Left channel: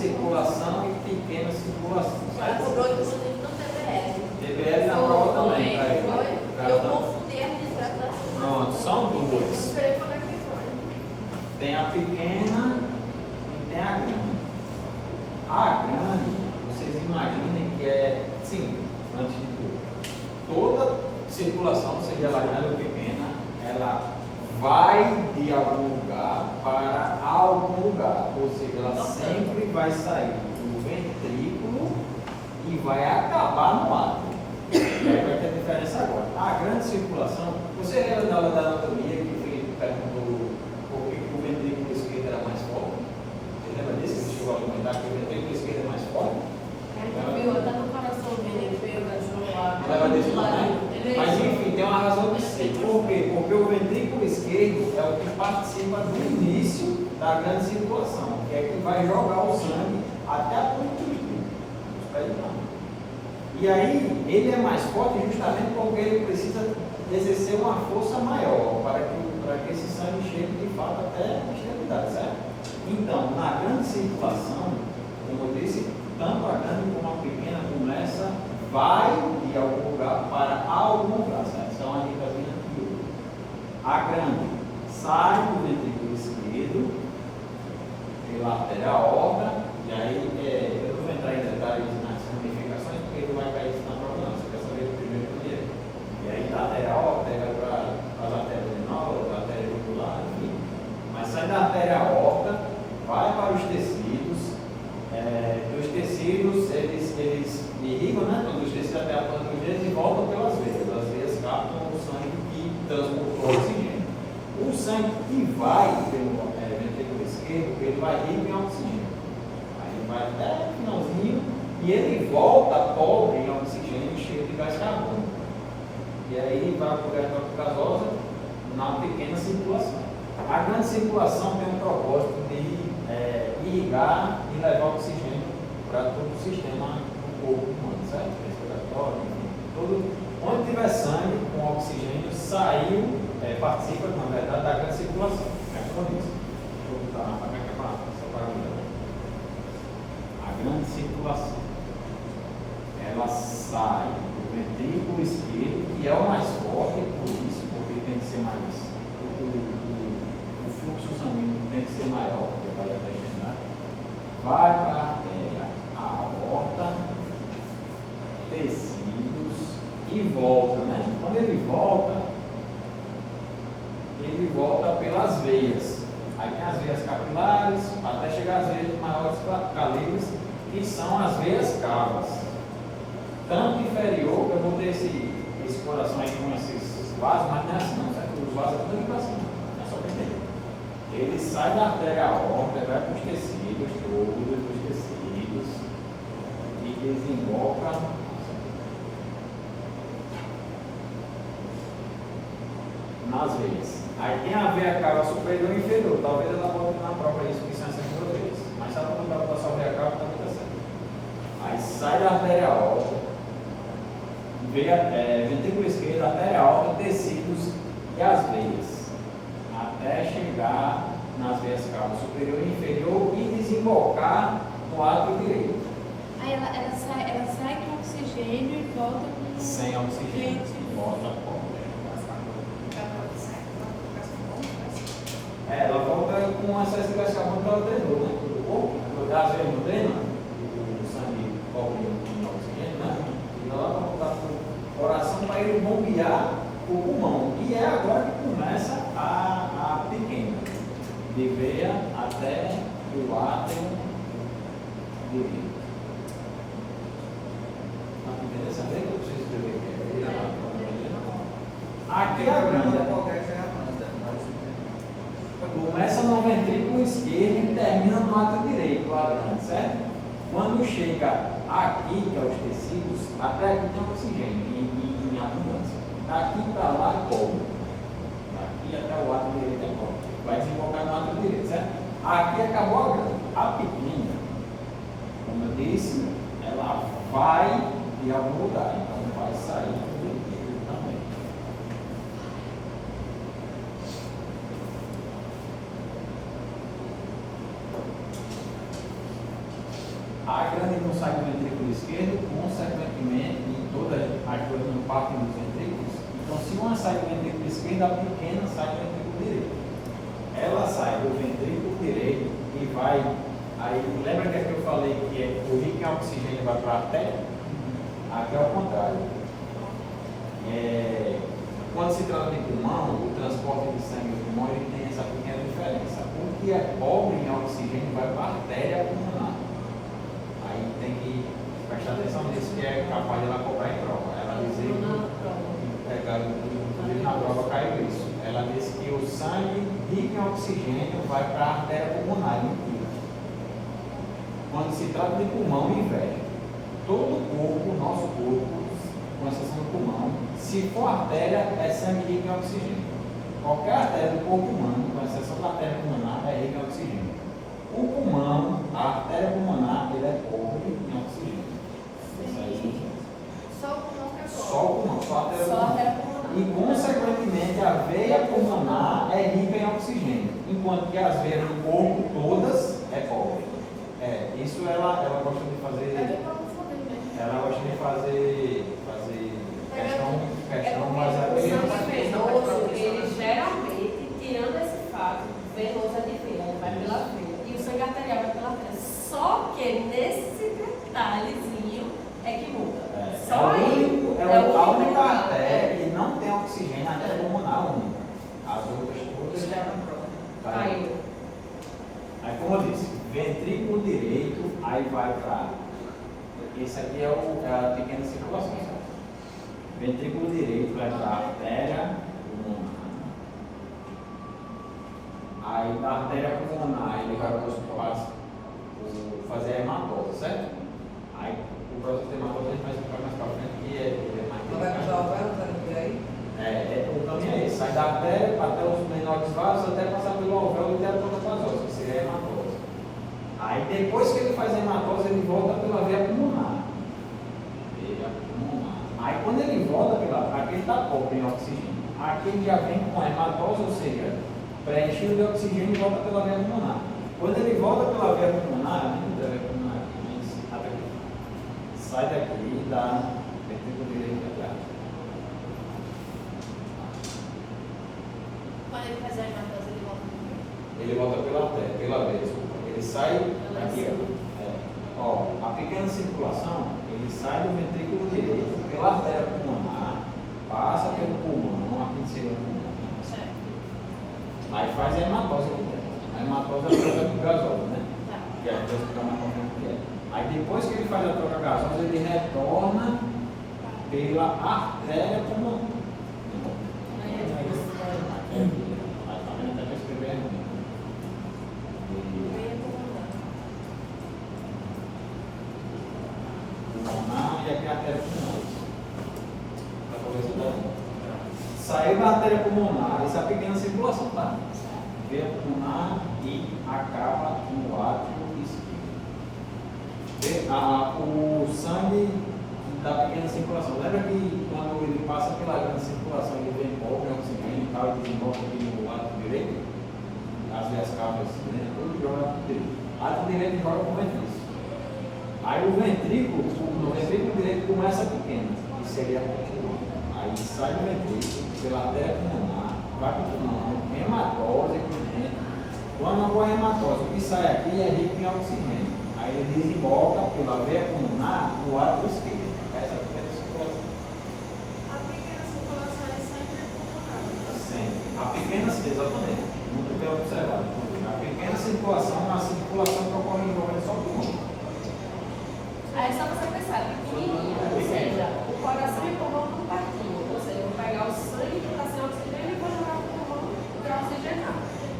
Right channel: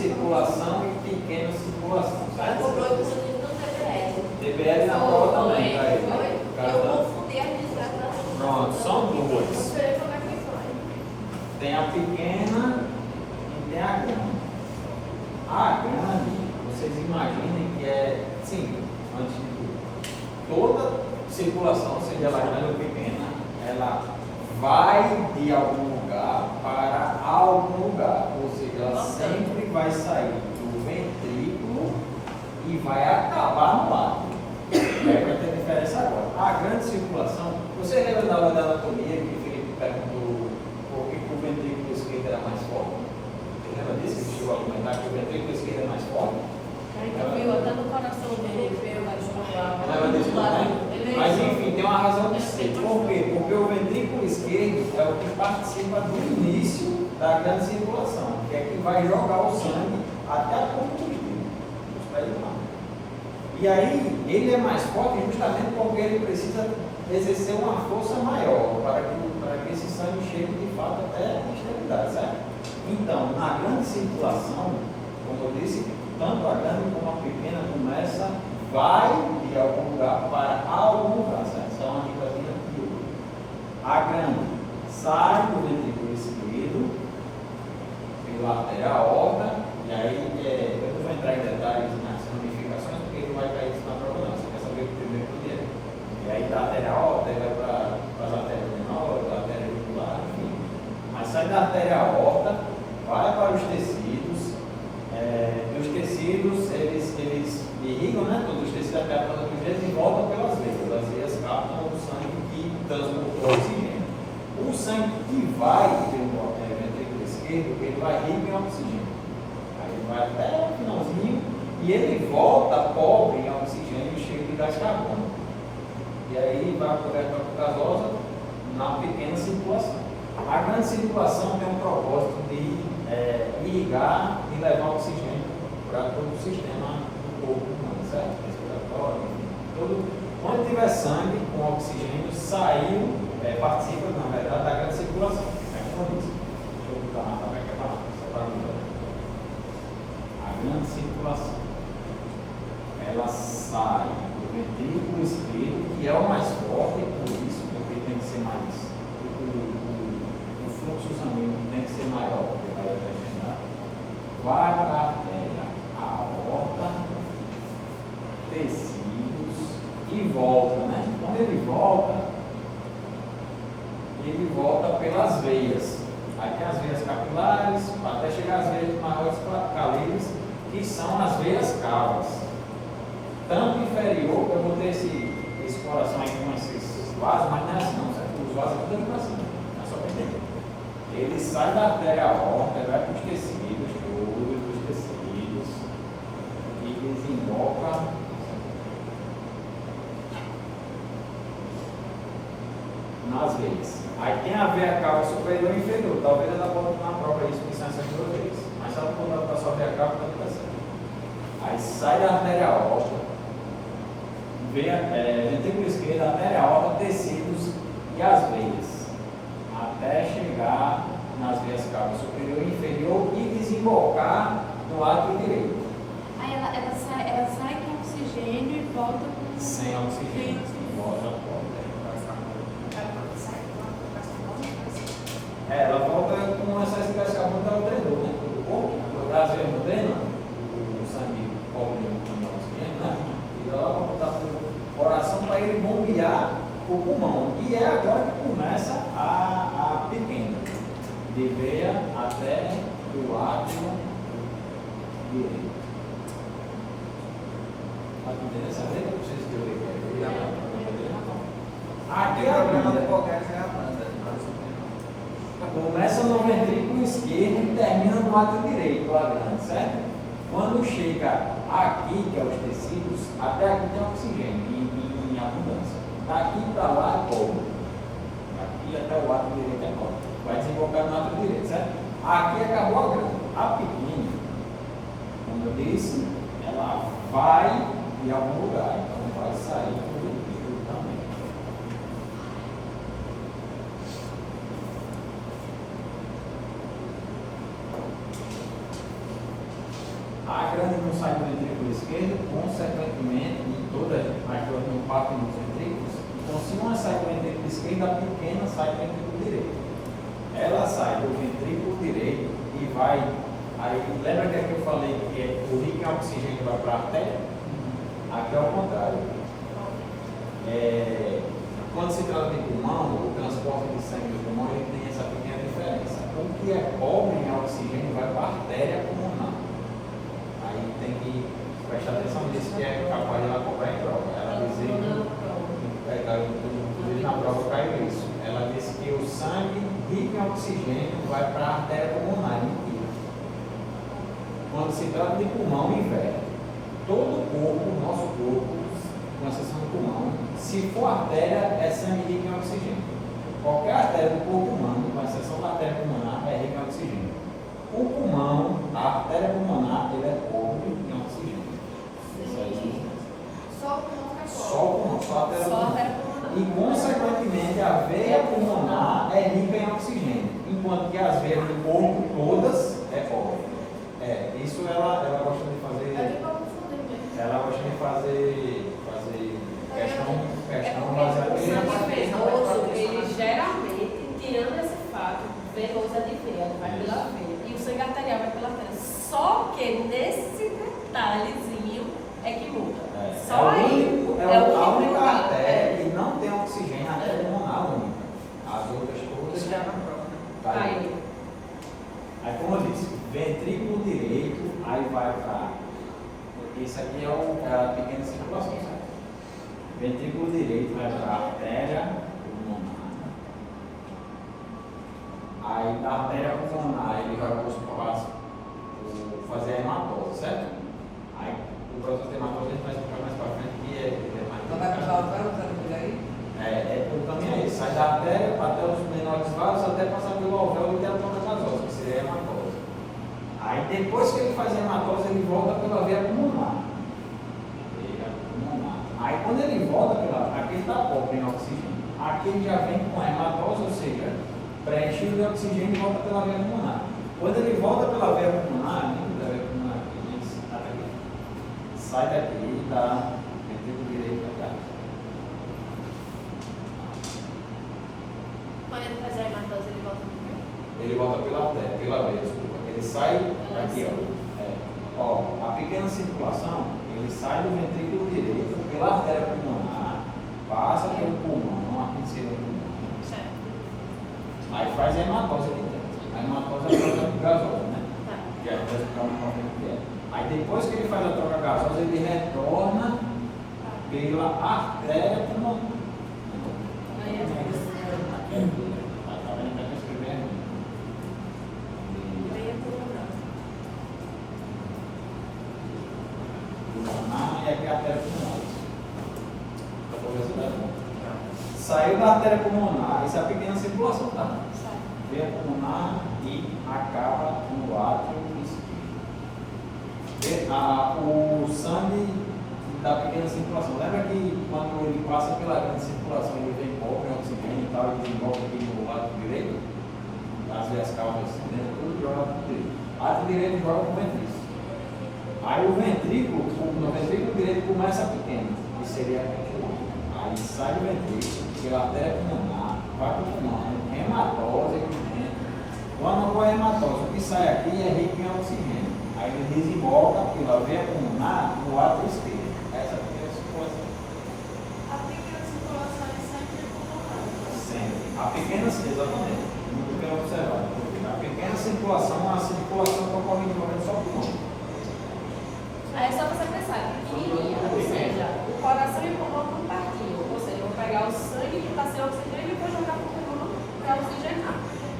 circulação e pequena circulação. Mas o doido você tem no TBL. TBL na prova também, tá aí. Eu confundi a administração. Pronto, são duas. Tem a pequena e tem a grande. A grande, vocês imaginem que é, sim, antes de tudo, toda circulação, seja ela grande ou pequena, ela vai de algum lugar para algum lugar, ou seja, ela sempre vai sair do ventrículo e vai acabar no átrio. Vai ter diferença agora. A grande circulação, você lembra da aula da anatomia que o Felipe perguntou por que o ventrículo esquerdo era mais forte? Você lembra disso? Ele chegou a comentar que o ventrículo esquerdo é mais forte? Viu até no coração dele, veio mais Não leva disso não, né? Mas enfim, tem uma razão de ser. Por quê? Porque o ventrículo esquerdo é o que participa do início da grande circulação, que é que vai jogar o sangue até a ponta do espírito. E aí, ele é mais forte justamente porque ele precisa exercer uma força maior para que esse sangue chegue de fato até a extremidade, certo? Então, na grande circulação, como eu disse, tanto a grande como a pequena vai de algum lugar para algum lugar, certo? Isso é uma dicasinha de ouro. A grande sai do ventrículo esquerdo pela artéria aorta, e aí eu não vou entrar em detalhes nas ramificações, porque não vai cair isso na prova não, você quer saber o primeiro primeiro. E aí da artéria aorta, ele vai para as artérias menores, da artéria jugular, enfim. Mas sai da artéria aorta, vai para os tecidos, os tecidos, eles irrigam, né? Quando os tecidos até a ponta dos dedos e voltam pelas veias. As veias captam o sangue que transportou oxigênio. O sangue que vai pelo ventrículo esquerdo, ele vai rico em oxigênio. Aí ele vai até o finalzinho e ele volta pobre em oxigênio e cheio de gás carbônico. E aí vai para a gasosa na pequena circulação. A grande circulação tem um propósito de irrigar e levar oxigênio para todo o sistema do corpo humano, certo? Respiratório, enfim. Onde tiver sangue com oxigênio, participa, na verdade, da grande circulação. É com isso. Deixa eu botar na tabeca essa parada. A grande circulação, ela sai do ventrículo esquerdo, que é o mais forte, por isso, porque tem que ser mais. O fluxo sanguíneo tem que ser maior, porque vai até vai para a artéria, a aorta, tecidos e volta, né? Quando ele volta pelas veias. Aí tem as veias capilares, até chegar às veias de maiores calibres, que são as veias cavas. Tanto inferior, eu botei esse coração aí com esses vasos, mas não é assim não, certo? Os vasos tudo é coração, é só para entender. Ele sai da artéria aorta, vai para os tecidos, todos os tecidos, e desemboca nas veias. Aí tem a veia cava superior e inferior. Talvez ela bote na prova isso, que são essas duas veias. Mas se ela botar só a veia cava, também está certo. Aí sai da artéria aorta, ventrículo esquerdo, artéria aorta, tecidos e as veias, até chegar nas veias cavas superior e inferior e desembocar no átrio direito. Aí ela sai com oxigênio e volta com... Sem oxigênio, volta com. Ela volta com essa gás carbônico que ela treinou, né? Do corpo, às vezes não treina, o sangue cobre o oxigênio, né? E ela volta para o coração para ele bombear o pulmão. E é agora que começa a pequena, de veia até o átrio direito. Está entendendo essa letra? Não sei se eu ver aqui é a grande. Começa no ventrículo esquerdo e termina no átrio direito, a grande, certo? Quando chega aqui, que é os tecidos, até aqui tem oxigênio em abundância. Daqui para lá é cobre. Daqui até o átrio direito é cobre. Vai desembocar no átrio direito, certo? Aqui acabou a grande. A pequena, como eu disse, ela vai de algum lugar, então vai sair do ventrículo também. A grande não sai do ventrículo esquerdo, consequentemente, em todas as duas não partem dos ventrículos. Então, se uma sai do ventrículo esquerdo, a pequena sai do ventrículo direito. Ela sai do ventrículo direito e vai. Aí, lembra que aqui eu falei que o rico em oxigênio vai para a artéria? Aqui é o contrário. Quando se trata de pulmão, o transporte de sangue do pulmão ele tem essa pequena diferença. O que é pobre em oxigênio vai para a artéria pulmonar. Aí tem que prestar atenção nisso, que é capaz de ela cobrar em prova. Ela dizer inclusive na prova caiu isso. Ela disse que o sangue rico em oxigênio vai para a artéria pulmonar. Mentira. Quando se trata de pulmão, inverte. Todo o corpo, nosso corpo, com exceção do pulmão, se for artéria, é sangue rico em oxigênio. Qualquer artéria do corpo humano, com exceção da artéria pulmonar, é rica em oxigênio. O pulmão, a artéria pulmonar, ele é pobre em oxigênio. Isso aí. Só o pulmão que é Só o pulmão, só a artéria Só a pulmonar. artéria pulmonar. E, consequentemente, a veia pulmonar é rica em oxigênio, enquanto que as veias do corpo todas é pobre. Isso ela gosta de fazer. Ela gosta de fazer questão baseada O em. sangue venoso, ele geralmente, tirando esse fato, venoso é de veia, ele vai pela veia. E o sangue arterial vai pela artéria. Só que nesse detalhezinho é que muda. Só aí. A única artéria que não tem oxigênio, a artéria pulmonar única. As outras todas já não. Aí. Aí, como eu disse, ventrículo direito, aí vai para. Isso aqui é a pequena circulação, certo? Ventrículo direito vai para a artéria pulmonar. Aí, da artéria pulmonar, ele vai fazer a hematose, certo? Aí, o processo de hematose a gente vai explicar mais para frente, que é mais. Não vai puxar o sangue aí? O caminho é esse, sai da artéria até os menores vasos, até passar pelo alvéolo e ter a toxoplasmose, que seria a hematose. Aí depois que ele faz a hematose, ele volta pela veia pulmonar. Aí quando ele volta pela aqui ele está pobre em oxigênio. Aqui ele já vem com a hematose, ou seja, preenchido de oxigênio e volta pela veia pulmonar. Quando ele volta pela veia pulmonar, não da veia pulmonar aqui, mas aqui. Sai daqui e dá ventrículo direito para cá. Quando ele faz a hematose, ele volta no veio. Ele volta pela veia, desculpa. Ele sai aqui, ó. A pequena circulação, ele sai do ventrículo direito pela artéria pulmonar, passa pelo pulmão, aqui seria o pulmão. Certo. Aí faz a hematose aqui dentro. A hematose é a troca de gasosa, né? Tá. Que é a coisa que estamos falando que é. Aí depois que ele faz a troca gasosa, ele retorna pela artéria pulmonar. Aí é depois. Tá vendo? Até escrever aqui. Veia pulmonar. Pulmonar e aqui a artéria pulmonar. Saiu da artéria pulmonar, essa é a pequena circulação, tá? Veia pulmonar e acaba no átrio esquerdo. O sangue da pequena circulação. Lembra que quando ele passa pela grande circulação, ele vem pobre, oxigênio e tal, e desenvolve aqui no lado direito? As veias cavas, né? Tudo joga no direito. O lado direito joga com o ventrículo. Aí o ventrículo, no ventrículo direito começa pequeno, que seria aqui. Aí sai do ventrículo, pela artéria pulmonar, vai para o pulmão, hematose aqui dentro. Quando ocorre hematose, o que sai aqui é rico em oxigênio. Aí ele desemboca pela veia pulmonar no átrio esquerdo. Essa é a pequena circulação. A pequena circulação é sempre pulmonar. Sempre. A pequena, exatamente, muito bem observado. A pequena circulação é uma circulação que ocorre envolvendo só o pulmão. Aí é só você pensar, pequenininha, ou seja, o coração e o pulmão não partiam. Ou seja, eu vou pegar o sangue que está sem oxigênio e vou jogar para o pulmão para oxigenar.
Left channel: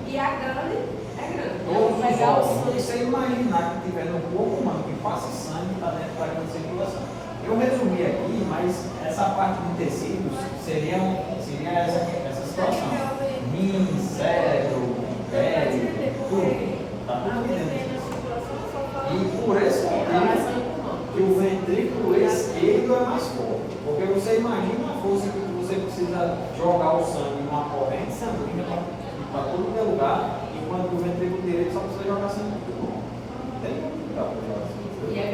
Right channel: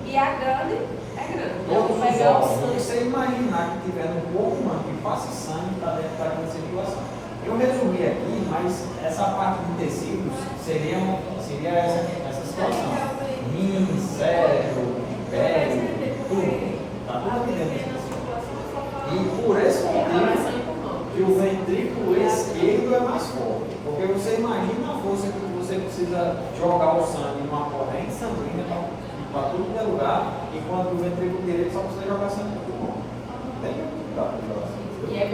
E a grande é grande. Eu Todos vou os pegar o órgãos, se sangue. você imaginar que tiver no corpo humano que passe sangue para dentro da grande circulação. Eu resumi aqui, mas essa parte de tecidos seria essa situação. Rim, cérebro, pele, tudo. Está tudo A aqui pequena dentro. circulação só fala E por esse coração motivo e pulmão. que o ventrículo esquerdo é mais forte. Porque você imagina a força que você precisa jogar o sangue numa corrente sanguínea para tudo que é lugar, enquanto o ventrículo direito só precisa jogar sangue no pulmão. Não tem como para jogar sangue. E é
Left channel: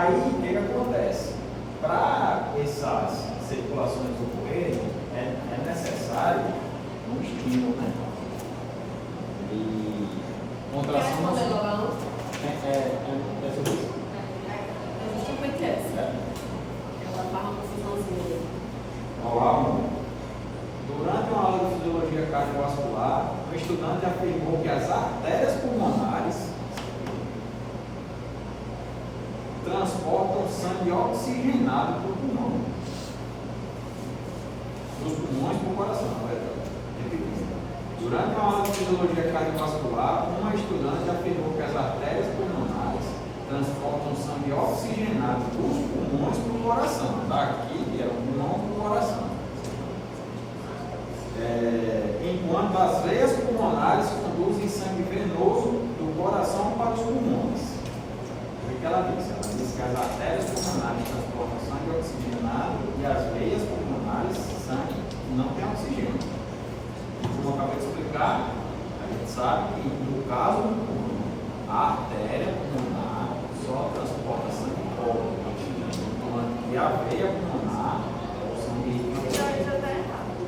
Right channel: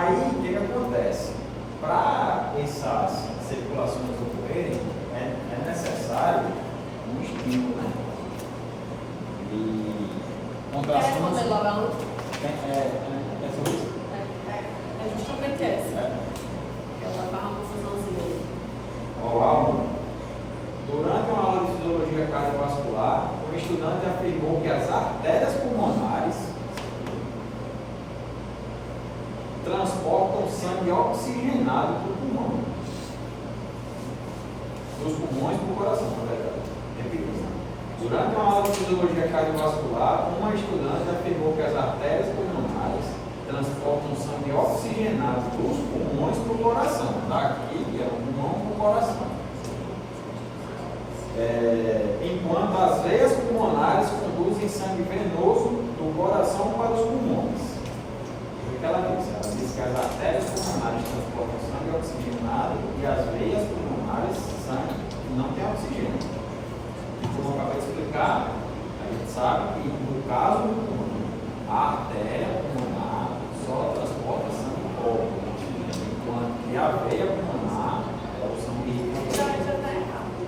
Aí, o que acontece? Para essas circulações ocorrerem, é necessário um estímulo, né? E contração. Quer responder logo a luz? É sobre isso? É justamente essa. Ela faz uma confusãozinha aí. Durante uma aula de fisiologia cardiovascular, um estudante afirmou que as artérias pulmonares transportam sangue oxigenado para o pulmão. Dos pulmões para o coração, na verdade. Repetindo. Durante uma aula de fisiologia cardiovascular, uma estudante afirmou que as artérias pulmonares transportam sangue oxigenado dos pulmões para o coração. Daqui, que é o pulmão para o coração. Enquanto as veias pulmonares conduzem sangue venoso do coração para os pulmões. O que ela disse? Ela disse que as artérias pulmonares transportam sangue oxigenado e as veias pulmonares sangue não tem oxigênio. E como eu acabei de explicar, a gente sabe que no caso do pulmão, a artéria pulmonar só transporta sangue pobre, enquanto que a veia pulmonar é o sangue rico.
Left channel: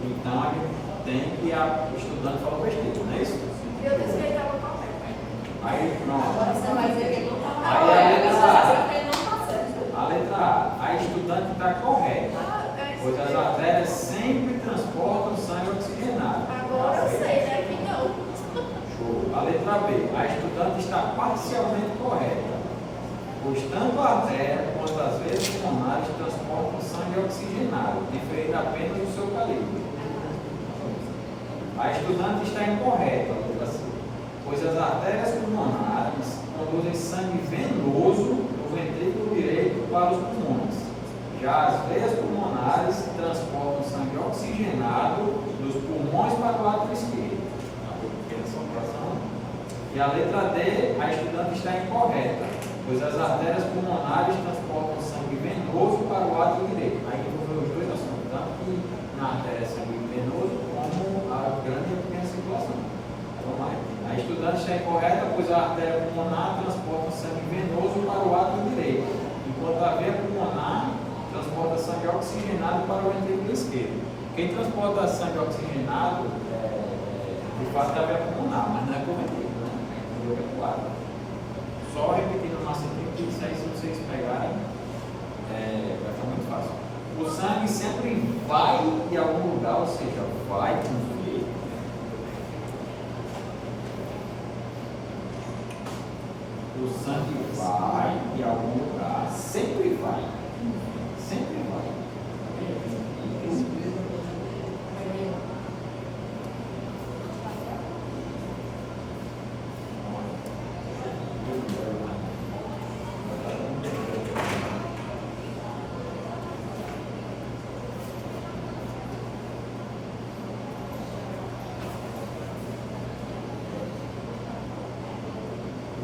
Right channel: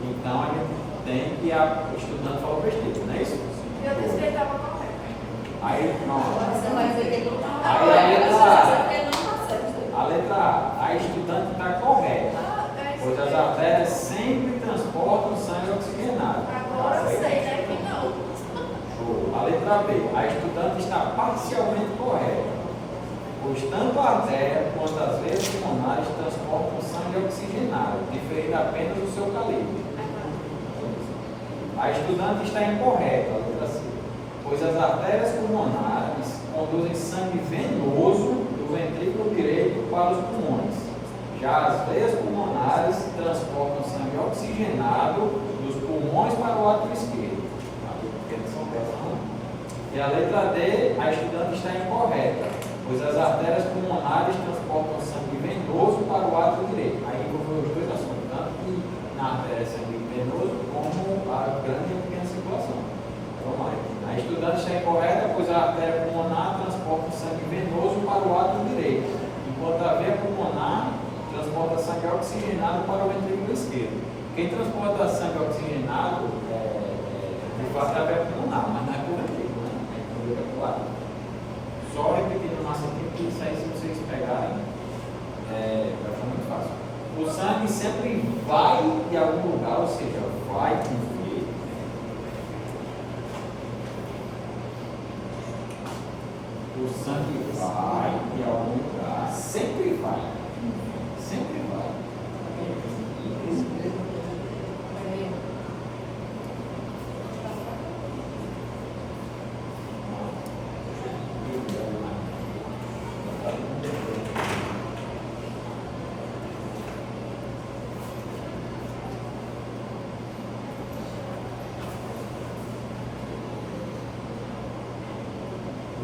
Então a gente tem que a estudante falou besteira, não é isso? Eu disse que ele estava correto. Aí, pronto. Você vai dizer que ele não está Aí a letra A. Ele não está certo. A letra A estudante está correta, pois as artérias sempre transportam sangue oxigenado. Agora eu sei, né? Que não. Show. A letra B, a estudante está parcialmente correta, pois tanto a artéria quanto as veias pulmonares transportam sangue oxigenado, diferindo apenas o seu calibre. A estudante está incorreta, a letra C, pois as artérias pulmonares conduzem sangue venoso do ventrículo direito para os pulmões. Já as veias pulmonares transportam sangue oxigenado dos pulmões para o lado esquerdo. E a letra D, a estudante está incorreta, pois as artérias pulmonares transportam sangue venoso para o lado direito. Aí envolveu os dois assuntos, tanto que na artéria sangue venoso como a grande e a pequena circulação. Vamos lá. A estudante está incorreta, pois a artéria pulmonar transporta sangue venoso para o lado direito, enquanto a veia pulmonar transporta sangue oxigenado para o ventrículo esquerdo. Quem transporta sangue oxigenado de fato é a veia pulmonar, mas não é para o ventrículo, né? É para o lado. Só repetindo o nosso tempo, que isso aí, se vocês pegarem, vai ficar muito fácil. O sangue sempre vai em algum lugar, ou seja, vai com V. O sangue vai em algum lugar, sempre vai. Sempre vai.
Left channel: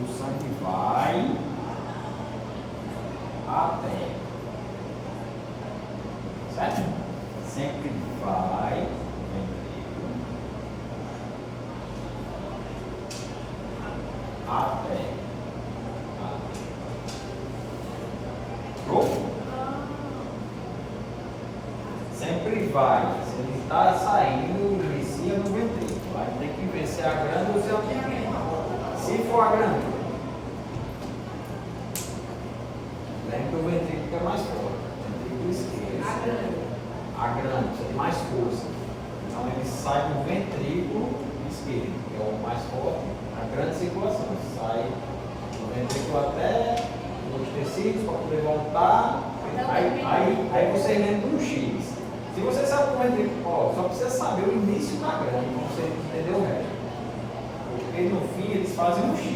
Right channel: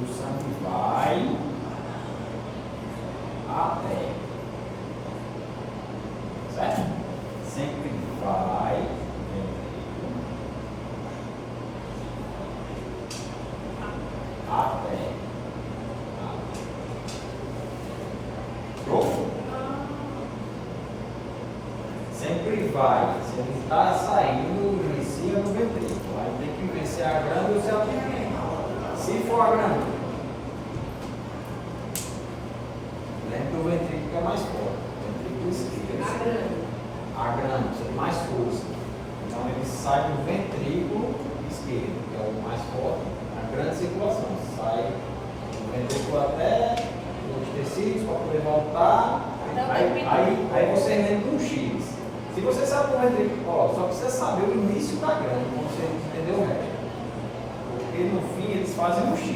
O sangue vai até, certo? Sempre vai até. Show? Sempre vai. Se ele está saindo, inicia no ventrículo. Aí tem que ver se é a grande ou se é a pequena. Se for a grande, lembra que o ventrículo é mais forte. O ventrículo esquerdo. A grande, precisa de mais força. Então ele sai do ventrículo esquerdo, que é o mais forte, a grande circulação. Sai do ventrículo até os tecidos para poder voltar. Aí você lembra do X. Se você sabe o ventrículo, só precisa saber o início da grande, para você entender o resto. Porque no fim eles fazem um X.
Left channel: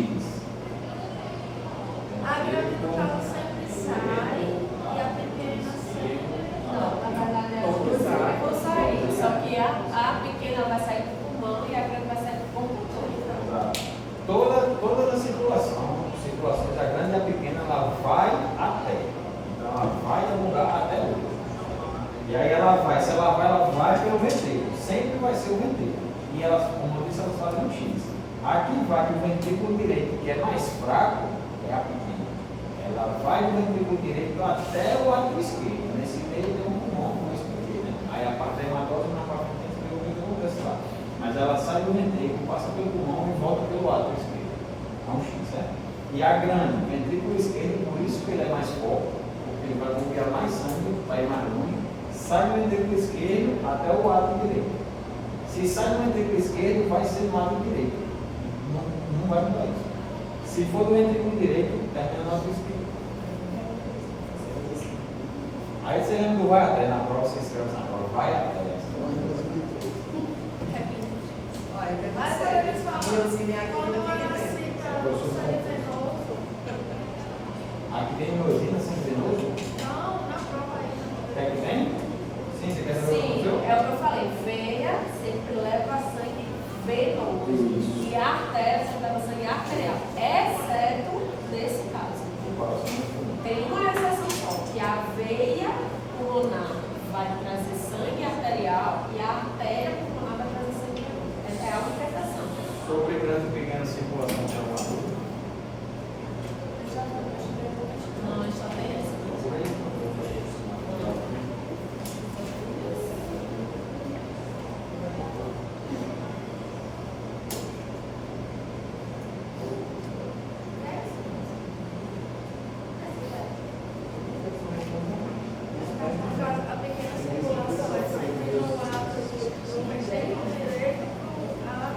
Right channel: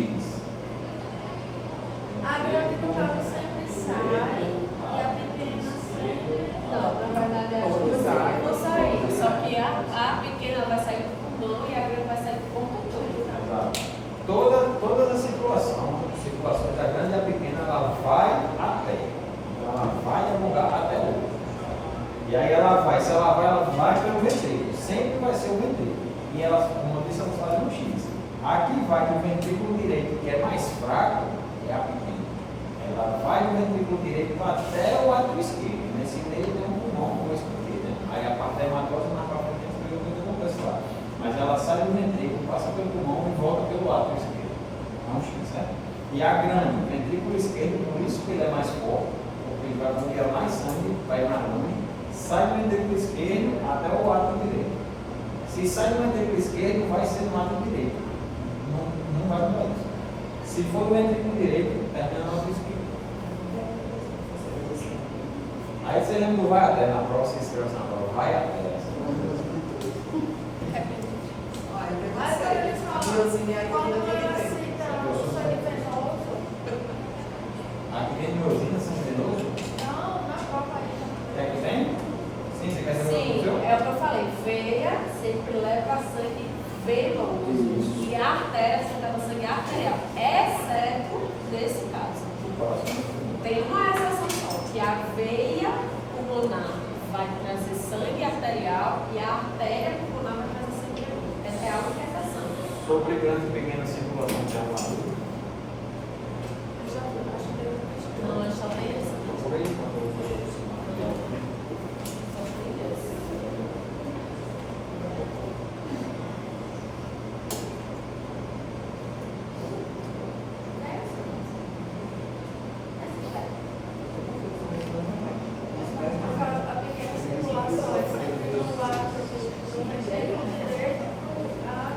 A grande do carro sempre sai e a pequena sempre não. Na verdade é Vou sair, só que a pequena vai sair do pulmão e a grande vai sair do pulmão todo. Toda a circulações da grande e a pequena, ela vai até. Então ela vai de um lugar até outro. E aí ela vai, se ela vai pelo ventrículo. Sempre vai ser o ventrículo. E elas, como eu disse, elas fazem um X. Aqui vai que o ventrículo direito, que é mais fraco, é a pequena. Ela vai do ventrículo direito até o átrio esquerdo. Nesse meio tem um pulmão, como eu expliquei, né? Aí a parte da hematóide na parte da frente eu vou acontece lá. Mas ela sai do ventrículo, passa pelo pulmão e volta pelo átrio esquerdo. Vamos, certo? E a grande, o ventrículo esquerdo, por isso que ele é mais forte, porque ele vai bombear mais sangue, vai mais longe, sai do ventrículo esquerdo até o átrio direito. Se sai do ventrículo esquerdo, vai ser no átrio direito. Não vai mudar. Se for do ventrículo direito, termina no átrio esquerdo. Aí você lembra do vai até, na prova, você escreve na prova, vai até. Olha, Mas eu olha só, Miozinho aqui quando não ela tem. cita o sangue venoso, Aqui tem miosina, sangue venoso. não, na prova aí. Quer que tem? Sim, você quer saber o que Sim, aconteceu? é o que eu falei. Veia sempre leva sangue venoso. Isso. E a artéria sempre leva sangue arterial. Exceto nesse caso. Tem uma exceção só, que a veia pulmonar vai trazer sangue arterial e a artéria pulmonar vai trazer sangue venoso. Essa é a única exceção. Sobre grande e pequena circulação de alguma dúvida? Não, só tem essa. Por aí. A pequena circulação é sempre no lado do ventrículo direito, a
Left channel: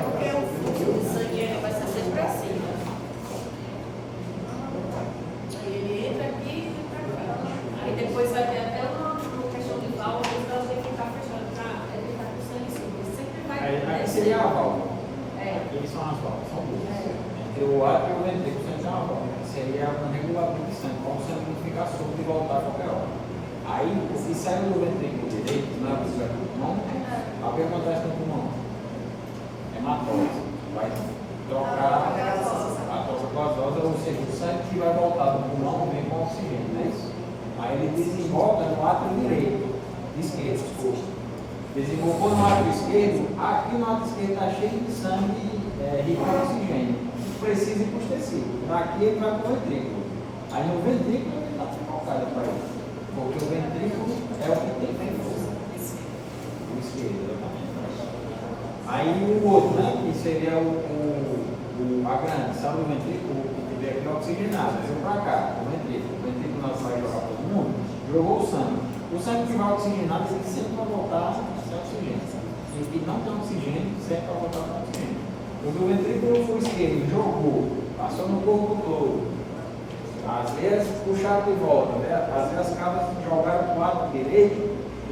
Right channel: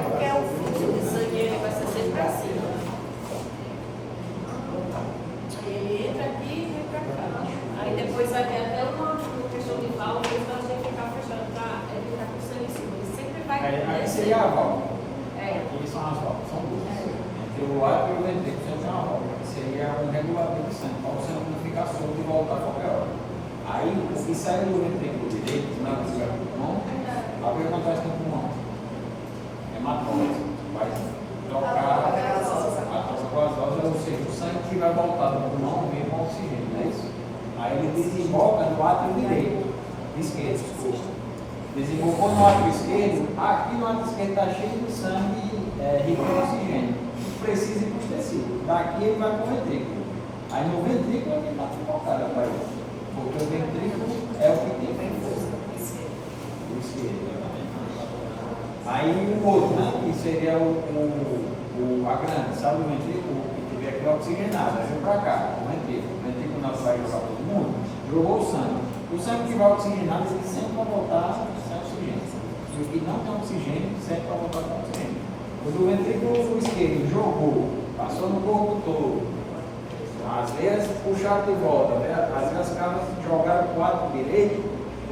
Porque o fluxo de sangue ele vai ser sempre para cima. Ele entra aqui e vem para cá. Aí depois vai ter até uma questão de válvula, então ela tem que ficar fechando para ficar com o sangue subindo. Ele sempre vai Aí seria a válvula. É. Aqui são as válvulas, são duas. Entre o átrio e o ventrículo sempre tem uma válvula, que seria um regulador de sangue, para o sangue não ficar solto e voltar a qualquer hora. Aí o que sai do ventrículo direito, na visão do pulmão, o que acontece no pulmão? Hematose. Vai trocar a troca vasosa, ou seja, o sangue que vai voltar do pulmão vem com oxigênio, não é isso? Aí ele desemboca no átrio direito, esquerdo, desculpa. Desembolou no átrio esquerdo, aqui no átrio esquerdo está cheio de sangue rico em oxigênio, que precisa ir para os tecidos. Daqui ele vai para o ventrículo. Aí no ventrículo ele está focado para ele, porque o ventrículo é o que tem força. O esquerdo, exatamente. Aí o outro, né, que seria a grande, sabe o ventrículo, que tiver aqui oxigenado, veio para cá, o ventrículo não vai jogar todo mundo, jogou o sangue. O sangue que vai oxigenado, ele sempre vai voltar sem oxigênio. E o que não tem oxigênio, sempre vai voltar sem oxigênio. O do ventrículo esquerdo jogou, passou no corpo todo. Às vezes puxaram de volta, né? Às vezes as cabras jogaram para o átrio direito.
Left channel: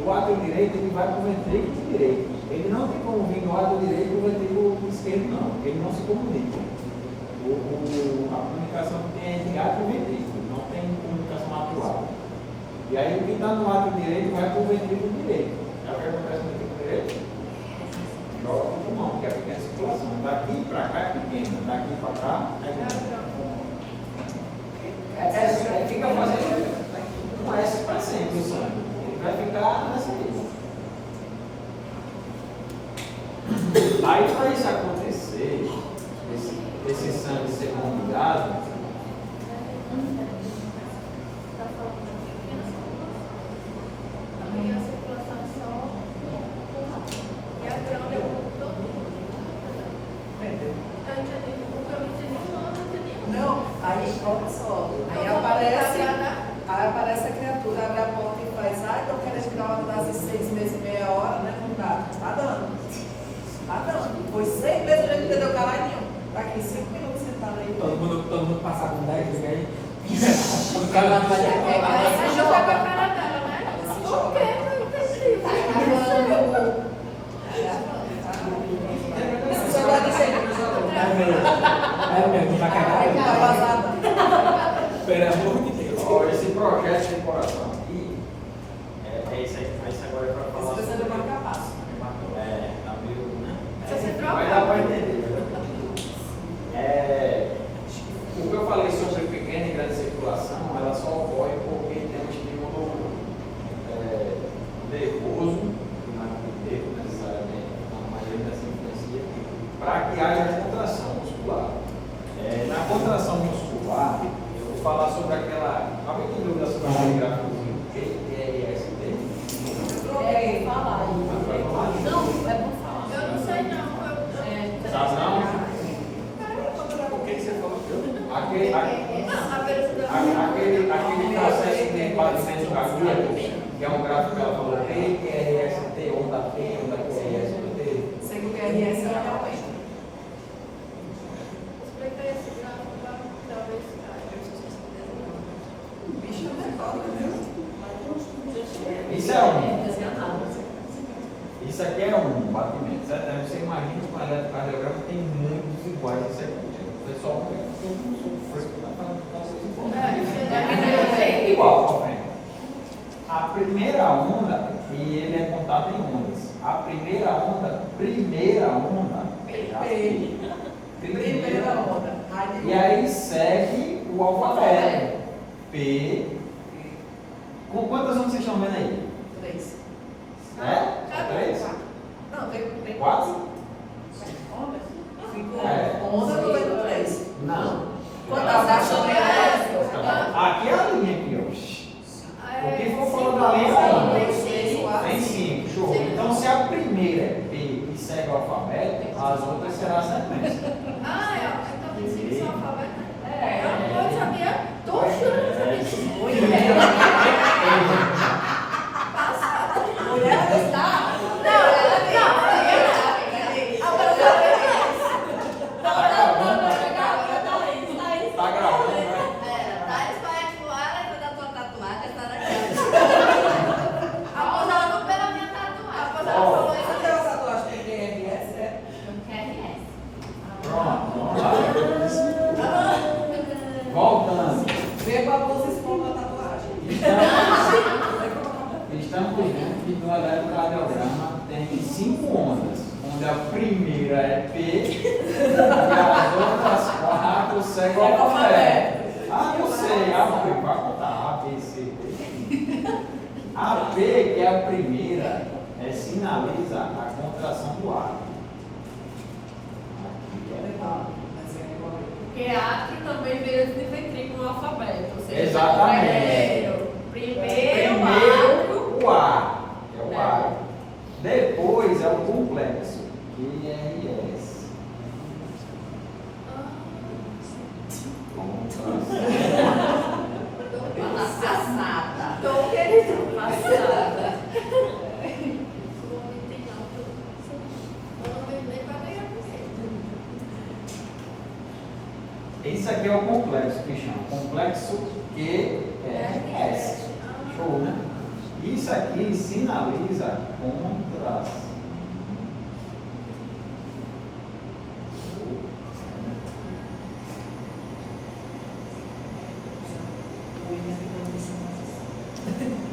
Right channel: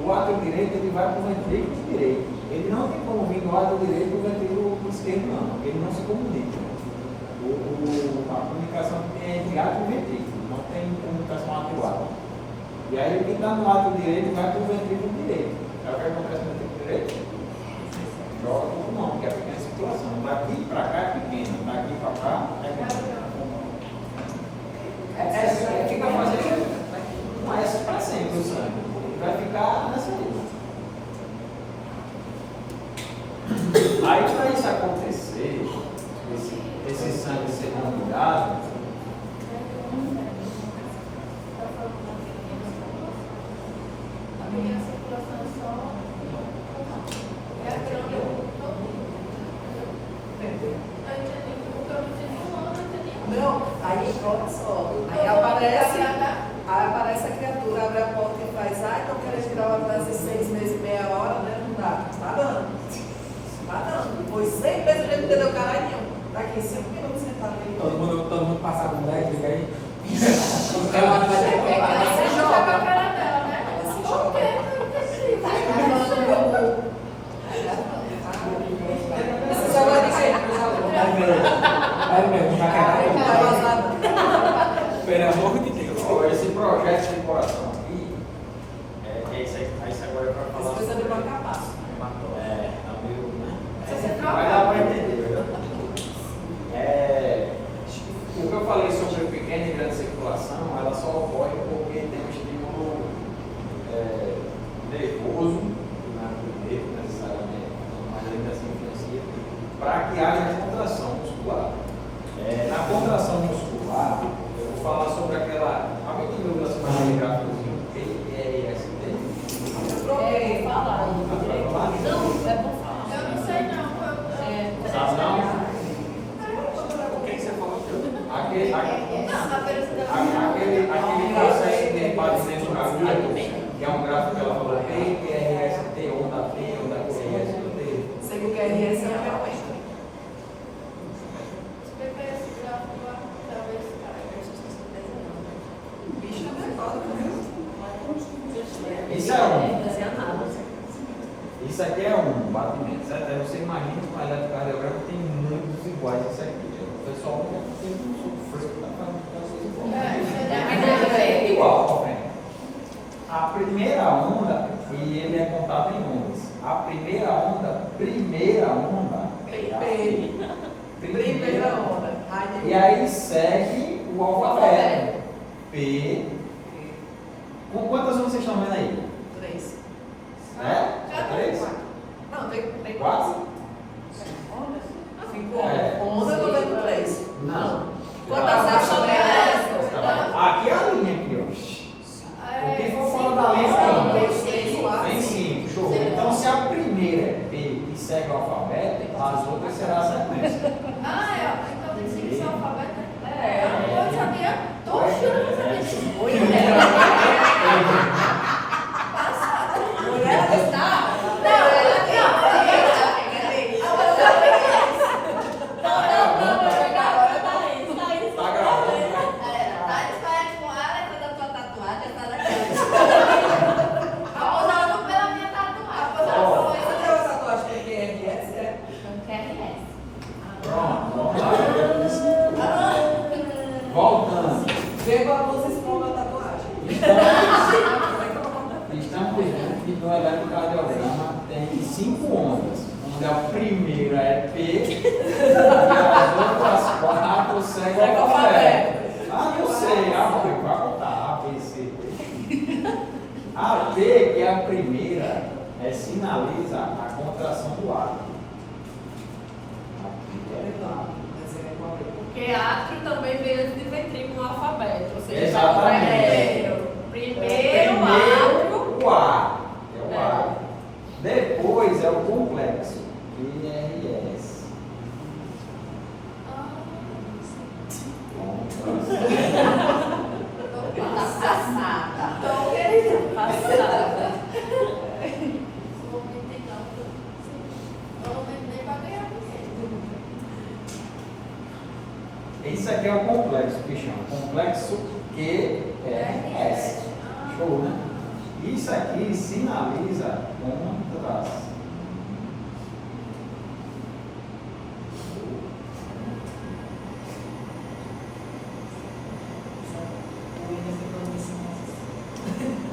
O átrio direito ele vai para o ventrículo direito. Ele não tem como vir no átrio direito e o ventrículo esquerdo, não. Ele não se comunica. A comunicação que tem é entre átrio e ventrículo, não tem comunicação átrio-átrio. E aí o que está no átrio direito vai para o ventrículo direito. Aí o que acontece no ventrículo direito? Joga para o pulmão, que é a pequena circulação. Daqui para cá é pequena, daqui para cá é grande. Fica fazendo com essa para sempre o sangue. Ele vai ficar nessa linha. Aí para isso acontecer, esse sangue ser bombeado, A pequena circulação é só pulmão. E a grande é o todo. Eu entendi, o que eu não entendi, eu não entendi. Não, aí olha só. Aí aparece a criatura, abre a porta e faz, ai, tô querendo tirar uma classe de 6 meses, meia hora, né? Não dá. Tá dando. Tá dando. Foi 6 meses a gente entendeu caralho nenhum. Daqui 5 minutos sentado aí. Todo mundo passar com 10, fica aí. O cara vai fazer Aí você joga a cara dela, né? Por quê? Eu não entendi. Esse agora de sempre, É mesmo, vai tá vazado. Pelo amor de Deus. ó, esse projeto de coração aqui, é isso aí, isso agora é para falar. Esse precisa demorar capaz. Tá meio, né? Você Vai dar para entender, o que eu falei sobre pequena e grande circulação, ela só ocorre porque tem um estímulo P, QRS, T, onda P, onda QRS, T. Sei que o QRS é realmente. Explica esse gráfico lá, talvez. Bicho, não é foda mesmo. Isso é um. Isso aqui é um batimento, certo? Aí você imagina que um eletrocardiograma tem muitos iguais isso aqui. O pessoal tem um fresco que está fazendo é igual, tá vendo? A primeira onda, e ele é contado em ondas. A primeira onda é a Primeira onda. E aí segue o alfabeto. P. Com quantas ondas vocês estão vendo aí? 3. É? 3? Não, tem 4? ondas. 5 É. ondas, eu tô vendo 3. Não. Quantas acham que é? Aqui é a linha aqui, ó. O que for fora da linha é onda. Tem 5, show. Então se a primeira é P e segue o alfabeto, as outras serão a sequência. Ah, é, então tem 5 só alfabeto, né? É. Eu não sabia. Tô achando que sabia. Passada. Mulher está. Tá gravando, né? Cadê essa tatuagem? Tem QRS? É? Pronto, vamos lá. Voltando. Vê qual vocês estão na tatuagem. Estamos vendo que no eletrocardiograma tem 5 ondas, onde a primeira é P e as outras 4 seguem o alfabeto. Ah, eu sei, vai contar A, B, C, D. A P, que é a primeira, sinaliza a contração do ar. Aqui é A. Porque A que também veio de ventrículo no alfabeto. Ou seja, Exatamente. Primeiro Primeiro o A, que é o A. Depois é o complexo, QRS. passada. Esse aqui é o complexo, que chama complexo QRS. Show, né? Isso aqui sinaliza contração.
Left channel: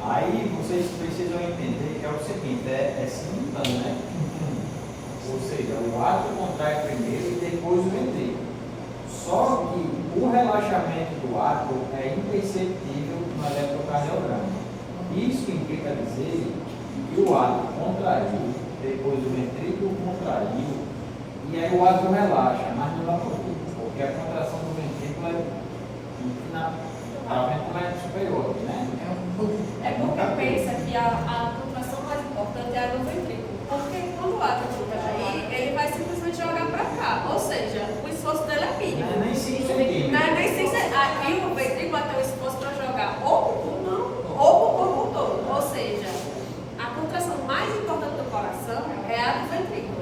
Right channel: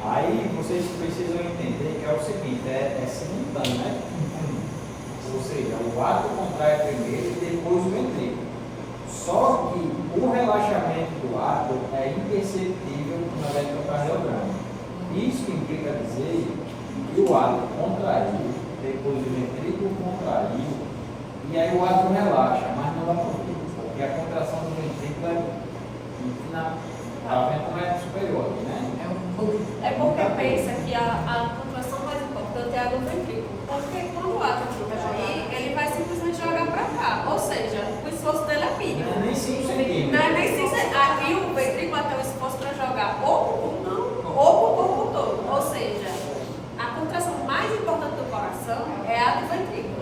Aí vocês precisam entender que é o seguinte, é simultâneo, né? Ou seja, o átomo contrai primeiro e depois o ventrículo. Só que o relaxamento do átomo é imperceptível no eletrocardiograma. Isso implica dizer que o átomo contraiu, depois o ventrículo contraiu, e aí o átomo relaxa, mas não é por quê? Porque a contração do ventrículo é superior, né? É porque pensa que a contração mais importante é a do ventrículo. Porque quando o átomo contrair, ele vai simplesmente jogar para cá. Ou seja, o esforço dele é mínimo. Não é nem 5 centímetros. Não é nem 5 centímetros. Aqui o ventrículo vai ter o esforço para jogar ou para o pulmão ou para o corpo todo. Ou seja, a contração mais importante do coração é a do ventrículo.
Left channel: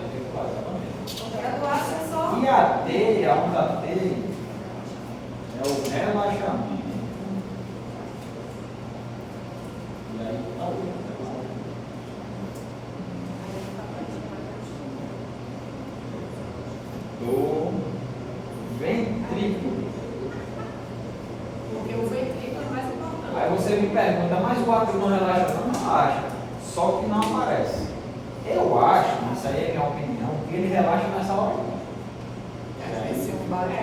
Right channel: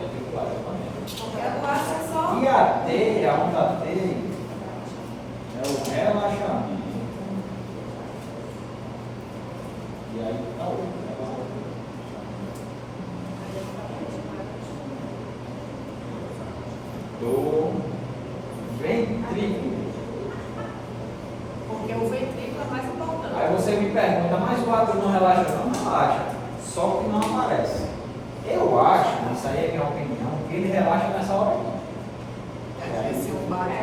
Porque a do átomo é só. E a T, a onda T, é o relaxamento. E aí tá outro. Do ventrículo. Porque o ventrículo é mais importante. Aí você me pergunta, mas o átomo não relaxa? Não relaxa, só que não aparece. Eu acho, isso aí é minha opinião, que ele relaxa nessa hora. Mas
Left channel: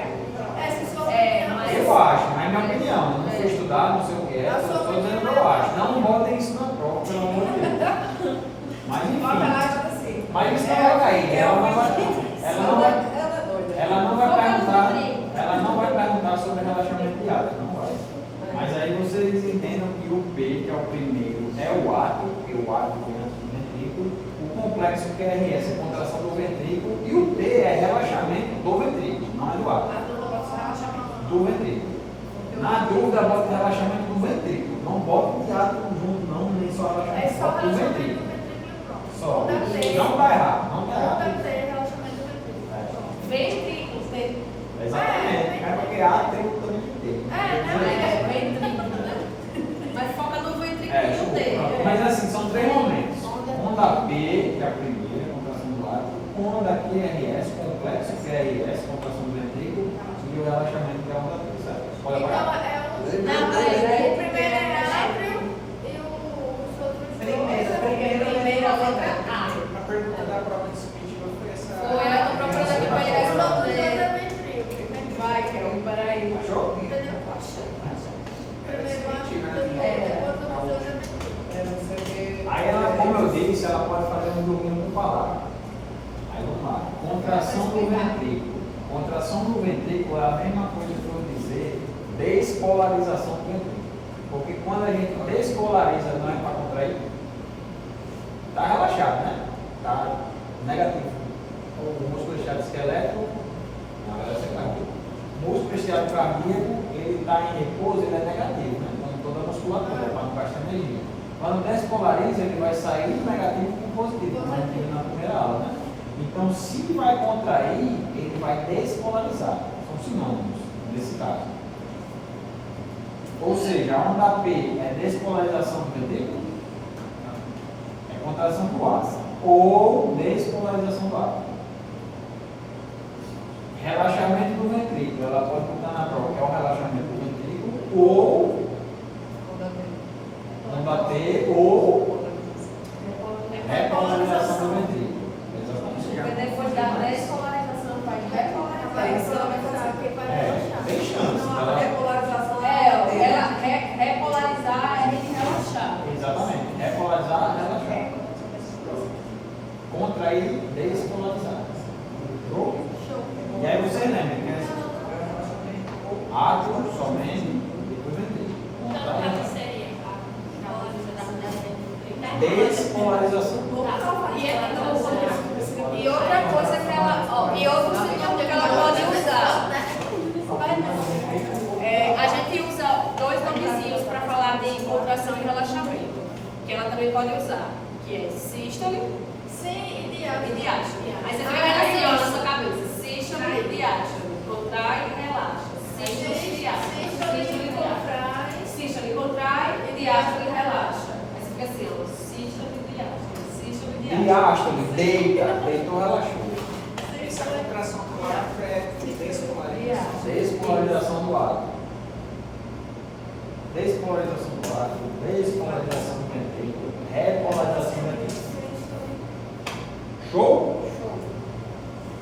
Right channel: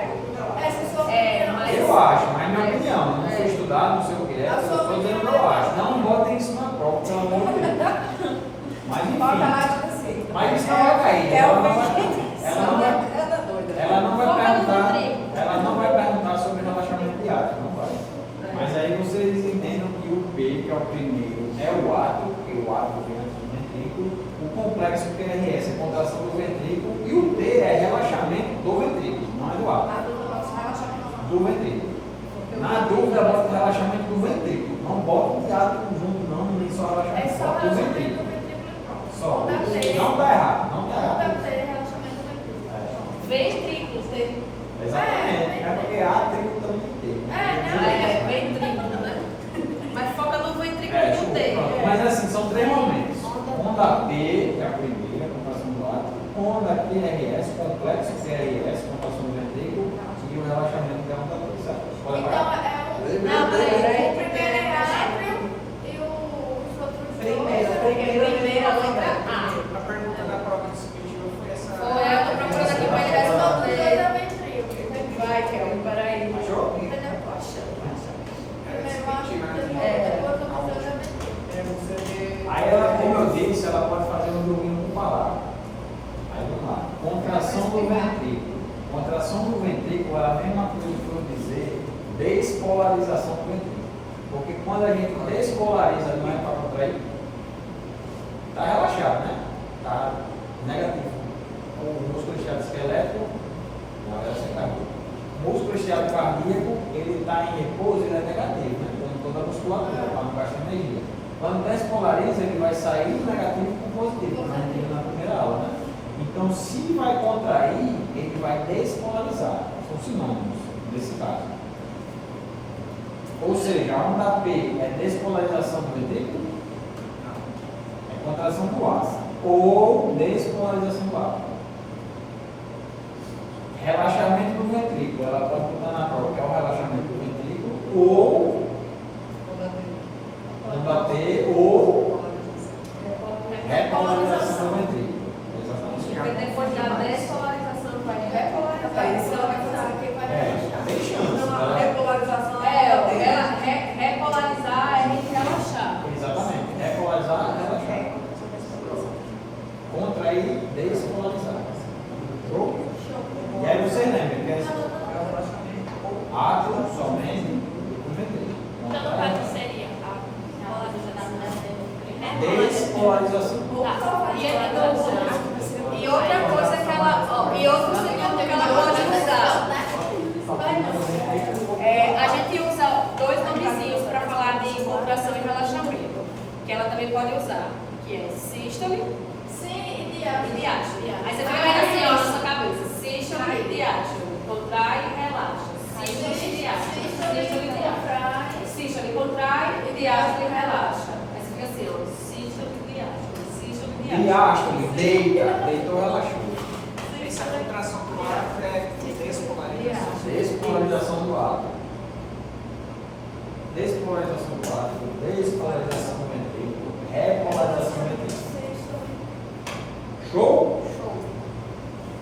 Eu acho, mas é minha opinião, não foi estudado, não sei o que é, eu estou dizendo que eu acho. Não botem isso na prova, pelo amor de Deus. Mas enfim, mas isso não vai cair, ela não vai perguntar sobre relaxamento de átomo, não vai. Mas aí vocês entendem que o P, que é o primeiro, é o átomo, porque o átomo vem antes do ventrículo, o complexo QRS é a contração do ventrículo e o T é relaxamento do ventrículo, não é do átomo. Do ventrículo. Na dúvida, bota relaxamento do ventrículo, Não bota o teatro junto, não, nem só relaxamento. É só Bota o relaxamento ventrículo. do ventrículo e pronto. Só. Não deve ter. Não está errado, não está Não errado. deve ter relaxamento do ventrículo. Ventrículos, tem. Exatamente. É porque atrito também tem. É, ventrículo, né? Mas foca no ventrículo É, e no T. mas assim, são 3 momentos. Onda P, que é a primeira, contração do ato. Onda QRS, complexo QRS, contração do ventrículo. E o relaxamento, que é a onda P, certo? Pode Então, apagar? Não, peraí. o primeiro é átrio e os outros dois. Primeiro a letra A. A pergunta da prova de subjetiva foi essa. Foi a que eu procurei aqui para ele Os outros dois responder. é ventrículo. Vai, Kel, peraí. Achou? Entendeu? Primeiro átrio, depois É. o outro dois é ventrículo. Aí ela, como eu disse, ela pode fazer um joguinho com palavras. Aí vamos lá. Contração do ventrículo. Contração do ventrículo é a mesma coisa que eu dizer despolarização do ventrículo. Porque quando a gente despolariza, não é para contrair, está relaxado, né? Está negativo. O músculo estiado esquelético, não, essa é cardíaco. O músculo estiado cardíaco, ele está em repouso, ele é negativo, né? Como toda a musculatura, para não gastar energia. Quando despolariza, ele vai sair do negativo para o positivo, como a gente viu na primeira aula, né? Então, se vai contrair, ele vai despolarizar. São sinônimos nesse caso. Ou seja, a onda P é despolarização do ventrículo, é contração do ar, ou despolarização do ar. Relaxamento do ventrículo, ela pode botar na prova, que é o relaxamento do ventrículo, ou onda T, ou repolarização do ventrículo. Exatamente. Depois da despolarização vai repolarização. Tem chance. Ela... Repolarização Repolarizar é a gente relaxar. Exatamente. Repolarizar, relaxar. Contrair, despolarizar. Show? E aí vocês lembram que é átrio, somente, depois ventrículo. Então, Contrair, o que seria a despolarização. E outra coisa que ela, ó, e outro sinônimo que ela pode usar. A gente usa 2 nomezinhos para falar de contração e relaxamento, que ela também pode usar, que é sístole Sim, e diástole. Aí você fica vendo assim, ó, na sua cabeça, sístole e diástole, contrai e relaxa, sístole e diástole, sístole e diástole, sístole contrai e diástole e relaxa. Aí você fica assim, ó, sístole e diástole, sístole e diástole. Diástole, deita, deitou, relaxou. Essa contração do ato é despolarização. Despolarização do átomo. Despolarização do átomo, despolarização do ventrículo, repolarização do ventrículo. Show?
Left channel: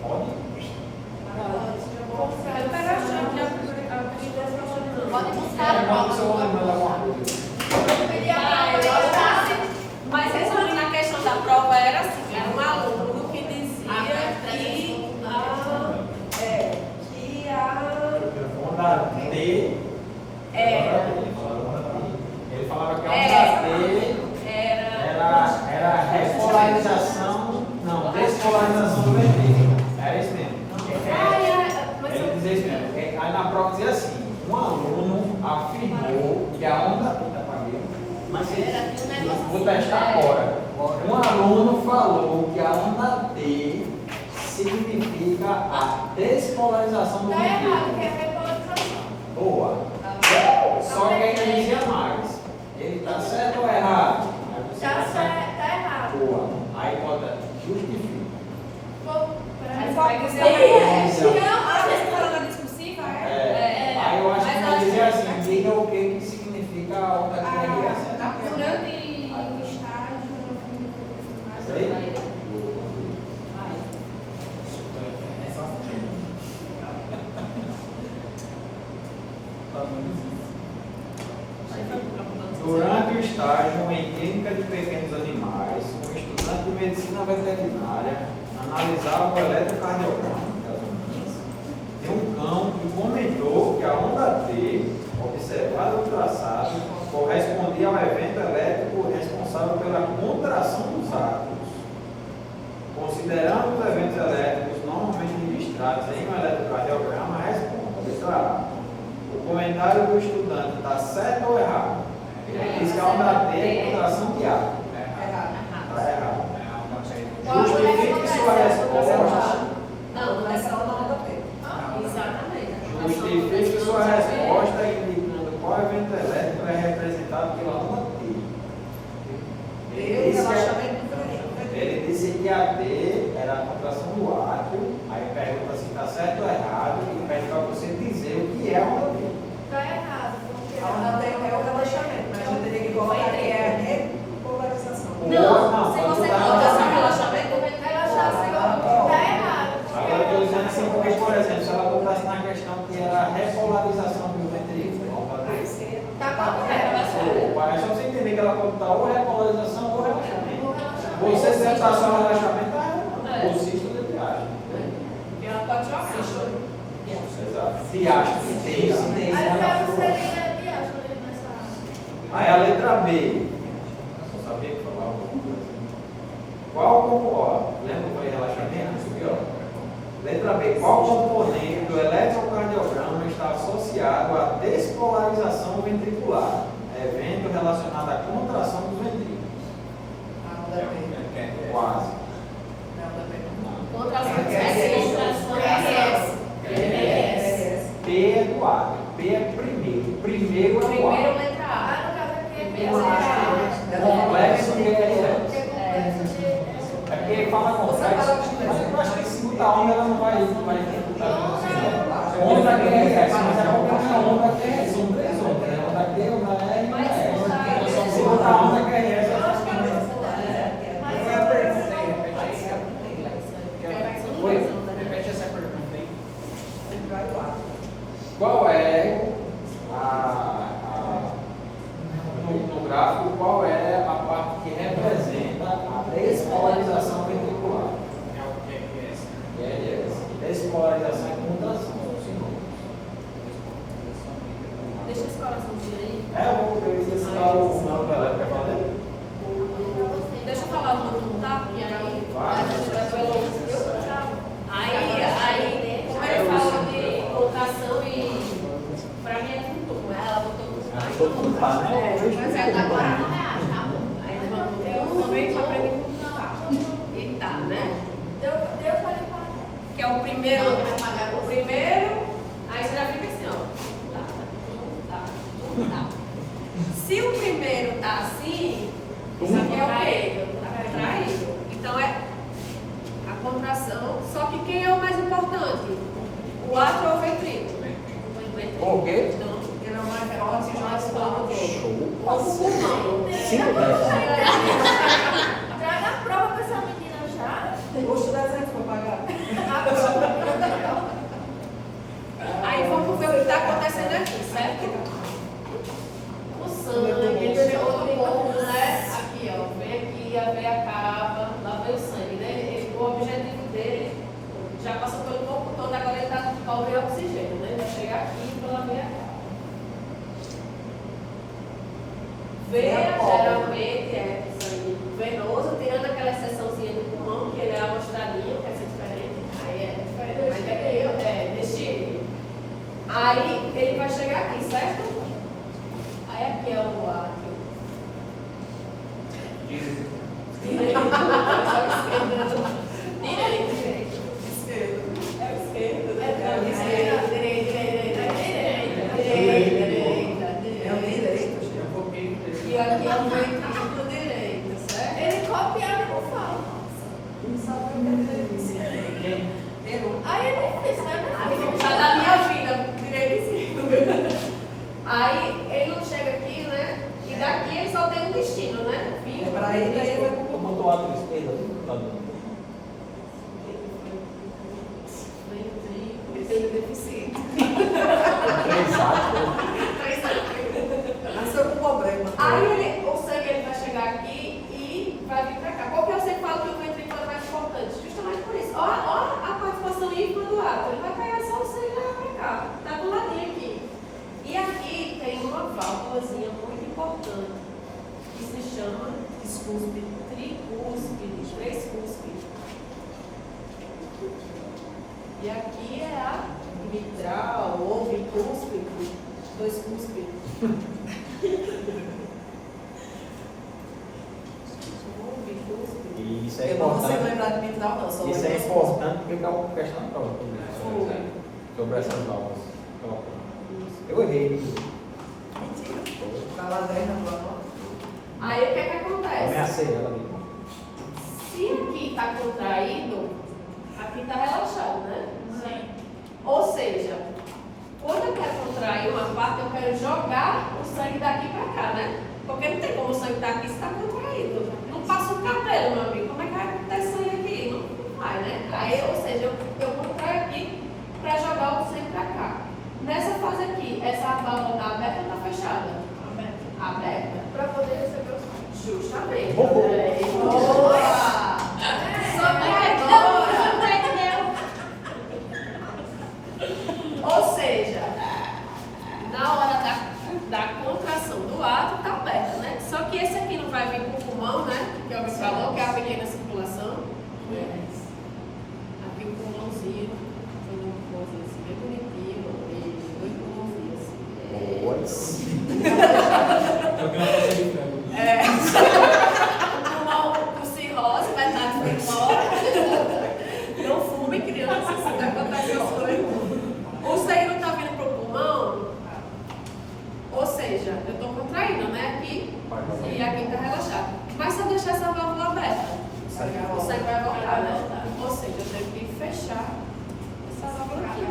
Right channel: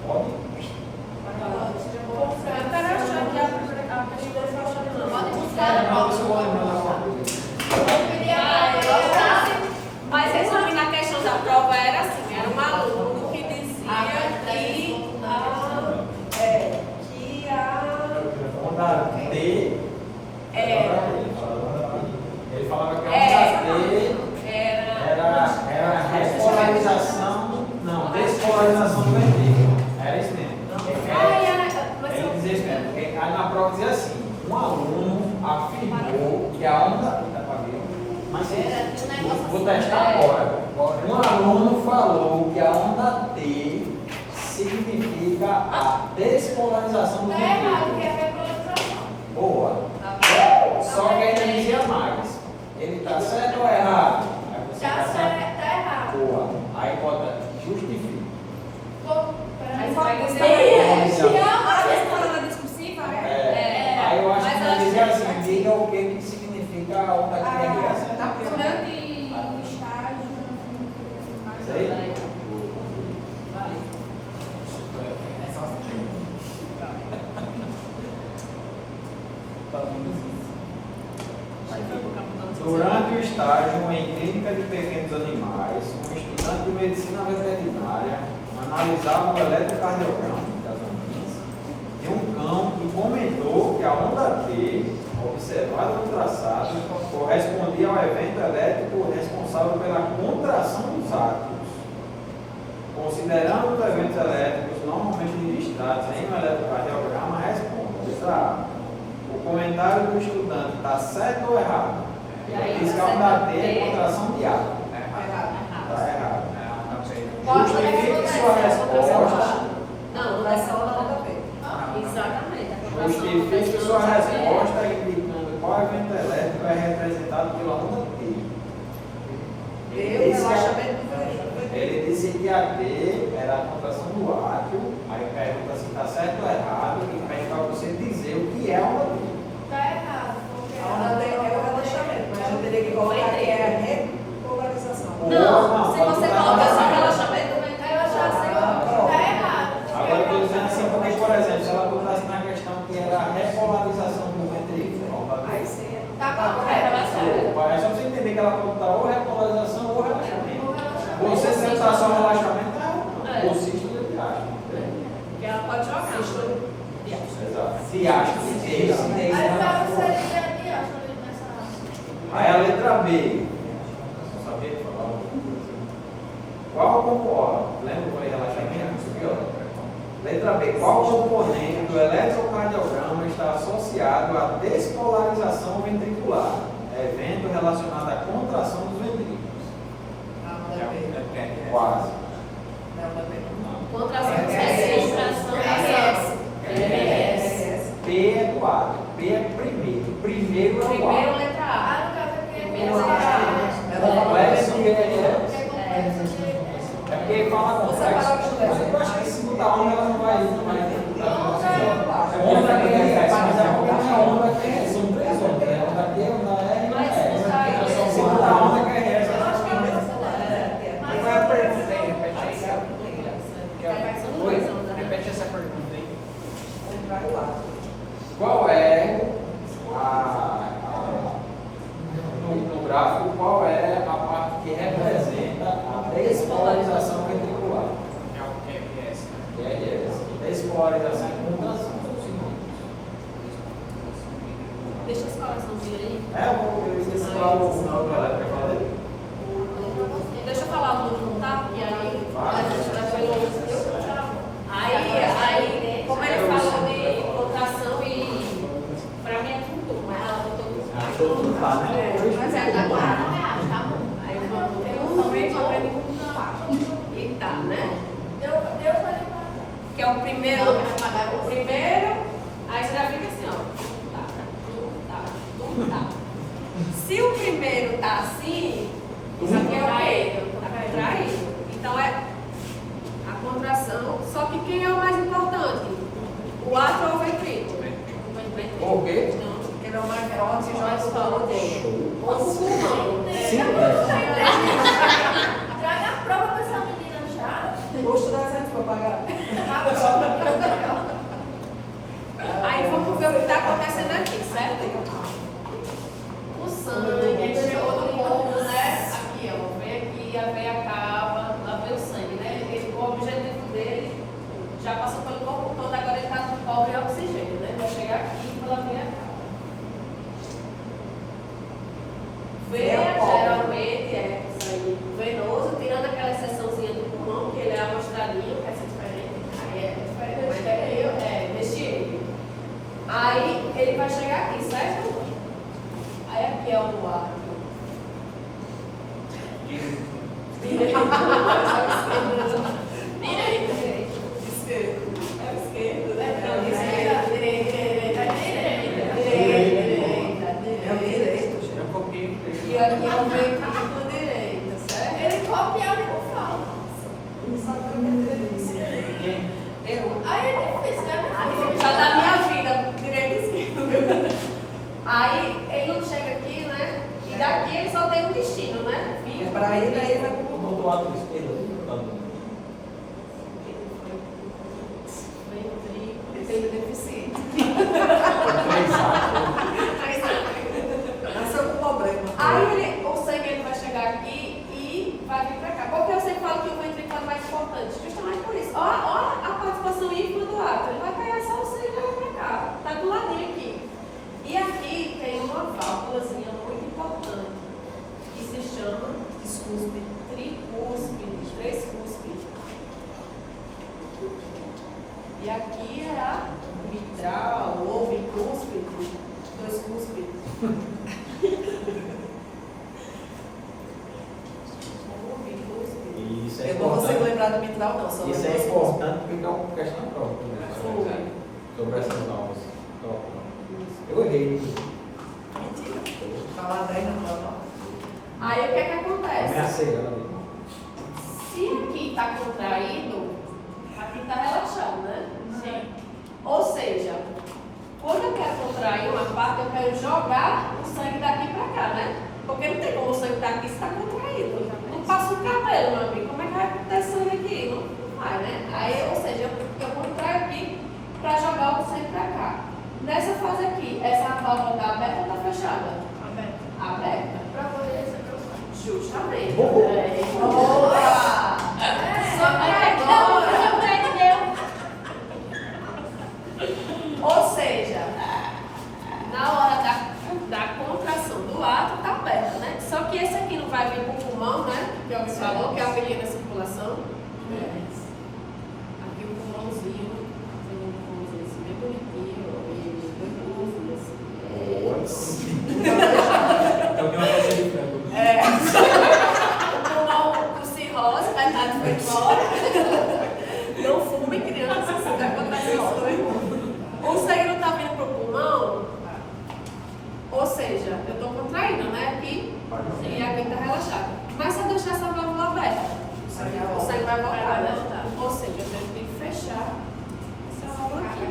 Pode? Eu quero achar que a pode buscar a Não, se eu vou prova. lembrar alguma coisa. Mas resumindo a questão da prova era assim, era um aluno que dizia Onda T. Ele falava que a onda T era repolarização, não, despolarização do ventrículo. Era isso mesmo. Ele dizia isso mesmo. Aí na prova dizia assim: um aluno afirmou que a onda. Mas vou testar agora. Um aluno falou que a onda T significa a despolarização do Tá errado, que ventrículo. é repolarização. Boa. Só que ainda dizia mais. Ele está certo ou errado? Aí você Tá bota- certo, tá errado. Boa. Aí bota justifica. Aí vai dizer Aí eu acho que vai dizer assim, diga o que significa a onda que é essa. Isso aí? Durante o estágio em clínica de pequenos animais, um estudante de medicina veterinária analisava o eletrocardiograma de um cão e comentou que a onda T, observada no traçado, correspondia ao evento elétrico responsável pela contração dos átomos. Considerando os eventos elétricos normalmente registrados em um eletrocardiograma, responda. Letra A. O comentário do estudante está certo ou errado? Diz que a onda T é contração de ar. Errado. Está errado. Não sei. Justifique sua resposta. Não, não é Contração da onda P. exatamente. Justifique sua resposta indicando qual evento elétrico é representado pela onda T. Ele disse que a T era a contração do átrio, aí pergunta se está certo ou errado, e pede para você dizer o que é a onda T. Tá errado. Porque A onda T é o relaxamento, mas eu teria que colocar que é a repolarização. Não, se pode você botar coloca só na- relaxamento, eu achava que tá errado. Agora eu estou dizendo assim, porque, por exemplo, se ela botasse na questão que era a repolarização do ventrículo, a onda T. Aí sim. Tá correto. É só você entender que ela pode botar ou repolarização ou relaxamento. Você se está só relaxamento, ou cisto de viagem. que ela pode jogar. Exato. Diástase. Aí para o seria aqui, ó, sobre ele mencionar. Aí a letra B. Só sabia que falar alguma coisa. Qual componente? Lembra que eu falei relaxamento? Subiu? Letra B. Qual componente do eletrocardiograma está associado à despolarização ventricular? Evento relacionado à contração dos ventrículos. A onda P. Quase. Não, onda P. Contração P é do átrio. P é primeiro. Primeiro é o Primeiro, átrio. letra A. Ah, no caso aqui é Complexo de LS. é É porque fala complexo, mas eu acho que se botar onda ela não vai onda que é essa, mas é porque não é onda que é essa, são três ondas, né? Onda que é onda é e onda é. Se botar onda que é essa, ela fica mesmo. Repete essa pergunta aí. Qual é no gráfico, qual é a parte que representa a despolarização ventricular? É o QPS. LS. Despolarização e contração, são sinônimos. Deixa esse coraçãozinho aí. Eu esqueci de falar o nome do elétrico que eu falei. Deixa eu falar o número, tá? Porque aí Vai. a gente vai pelo. Aí, como ele falou de contração e. Pra mim é tudo, ela botou. Tá, né? Mas é tá claro, né? Tá bom. Aí vamos. Eu também só pra mim e tá, né? Eu falei pra Que é o primeiro. O primeiro. Aí você já fica assim, ó. Tá. Se o primeiro tá assim, isso aqui é o quê? Tá contraído. Então é a contração. Só que quem é o mais importante? O átrio ou o ventrículo? O quê? Então, Porque não é oxigenação do corpo. ou o pulmão. Sim, Traga a prova pra essa menina já. Custo 300 para pagar. Aí vamos ver o que está acontecendo aqui, certo? O sangue, ele chegou no corpo, né? Aqui, ó. Vem aqui, a veia acaba, lá vem o sangue, né? O objetivo dele já passou pelo corpo todo, agora ele está pobre em oxigênio, né? Vai chegar aqui pela veia acaba. Veia geralmente é sangue venoso, tirando aquela exceçãozinha do pulmão, que ele é uma estradinha, que é diferente. Aí é diferente, mas deixe ele. Aí ele vai chegar aqui, certo? Aí aqui é o átrio. Direito. Direito. Esquerdo. É o esquerdo, né? Não, Direita. direita. É o direito, gente. Eu copiei o texto. E aqui é o ventrículo direito, certo? Ele copiava e não fala. Aí ele fez, né? Já da minha vida, direito e esquerdo. Aí ele não chega aqui, né? E daqui ele só tem um destino, né? Vivo. Para aí, daí ele vai pro Eu botou o átrio esquerdo, tá bom. Ventrículo. Ele é deficiente. Três átrios. Nasceu com problema. Aí o sangue ele vai chegar aqui e vai vir pra cá. Por que eu sempre falo que o ventrículo é mais importante? Justamente por isso. Ó a participação ínfima do átrio. Ele vai pegar só o sangue e vai pra cá. Tá do ladinho aqui. E aqui tem uma válvulazinha muito importante que se chama tricúspide, três cúspides. E aqui é a mitral ou bicúspide, dois cúspides. Isso é Eu não consigo importante. lembrar de mitral, não. Só Isso é lembro só. importante porque dá uma questão na prova também. Sobre essas aulas. Eu errei. Mentira. Vai lá 10 na prova. Aí o que é que acontece? Ameacei ela ali. Se aqui está contraído, aqui está relaxado, né? Sim. Ou seja, quando eu quero contrair uma parte, eu quero jogar o sangue daqui para cá, né? Porque não tem como o sangue estar aqui se está contraído. Não passa o cabelo, meu amigo. Como é que vai ter sangue aqui? Não vai, né? Aí, ou seja, eu contraio aqui para jogar o sangue para cá. Nessa fase aqui, essa válvula está aberta ou está fechada? Aberta. Para poder receber o sangue. Justamente. Boa! Só que agora, ou seja, na hora da contração do ato está aberta, né? Só que esse aqui não vai vir para o pulmão, né? Que alguém falou, que é a pequena circulação. Aqui o pulmãozinho, fazer um pulmãozinho assim, bem bonitinho, e dois pulmãozinhos assim. Eu tenho uma foto de frango. O pulmão com cirrose vai estar de fora. Não fume, criança, se está acontecendo. O sangue não está vindo para o pulmão, ou seja, eu estou contraindo, né? Aqui e aqui está relaxado. Mas se eu deixar essa válvula aberta, o sangue vai voltar, né? Ou seja, eu tenho que fechar essa válvula aqui.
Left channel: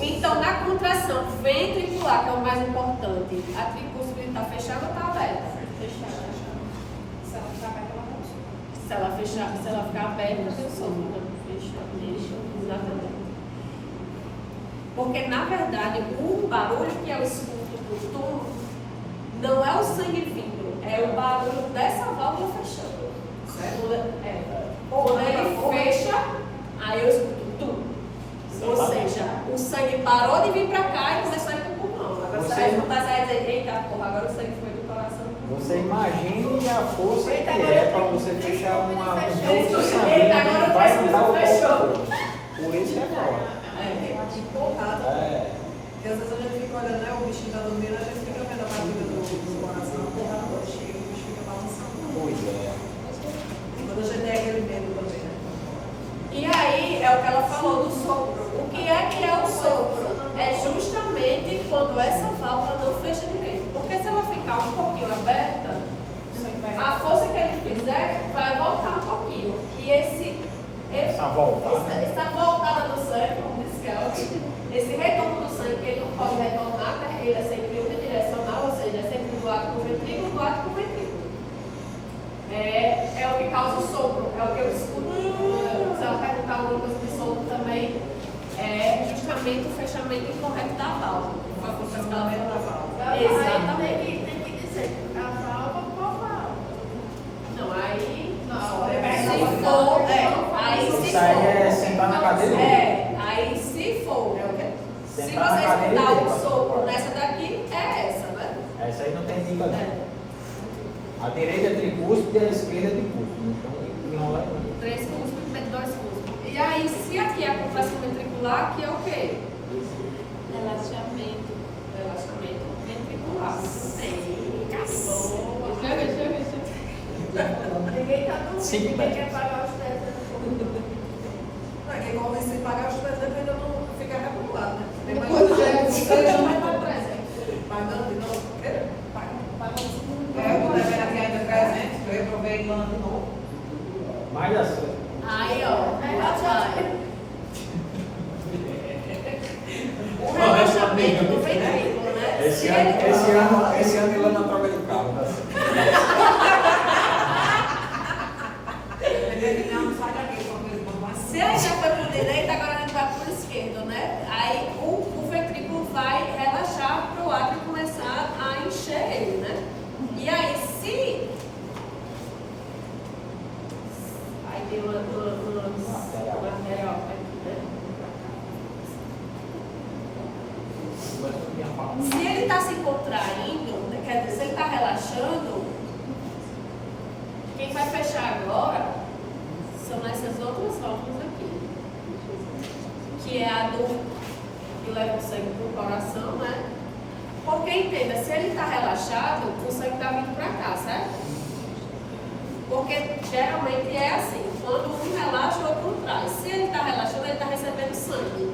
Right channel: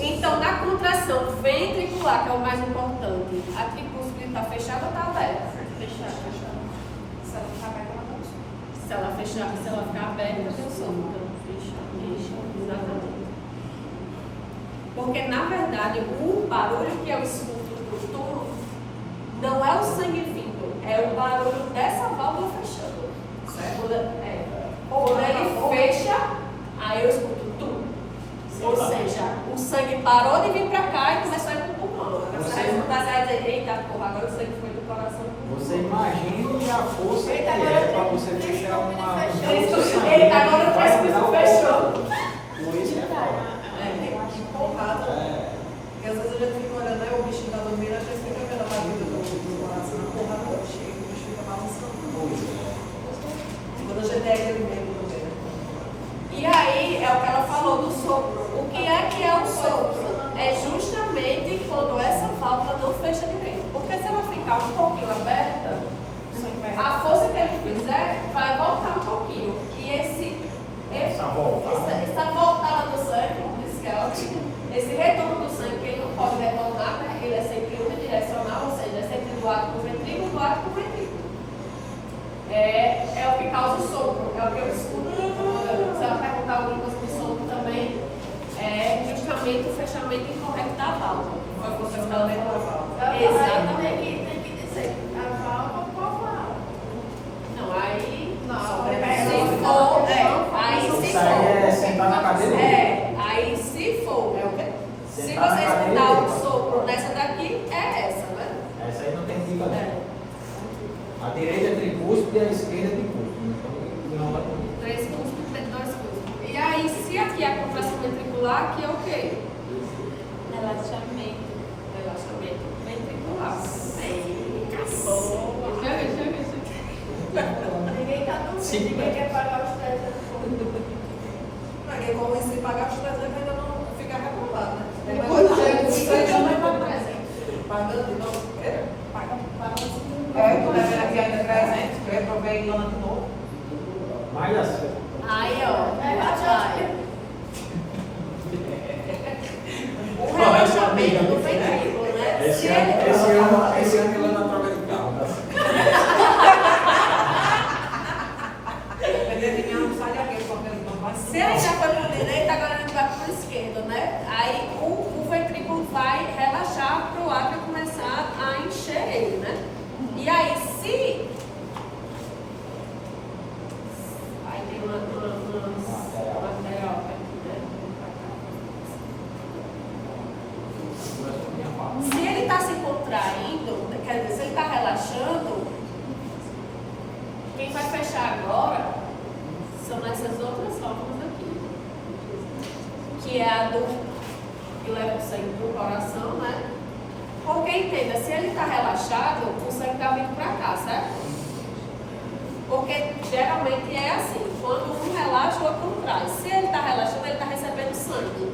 Então, na contração ventricular, que é o mais importante, a tricúspide está fechada ou está aberta? Fechada. Se ela ficar aberta, ela está. Se ela fechar, se ela ficar aberta, eu solto. Então, fecha, exatamente. Porque, na verdade, o barulho que eu escuto do túmulo não é o sangue vindo, é o barulho dessa válvula fechando. Quando ele fecha, aí eu escuto tudo. Ou seja, o sangue parou de vir para cá e começou a ir para o pulmão. Agora você vai escutar, você vai dizer, eita, porra, agora o sangue foi do coração. Você imagine a força que é para você fechar uma Eita, agora o pescoço fechou. Por isso é bom. Porrada. É. E às vezes a gente fica olhando, né? O bichinho tá dormindo, a gente fica vendo a batida do coração, porrada no cheio, o bicho fica balançando. Pois é. Quando a gente é aquele medo também, né? E aí é o que ela falou do sopro. O que é o sopro? É justamente quando essa válvula não fecha direito. Porque se ela ficar um pouquinho aberta, a força que ele fizer vai voltar um pouquinho. E essa voltada do sangue, como disse Kelvin, esse retorno do sangue, que ele não pode retornar, né? Ele é sempre unidirecional, ou seja, é sempre do lado do ventrículo, do lado do ventrículo. É o que causa o sopro, é o que eu escuto. Se ela perguntar alguma coisa do sopro também, é justamente o fechamento incorreto da válvula. Foi a coisa que ela veio na válvula. Exatamente. Tem que dizer a válvula qual válvula. Não, aí. Não, Se for, aí se Isso aí é for. sentar na cadeira. Aí se for. Se você Sentar na cadeira escutar dele, o sopro nessa daqui, é essa, né? Essa aí não tem dica não. A direita é tricúspide e a esquerda é tricúspide. Então não é. 3 cúspides, 2 cúspides. E aí, se aqui é a contração ventricular, aqui é o quê? Relaxamento. Relaxamento ventricular. Ninguém tá dormindo, Sim, ninguém né? quer pagar os pés. É igual se pagar os presentes ainda não ficar rebolado, né? Depois já vai para o presente. Pagando de novo. Quando a minha tia ainda presente, eu reprovei em ano de novo. Mas assim. Aí, ó. É, Vai. O relaxamento do ventrículo, né? Esse ano ele não troca de carro. Tá? Se ele já foi por direita, agora a gente vai por esquerda, né? Aí o ventrículo vai relaxar para o átrio começar a encher ele, né? E aí, se... Aí tem uma arterial aqui, né? Se ele está se contraindo, quer dizer, se ele está relaxando, quem vai fechar agora são essas outras válvulas aqui, que é a do que leva o sangue para o coração, né? Porque entenda, se ele está relaxado, o sangue está vindo para cá, certo? Porque geralmente é assim. Quando um relaxa, o outro contrai. Se ele está relaxando, ele está recebendo sangue.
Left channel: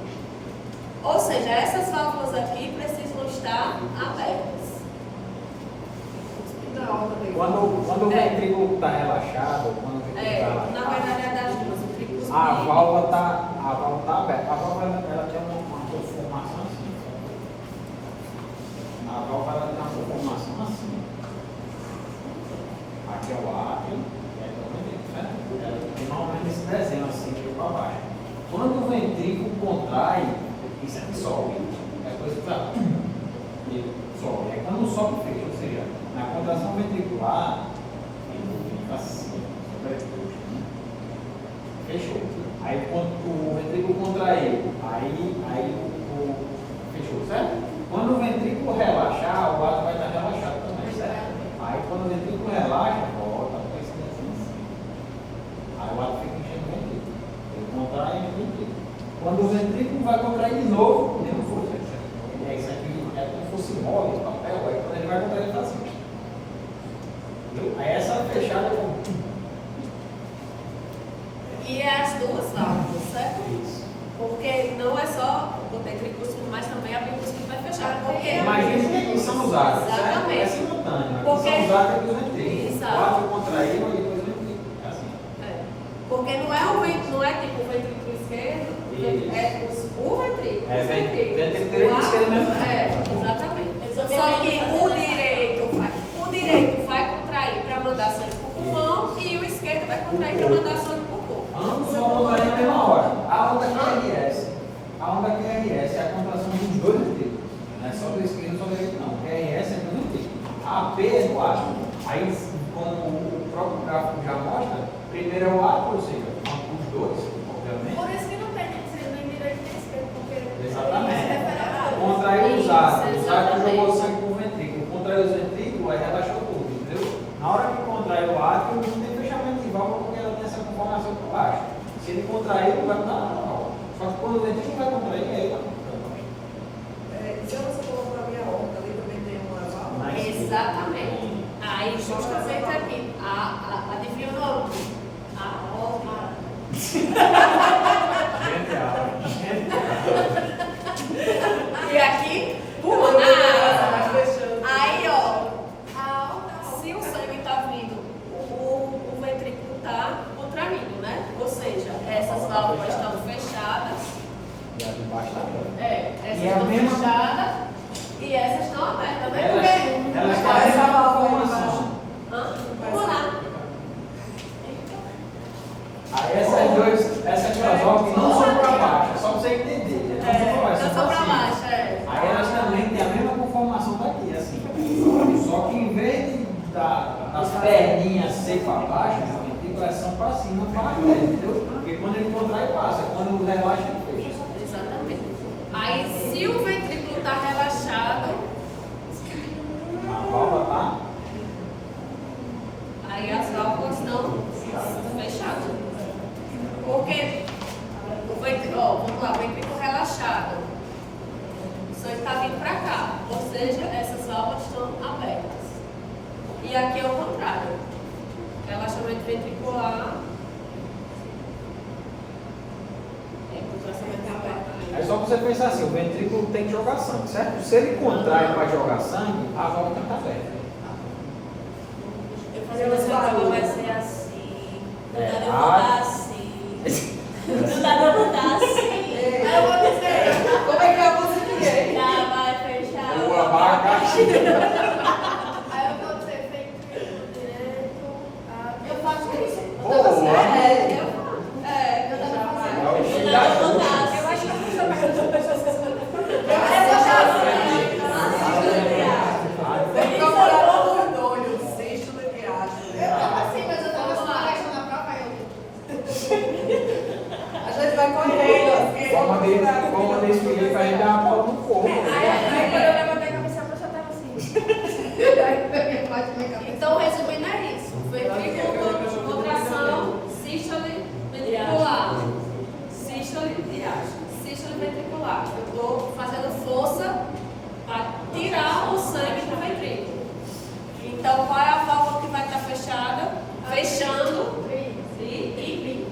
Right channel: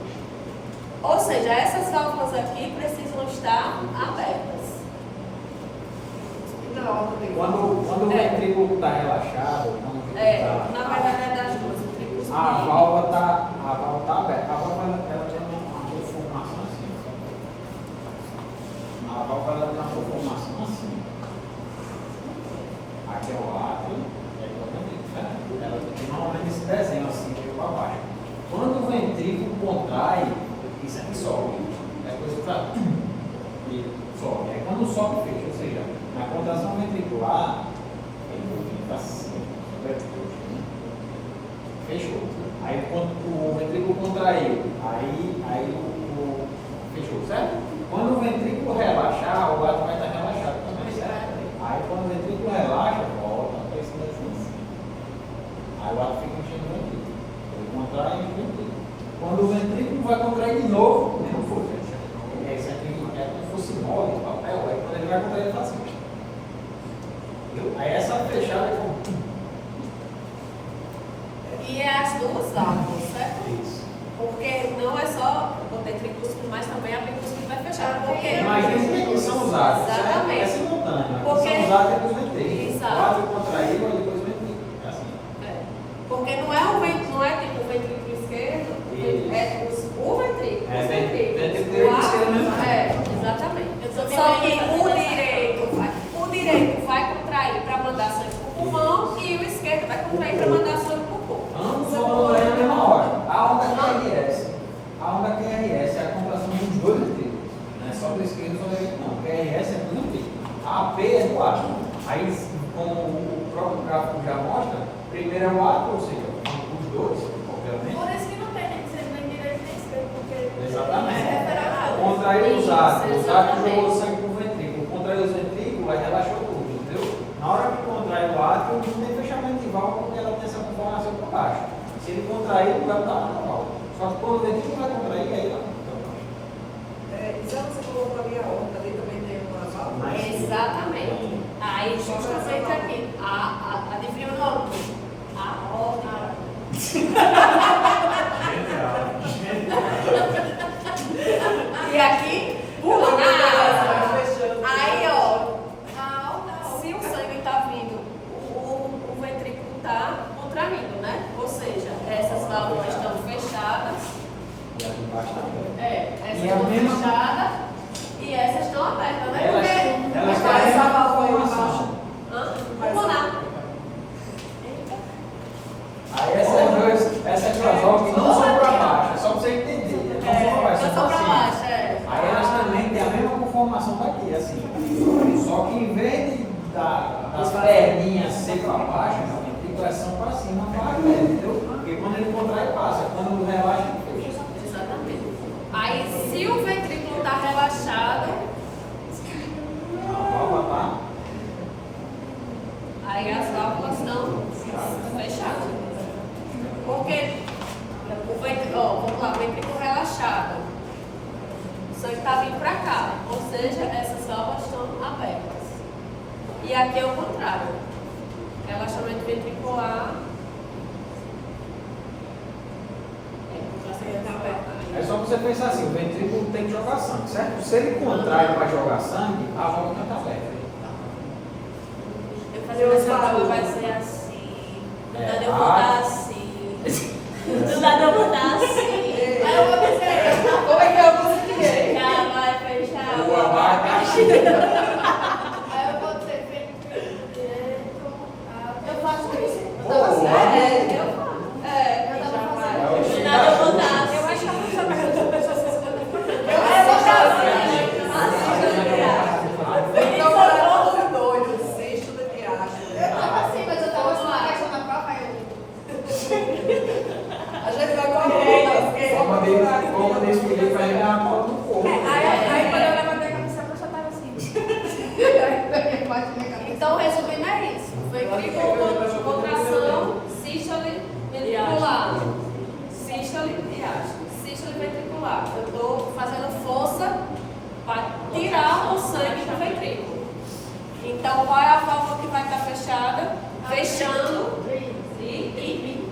Ou seja, essas válvulas aqui precisam estar abertas. Quando o ventrículo está relaxado, quando o ventrículo Na verdade é das duas. O ventrículo a válvula está aberta. A válvula ela tem uma conformação assim. A válvula ela tem uma conformação assim. Aqui é o átrio, aí é o ventrículo, certo? Ela tem normalmente esse desenho assim, de para baixo. Quando o ventrículo contrai, isso aqui sobe. É coisa que está. E sobe. Aí quando sobe, fecha. Ou seja, na contração ventricular, ele fica assim. Fechou. Aí quando o ventrículo contraiu, aí o fechou, certo? Quando o ventrículo relaxar, o átrio vai estar relaxado também, certo? Aí quando o ventrículo relaxa, volta para esse assim. Aí o átrio fica enchendo o ventrículo. Ele contrai e enche o ventrículo. Quando o ventrículo vai contrair de novo, mesmo força. É isso aqui, é como se fosse mole, papel, aí quando ele vai contrair, ele está assim. Entendeu? Aí essa fechada é como. E é as duas válvulas, certo? Porque não é só o tricúspide, mas também a bicúspide vai fechar. Porque Imagina que são os átrios, certo? Exatamente. É simultâneo. Porque- São os átrios dos ventrículos. Exato. O átrio contraído e depois o ventrículo. É assim. Porque não é tipo o ventrículo esquerdo, Isso. é o ventrículo. É, os ventrículo ventrículos. direito e esquerdo mesmo. Exatamente. Só que o direito vai contrair para mandar sangue para o pulmão e o esquerdo vai contrair para mandar sangue para o corpo. Ambos vão contrair na mesma hora. A onda QRS. A onda QRS é a contração dos dois ventrículos. Não é só do esquerdo e do direito, não. O QRS é do ventrículo. A P é do átrio. Aí, como o próprio gráfico já mostra, primeiro é o átrio, ou seja, os dois, obviamente. Por isso que não tem nem ser nem direito nem esquerdo, porque Exatamente. Contraiu os átrios, os átrios jogou sangue para o ventrículo. Contraiu os ventrículos, aí relaxou tudo, entendeu? Na hora que contrai o átrio, não tem fechamento de válvula porque ela tem essa conformação para baixo. Se ele contrair, não vai dar normal. Só que quando o ventrículo vai contrair, aí vai. Já você falou para mim a onda, ali também tem uma Exatamente. Aí, justamente aqui, adivinha o nome? A órbita. E aqui, aí, ó, se o sangue está vindo, o ventrículo está contraindo, né? Ou seja, essas válvulas estão fechadas. E a de baixo está Essas E a estão mesma- fechadas e essas estão abertas, né? Elas têm a mesma conformação. Vamos lá. Aí essas duas válvulas não são para baixo, é só para você entender. Não só para baixo, Aí elas também têm a mesma conformação daqui, assim. Só que em vez das perninhas ser para baixo, a articulação para cima, para frente, entendeu? Porque quando ele contrai, passa. Quando relaxa, ele fecha. Exatamente. Aí, se o ventrículo está relaxado, A válvula tá. aí as válvulas estão fechadas. Porque vamos lá, o ventrículo relaxado. O sangue está vindo para cá. Ou seja, essas válvulas estão abertas. E aqui é o contrário. Relaxamento ventricular. Contração ventricular. É só você pensar assim, o ventrículo tem que jogar sangue, certo? Se ele contrai para jogar sangue, a válvula está aberta. Eu fazer uma válvula vai ser assim. Do nada eu vou dar assim. Do nada eu vou dar assim. Aí eu vou dizer, Como é que é você direito? Já vai fechar. O abacaxi. aí eu vou dizer, feito direito, eu faço isso. Boa. Eu tava É fazendo. o Do filho nada da eu vou chuva. dar. Eu acho que a pessoa vai fazer uma pessoa se Então, para todo doido, sexto da viagem. Eu tava assim, mas eu tava só questão da própria A gente vai correndo. Vamos mandar esse filho para ele dar uma foto no corpo. Aí quando eu levantei a cabeça, eu já tava assim. Então, resumindo, é isso. Ventrículo, contração, sístole ventricular. Sístole e diástole. Sístole ventricular. Eu estou fazendo força para tirar o sangue do ventrículo. Então, qual é a válvula que vai estar fechada? Fechando e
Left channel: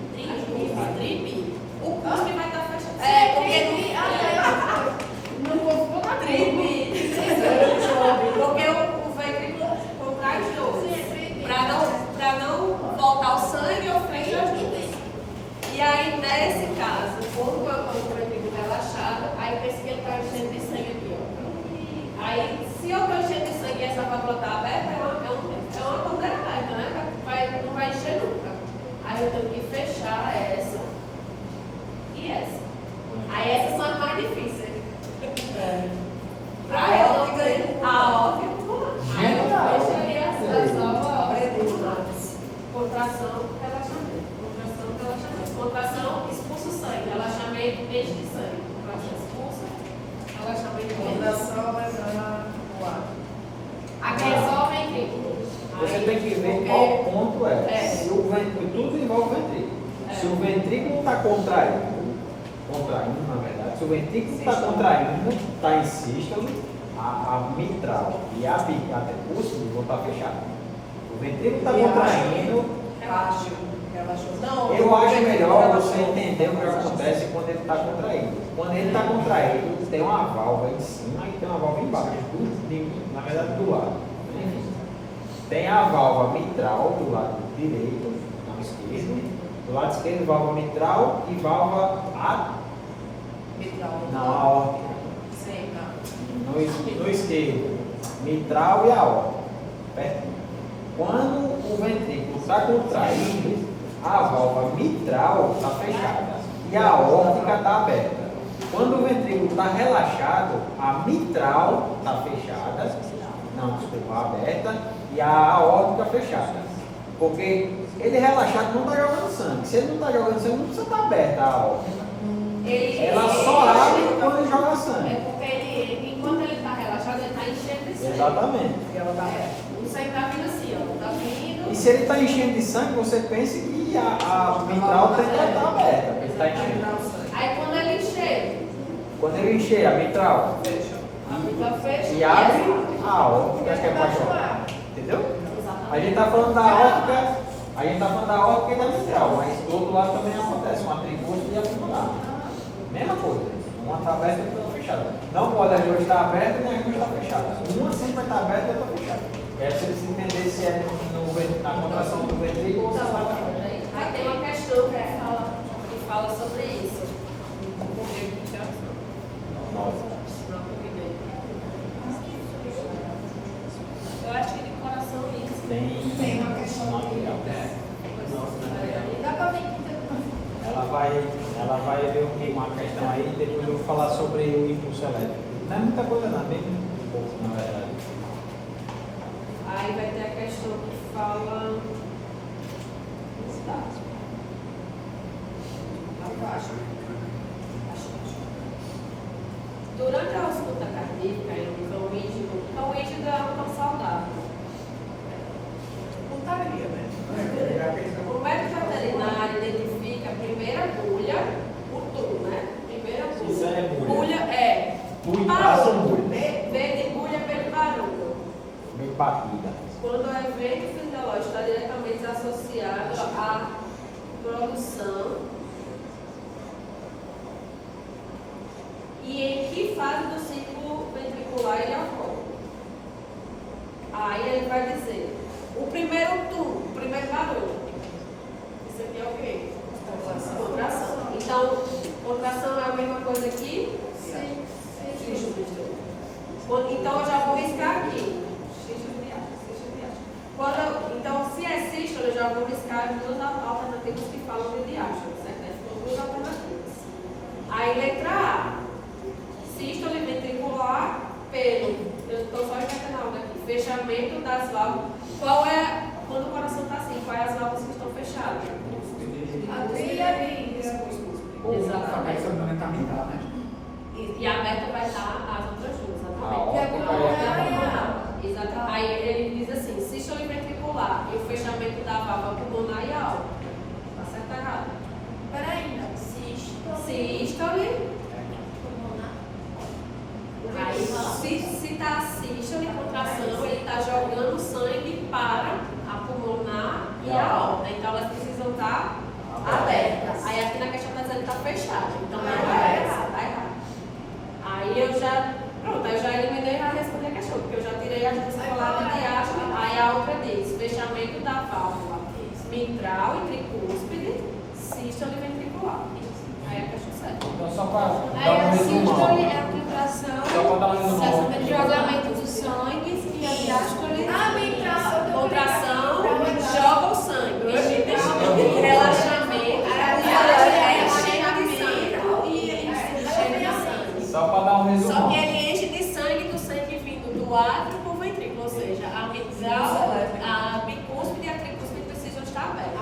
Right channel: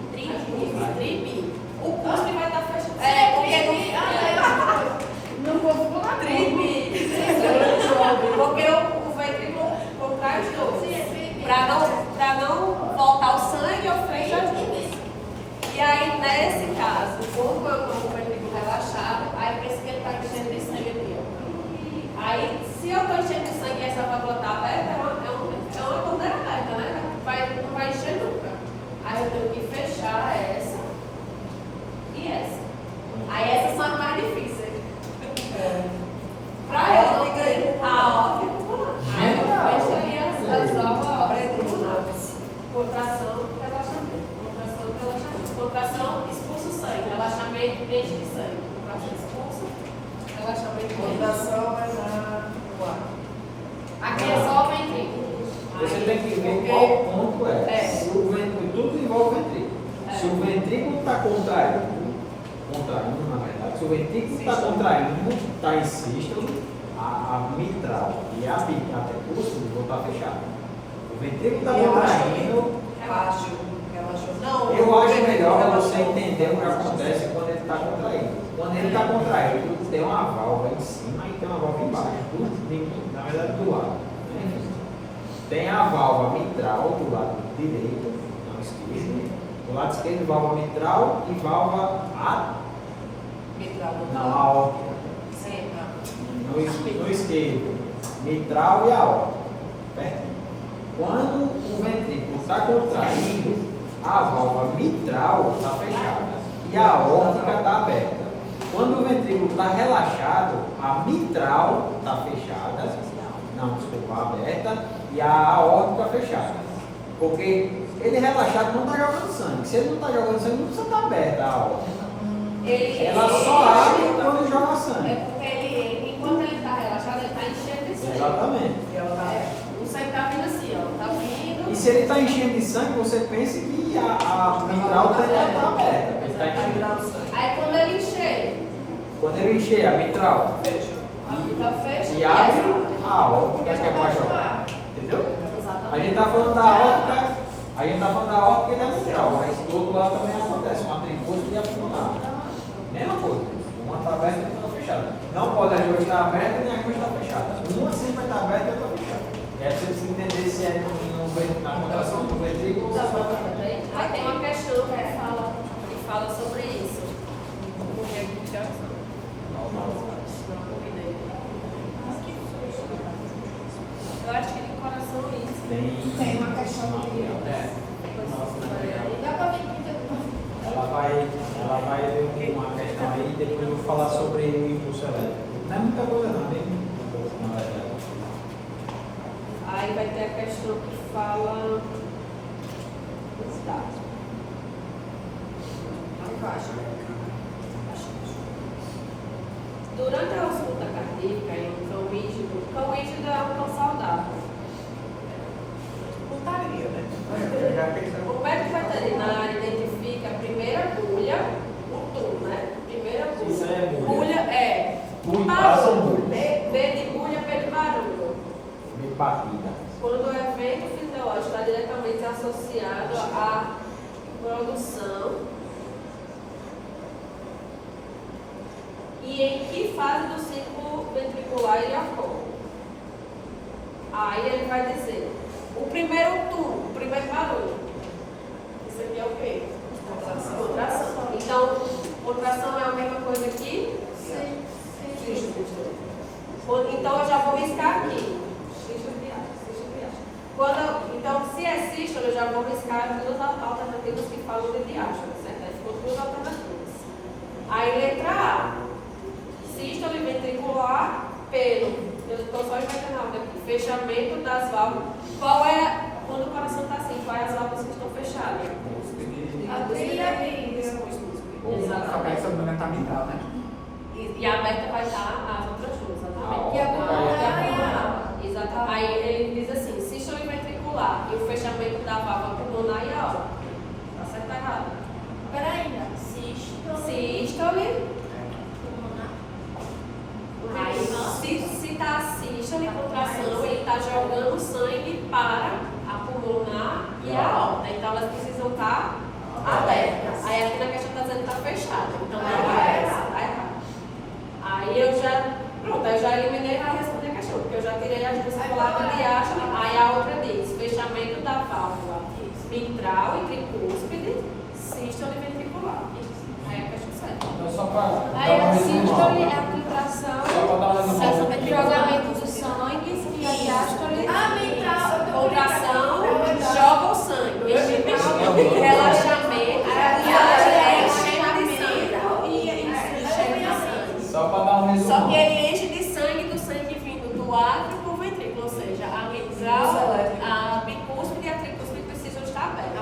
ela está aberta, é uma bandeira aberta, né? Não vai encher nunca. Aí eu tenho que fechar essa e essa. Aí essas são as mais difíceis. Para ela, a óbvio, aí eu fecho ali as novas contração, relaxamento. Contração, relaxamento. Contração, expulsa o sangue. Relaxamento, enche de sangue. Contração, expulsa. Relaxamento, Fundação vai dar o ar. aqui é só o ventrículo. Você tem que ver qual ponto é. Se o ventrículo, tudo envolve o ventrículo. Se o ventrículo está contraindo, na verdade, se o ventrículo está contraindo, está em sístole, a mitral e a prepúcio vão estar fechadas. O ventrículo está contraindo. Relaxou. Não, Eu acho melhor você entender o que acontece quando ele está contraído. Quando ele está contraído, tem uma válvula em cima e tem uma válvula embaixo. Na verdade, do lado. Tem a válvula mitral do lado direito, não esquerdo. Do lado esquerdo, válvula mitral e válvula aórtica. Sim, No esquerdo, mitral e aórtica. Pertinho. Quando o ventrículo está contraído, a válvula mitral está fechada e a aórtica está aberta. Quando o ventrículo está relaxado, a mitral está fechada, aberta, e a aórtica fechada. Porque ele relaxado não está jogando sangue. Se ele não está jogando sangue, não precisa estar aberta a aórtica. Ela só abre quando ele joga sangue. É porque enquanto ele está relaxado, ele está enchendo de sangue. Exatamente. O sangue está vindo assim, ó. Está vindo. E se ele está enchendo de sangue, você pense que a mitral tem que estar aberta. Ele está enchendo. Aí quando ele encher, Quando ele encher a mitral a mitral fecha e abre a aórtica, que é para jogar. Entendeu? A gente está falando da aórtica, e da mitral, mas do outro lado também acontece com a tricúspide e a pulmonar. Mesma coisa. Uma está aberta e a outra está fechada. Não pode as duas estar abertas nem as duas estar fechadas. Uma sempre vai estar aberta e a outra fechada. É preciso se entender se é na contração do ventrículo ou se é na Aí tem uma questão que fala sobre isso. Eu acho que de coração isso. Tem uma questão ela vai ver uma questão aí e depois eu vou falar sobre o impulso elétrico. Não é muita coisa não, bem pouco na verdade. Aí vai ter a questão que fala. Durante a ausculta cardíaca em um cão ígido é um cão saudável. Putaria, né? O médico veterinário identifica a primeira agulha, o tum, né? Primeira agulha. Isso aí é agulha. Agulha é. Tu passa Barulho. agulha. B de agulha pelo barulho. Meio batida. Quando o evento fisiológico está diretamente associado à produção e em que fase do ciclo ventricular ele ocorre. Aí ele vai dizer, o primeiro tum, o primeiro barulho. Isso aqui é o quê? Contração. Então, contração é a mesma coisa aqui? Sim. Então eu já vou riscar aqui. Então, se é sístole, eu já vou riscar as duas alternativas que falam de diástole, certo? Aí ficou duas alternativas. Aí, letra A. Sístole ventricular pelo. Eu estou só imaginando aqui. Fechamento das válvulas. Qual é, quando o coração está assim, quais as válvulas que estão fechadas? A trilha e Exatamente. fundamental, né? E a aberta vai estar as outras duas, exatamente. E a E pulmonar. exatamente. Aí ele diz assim, sístole ventricular e o fechamento da válvula pulmonar e a aórtica. Tá certo ou errado? Peraí, não. Sístole. Sístole. Aí, se está sístole, contração, ele está jogando sangue para a pulmonar e a aorta. Então elas precisam estar abertas. Aí aqui na questão está dizendo que está fechada. Então não é essa, tá errado. Aí eu já eliminei e já respondi a questão, porque eu já tirei a ventricular de diástole. Aí a outra diz, fechamento da válvula mitral e tricúspide, sístole ventricular. Aí é a questão certa. Então só para. Aí a sístole é a filtração, Só para dar um resumo. jogamento do sangue e a diástole Só que ele enche de sangue do sangue vindo do átrio para o ventrículo, ou seja, a mitral, a bicúspide e a tricúspide precisam estar abertas.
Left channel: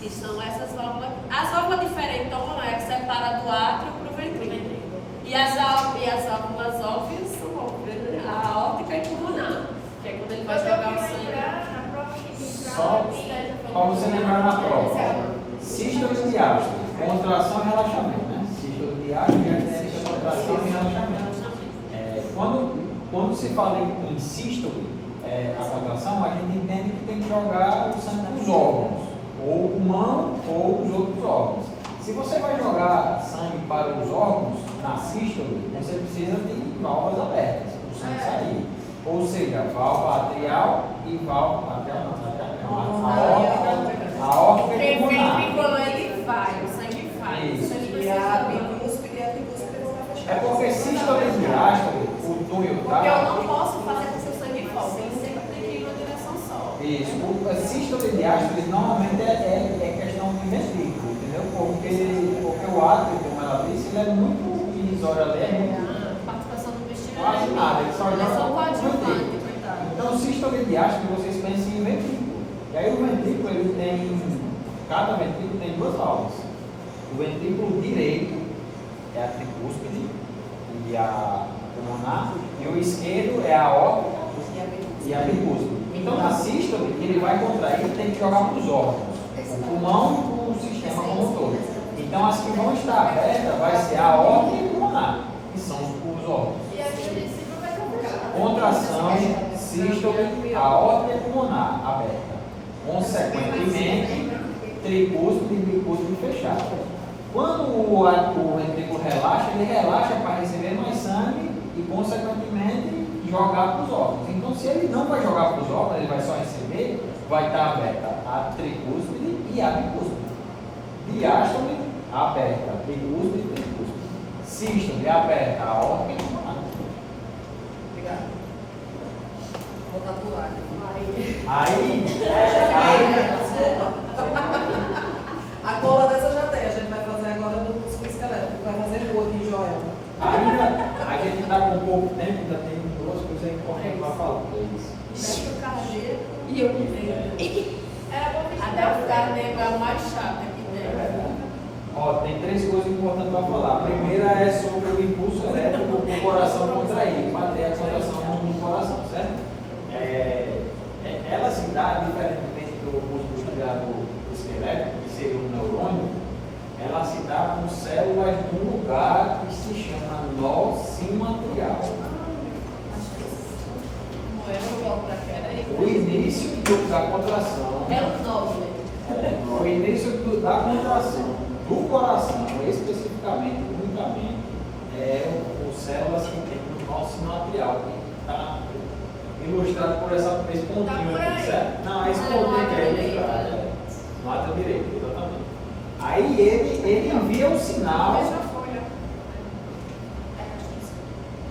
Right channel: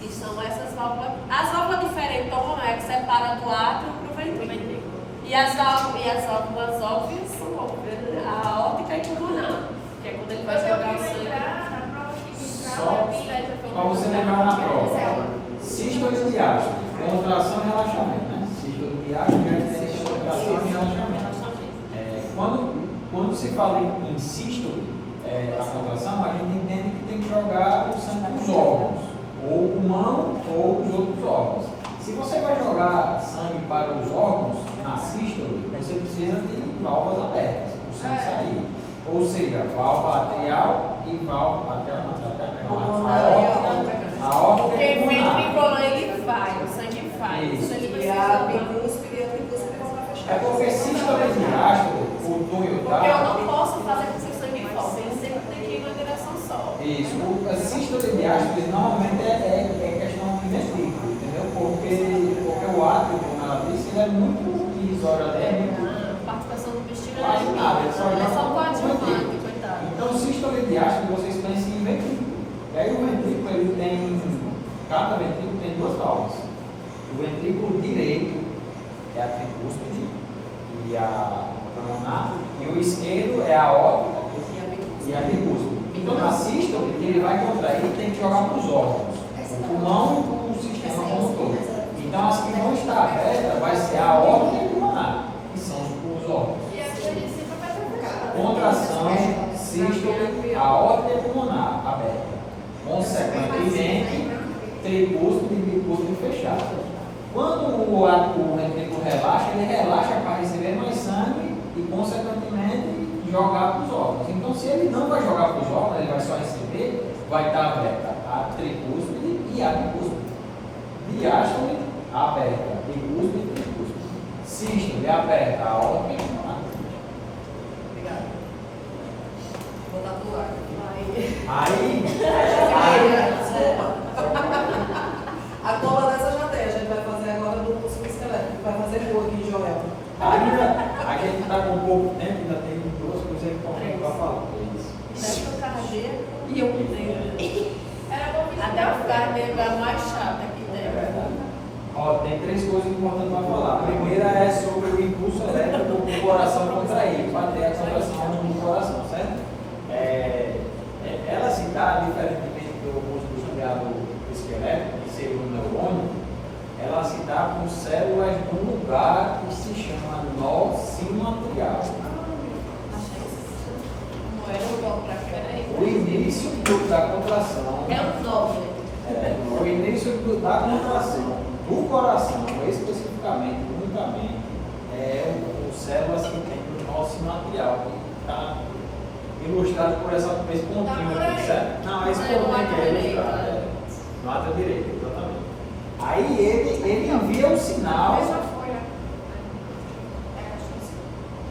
Que são essas válvulas. As válvulas diferentonas é que separa do átrio para o ventrículo. E as válvulas óbvias são óbvias, né? A aórtica e pulmonar, que é quando ele vai jogar o sangue. Só para você lembrar na prova. Sístole e diástole, contração e relaxamento, né? Sístole e diástole, contração e relaxamento. Quando se fala em sístole, a contração, a gente entende que tem que jogar o sangue para os órgãos, ou o pulmão ou os outros órgãos. Se você vai jogar sangue para os órgãos, na sístole, você precisa de válvulas abertas, o sangue sair. Ou seja, válvula atrial e válvula aórtica Porque e pulmonar. ventrículo ele vai, o sangue vai. Isso. E a bicúspide e a tricúspide vão para fechar. É porque sístole e diástole, o túnel Porque eu tá. não posso fazer com que o sangue forte, ele sempre tem que ir na direção só. Isso. A sístole e diástole normalmente é questão de ventrículo, entendeu? Porque o átrio, como ela disse, ele é muito divisório ali, é muito. A participação do intestino Quase nada, ele só joga é só no coadjuvante, ventrículo. coitado. Então, sístole e diástole, vocês pensam em ventrículo. E aí o ventrículo, ele tem, cada ventrículo tem duas válvulas. O ventrículo direito é a tricúspide e a pulmonar, e o esquerdo é a aórtica e a bicúspide. Então, na sístole, ele vai contrair e tem que jogar para os órgãos, o pulmão e o sistema como um todo. Então, as que vão estar abertas vai ser a aórtica e a pulmonar, que são os órgãos. E a princípio vai trocar. Contração, sístole, aórtica e pulmonar aberta. Consequentemente, tricúspide e bicúspide fechada. Quando o ventrículo relaxa, ele relaxa para receber mais sangue e, consequentemente, jogar para os órgãos. Então, se ele não vai jogar para os órgãos, ele vai só receber, vai estar aberta a tricúspide e a bicúspide. Diástole aberta, bicúspide e tricúspide. Sístole aberta, a aórtica e pulmonar. Obrigada. Vou tatuar. Aí, A cola dessa já tem, a gente vai fazer agora no curso de esquelético, vai fazer o aqui, Joel. ainda a gente está com pouco tempo, ainda tem duas coisas importantes para falar. Mexe o cardíaco e eu que tenho. Era bom que Até o cardíaco é o mais chato aqui dentro. Ó, tem três coisas importantes para falar. A primeira é sobre o impulso elétrico do coração contraído, para ter a contração do coração, certo? Ela se dá, diferentemente do músculo do esqueleto, que seria um neurônio, ela se dá com células num lugar que se chama nó sinoatrial. Não era o igual para cá, era aí. O início da contração. É o nobre. O início da contração do coração, especificamente do ligamento, é o células que tem no nó sinoatrial, que está ilustrado por esse pontinho aqui, certo? Não, esse pontinho aqui é ilustrado. No átrio direito, exatamente. Aí ele envia o sinal.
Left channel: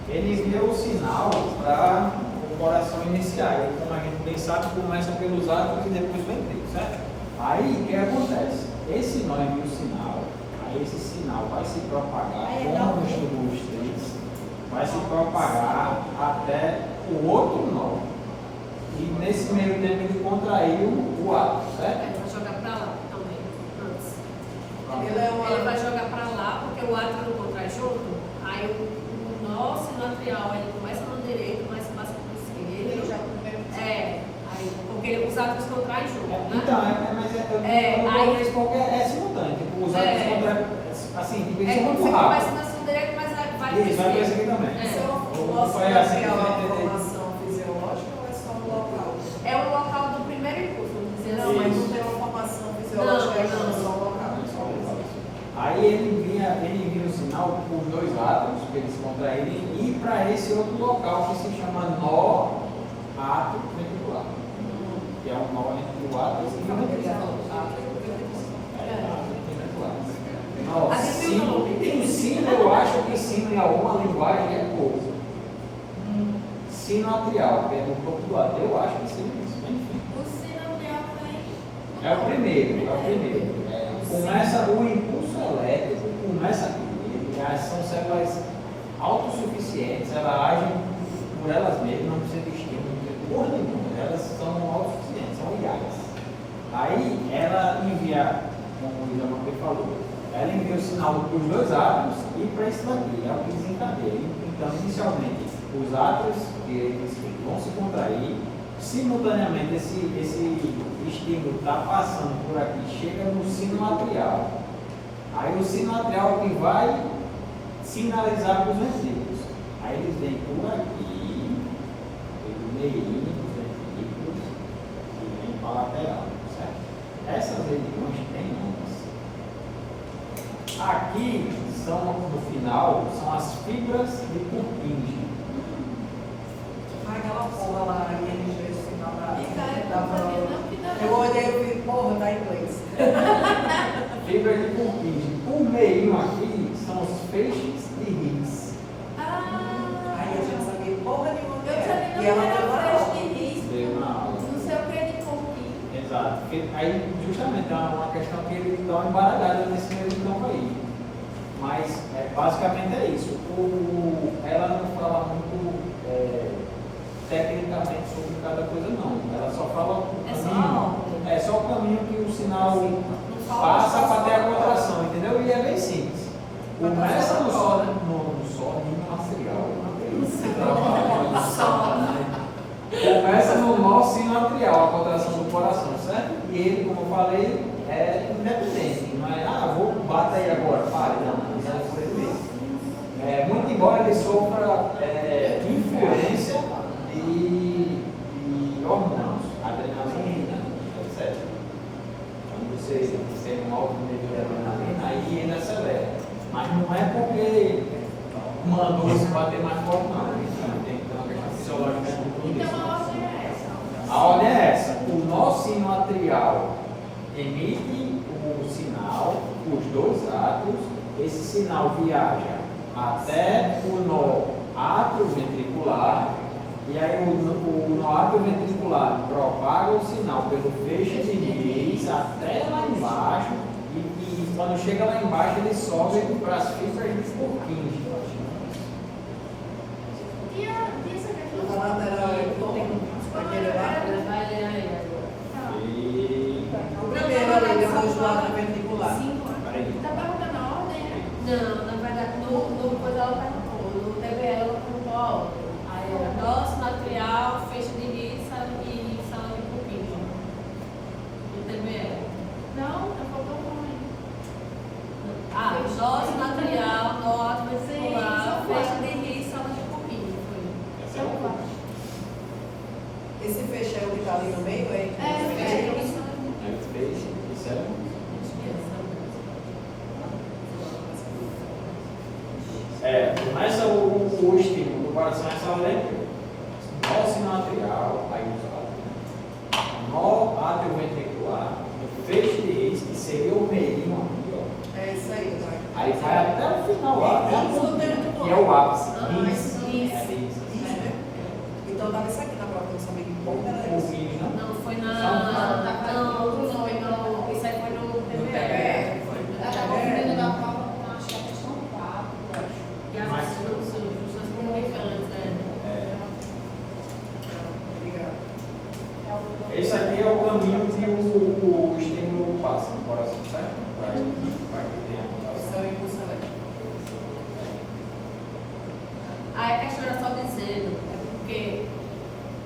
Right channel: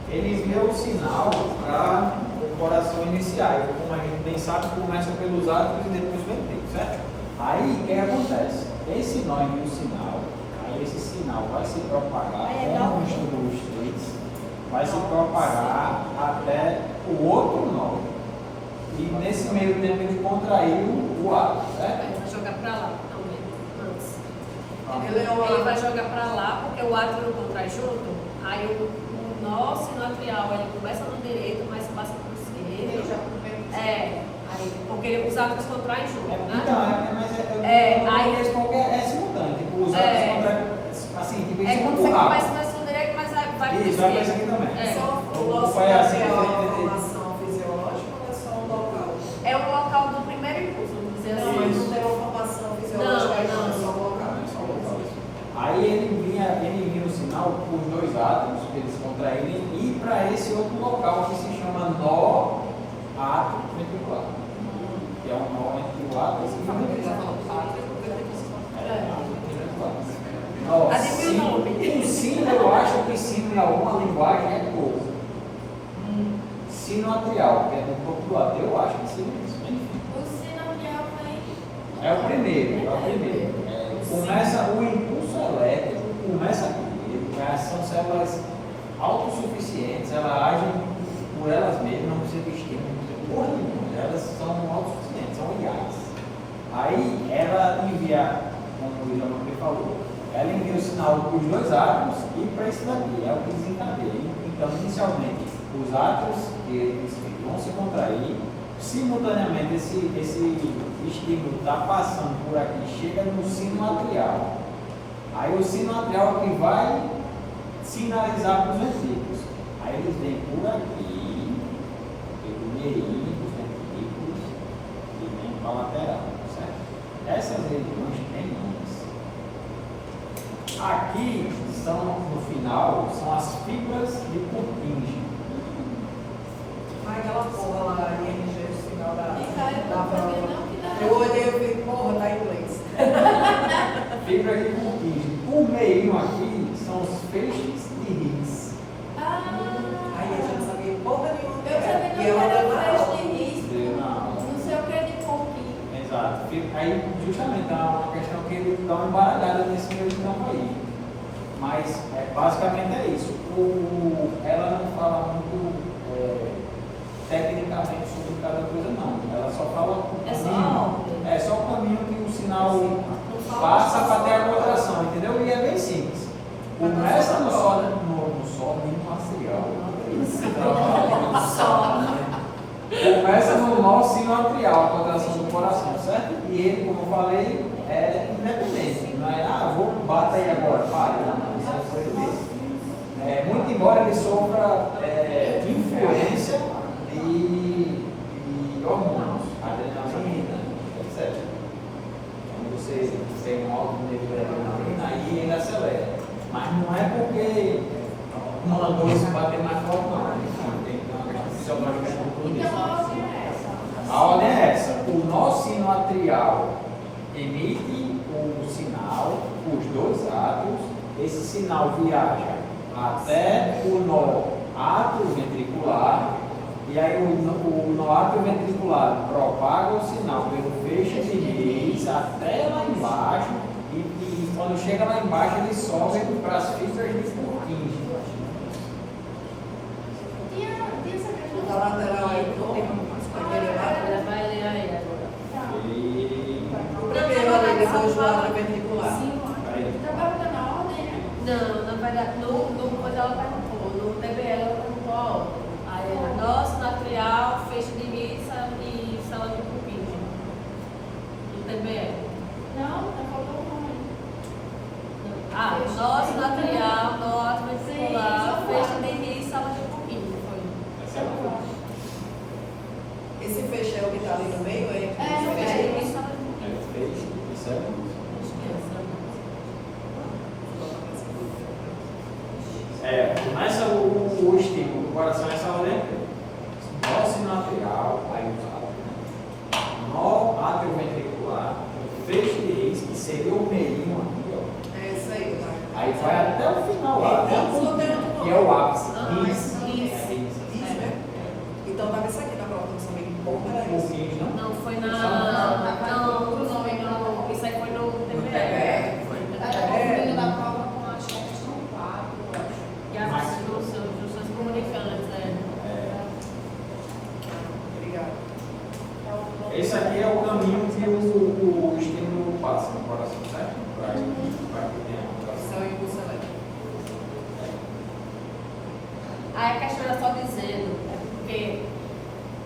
Ele envia o sinal para o coração iniciar. E como a gente bem sabe, começa pelos átrios e depois ventrículos, certo? Aí o que acontece? Esse nó envia o sinal, aí esse sinal vai se propagar como um estudo dos três, vai se propagar até o outro nó. E nesse meio tempo ele contraiu o átrio, certo? Ele vai jogar para lá também, antes. Ele Ele vai jogar para lá porque o átrio não contrai junto. Aí o nó sinoatrial ele começa no direito, mas passa para o esquerdo. Aí, porque os átrios contraem junto, né? Então, aí é simultâneo, tipo, os átrios contraem, assim, tipo, eles são quando muito você rápidos. começa no direito, mas vai para o Isso, vai para esse aqui esquerdo. também. O nosso Foi assim, é uma entendeu? formação fisiológica ou é só um local? É o local do primeiro impulso, vamos dizer Não, assim. mas não tem uma formação fisiológica, é Não. só um local. Aí ele envia o sinal por dois átomos que eles contraírem e para esse outro local que se chama nó átrio ventricular, que é um nó entre o átrio e o ventricular. Adivinha o nome? O sino, eu acho que sino em alguma linguagem é pouco. Sino atrial, que é no corpo do átrio, eu acho que seria isso. Enfim. O sinovial aí. É o primeiro. Começa o impulso elétrico, começa aqui. Já são células autossuficientes, como o Itamar falou, ela envia o sinal para os dois átomos e para esse daqui, é o que desencadeia. Então, inicialmente, os átomos eles vão se contrair, simultaneamente esse estímulo está passando por aqui, chega no sino atrial. Aí o sino atrial que vai sinalizar para os ventrículos. Aí eles vêm por aqui, pelo meio dos ventrículos e vêm para a lateral, certo? Essas regiões têm ondas. Aqui são, no final, são as fibras de Purkinje. Mas aquela porra lá, ING, o final da Não, prova. que dá. Eu olhei e falei, porra, tá em inglês. Fibra de Purkinje. O meio aqui são os feixes de Higgs. Aí a gente não sabia porra nenhuma. Eu também E não ela era levou a flash aula. de risco. Deu na aula. Não sei o que é de pouquinho. Exato. Porque aí, justamente, é uma questão que ele dá uma embaralhada nesse meio de campo aí. Mas, basicamente é isso. Ela não fala muito tecnicamente sobre cada coisa, não. Ela só fala o É só caminho. a ordem. É só o caminho que o sinal passa para ter a rotação, entendeu? E é bem simples. Começa no Sol, nem no atrial. Começa no nó sinoatrial, a contração do coração, certo? E ele, como eu falei, é independente. Não é, vou bater aí agora, para. Não, isso é por ele. Muito embora ele sofra influência de hormônios, adrenalina, etc. Quando você tem um alto nível de adrenalina, aí ele acelera. Mas não é porque mandou isso bater mais forte, não. Tem que ter uma questão fisiológica com tudo isso. Então a ordem é essa. A ordem é essa: o nó sinoatrial emite o sinal, os dois átomos, esse sinal viaja até o nó atrioventricular, e aí o nó atrioventricular propaga o sinal pelo feixe de Higgs até lá embaixo, e quando chega lá embaixo ele sobe para as fibras de Purkinje. E essa questão Na lateral aí, aquele lá. Ela vai ler aí agora. E O primeiro ali, depois do lado ventricular. aí, tá perguntando a ordem, né? Não, na verdade, quando ela perguntou, no TBL ela perguntou a ordem. Aí era nó sinoatrial, feixe de Higgs e sala de Purkinje. No TBL. Não, tá faltando um nome. Ah, nó sinoatrial, nó atrioventricular, Sim, feixe de Higgs, sala de Purkinje. Foi. essa é a coisa. Esse feixe é o que está ali no meio, é? É, Feixe de Higgs, sala de Purkinje. Aí fez, isso é começa o estímulo do coração essa ordem aqui. Nó sinoatrial, aí usado. Nó atrioventricular, feixe de Higgs, que seria o meinho aqui, ó. É isso aí, vai. Aí vai até o final lá, até o pontinho, que é o ápice. Higgs. Higgs. É Higgs. Isso, né? Então estava isso aqui na prova, eu não sabia que porra era O isso. Higgs, não? Não, foi na. Não, Não, foi no. Isso aí foi no TBL. Ela tá confundindo a prova com a questão 4. E as Mas- junções comunicantes, né? Obrigada. Esse aqui é o caminho que o estímulo passa no coração, certo? Vai poder a contração. Isso é o impulso elétrico. Aí a questão era só dizendo, é porque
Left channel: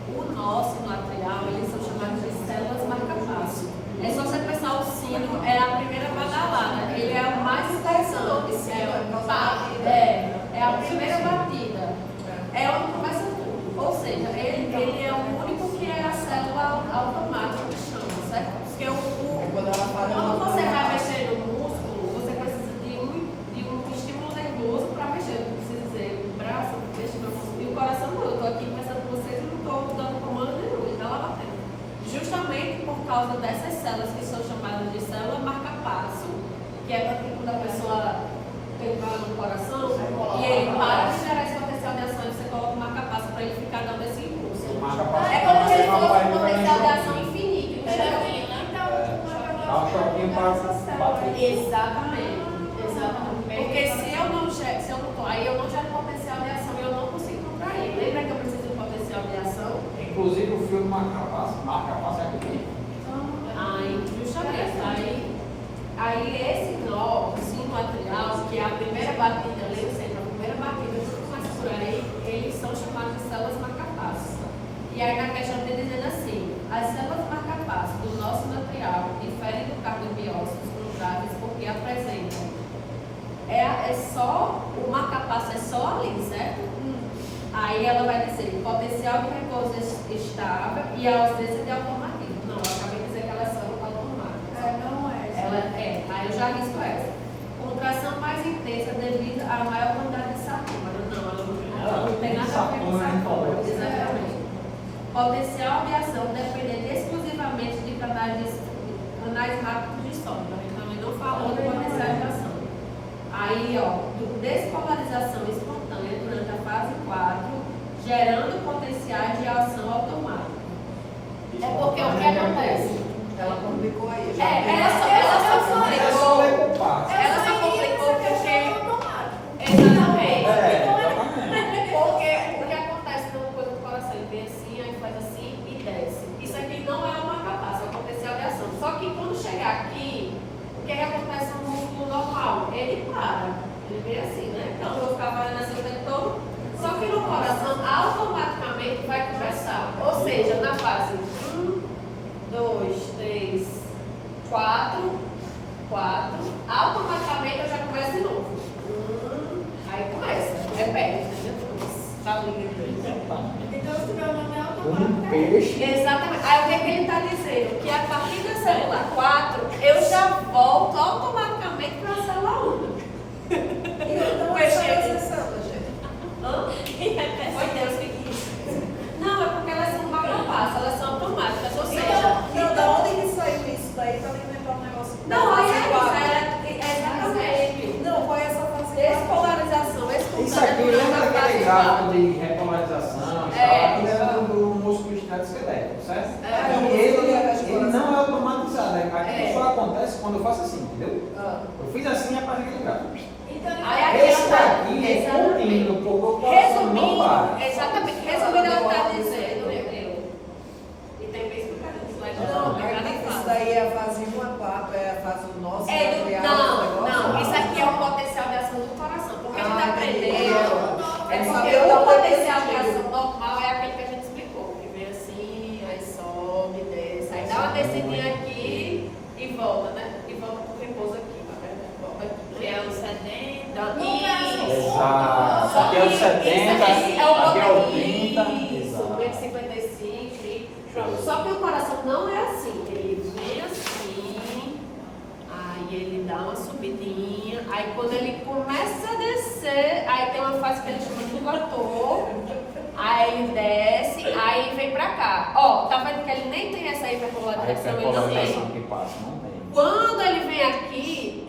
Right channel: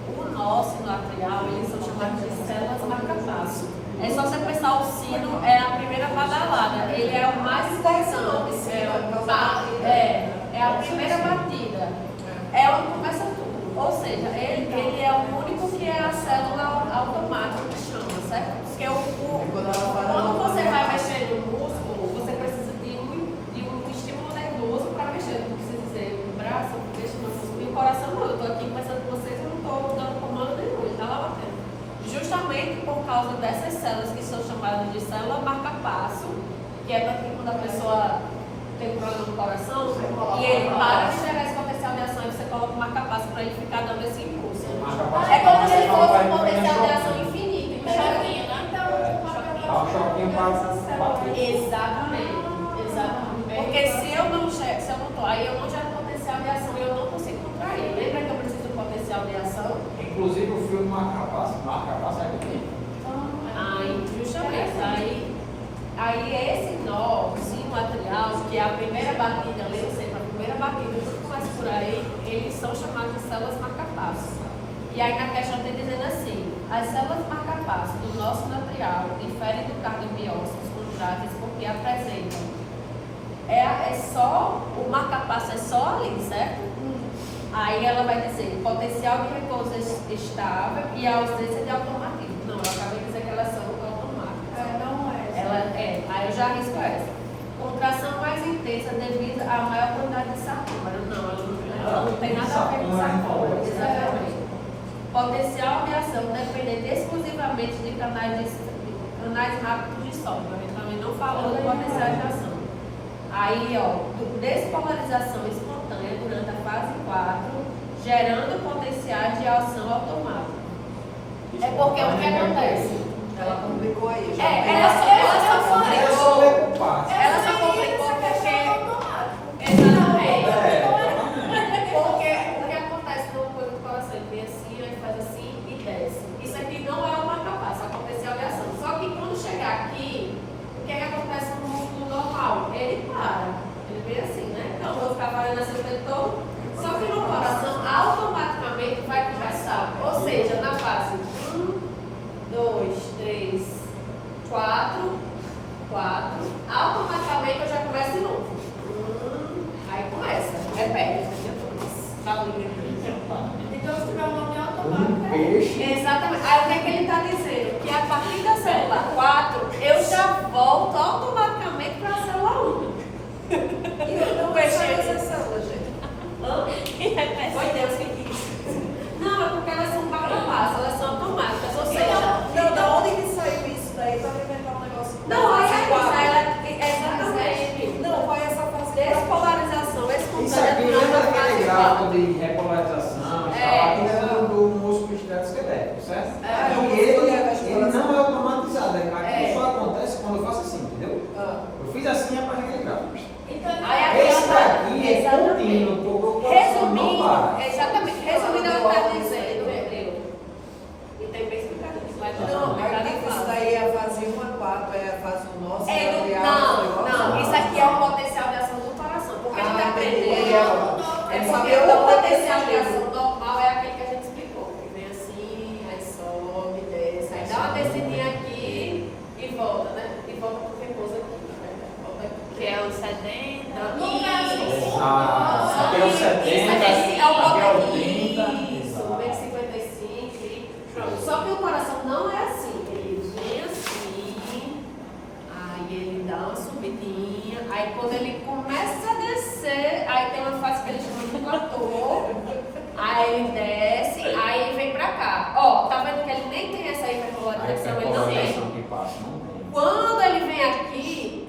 o nó sinoatrial, eles são chamados de células marca-passo. É só você pensar o sino, é a primeira badalada, ele é o mais interessante. É a primeira batida. É onde começa tudo. Ou seja, ele é o único que é a célula automática que chama, certo? Porque quando você vai mexer no músculo, você precisa de um estímulo nervoso para mexer. Não precisa dizer o braço, deixa no músculo. E o coração não. Eu estou aqui conversando com vocês e não estou dando comando nenhum, ele está lá batendo. Justamente por causa dessas células que são chamadas de célula marca-passo, que é para que quando a pessoa tem um problema no coração, e ele para de gerar esse potencial de ação e você coloca o marca-passo para ele ficar dando esse impulso. É como se fosse um potencial de ação infinito. Dá um choquinho para bater. Exatamente. Porque se eu não estou aí, eu não gero potencial de ação e eu não consigo contrair. Lembra que eu preciso de potencial de ação? Inclusive o fio do marca-passo é aqui. Aí, justamente. Aí aí, eles são chamados de células marcapasso. E aí na questão tem dizendo assim, as células marcapasso do nosso material diferem do cardiobiócitos contráteis porque apresentam. É só, o marcapasso é só ali, certo? Aí ela vai dizer potencial de repouso estável e a ausência de automatismo. Não, eu acabei de dizer que elas são automáticas. Não é. Ela é, aí eu já risco essa. Contração mais intensa devido à maior quantidade de sarcômero. Não, ela não tem nada a ver com sarcômero. Exatamente. Potencial de ação dependente exclusivamente de canais rápidos de sombra. A gente também não falou do potencial de ação. Aí, ó, despolarização espontânea durante a fase 4, gerando potenciais de ação automática. É porque o que acontece? Ela complicou aí. Ela só complicou. Ela só complicou porque. Exatamente. Porque o que acontece numa coisa do coração, ele vem assim, aí faz assim e desce. Isso aqui não é uma capaz, é um potencial de ação. Só que quando chegar aqui, o que acontece no músculo normal? Ele para. Ele vem assim, né? Então eu vou ficar fazendo assim o tempo todo. Só que no coração, automaticamente vai começar. Ou seja, na fase 1, 2, 3, 4, automaticamente eu já começo de novo. Aí começa, repete. Tá Então, se tiver um nome automático, exatamente. Aí o que é que ele está dizendo? Que a partir da célula 4, eu já volto automaticamente para a célula 1. Não é só essa célula, gente. Foi Deus que quis. Não, é porque elas são marcapassas, elas são automáticas. Ou seja, Não, da onde que saiu isso daí para inventar um negócio? não, aí é exatamente. Não, qual é essa fase? Despolarização espontânea. Isso aqui lembra aquele gráfico de repolarização? Isso era do músculo esquelético, certo? E ele não é automatizado. Aqui só acontece quando eu faço assim, entendeu? Eu fiz assim e aparece aquele gráfico. Esse aqui é contínuo, porque o coração não para. Exatamente. Resumindo, ela está dizendo, e tem bem explicado isso, vai Isso daí é a fase 1 a 4, é a fase do nosso. Não, isso aqui é o potencial de ação do coração. Porque ele está aprendendo. É porque saber o onde potencial de é que ação normal é aquele que a gente explicou. Que vem assim, aí sobe, desce, aí dá uma descidinha aqui e volta, né? E volta pro repouso aqui, na verdade. Volta aqui. Que é o 70. Exato. Aqui é o 70, Isso é o aqui é o botão 30. isso, o 55, pronto. Só que o coração não é assim. Ele vem assim, aí ele dá uma subidinha, aí quando ele começa a descer, aí tem uma fase que ele chama de platô, aí ele desce, aí vem pra cá. Ó, tá vendo que ele nem tem essa hiperpolarização, ele não tem. Que passa, não tem. Quando ele vem aqui,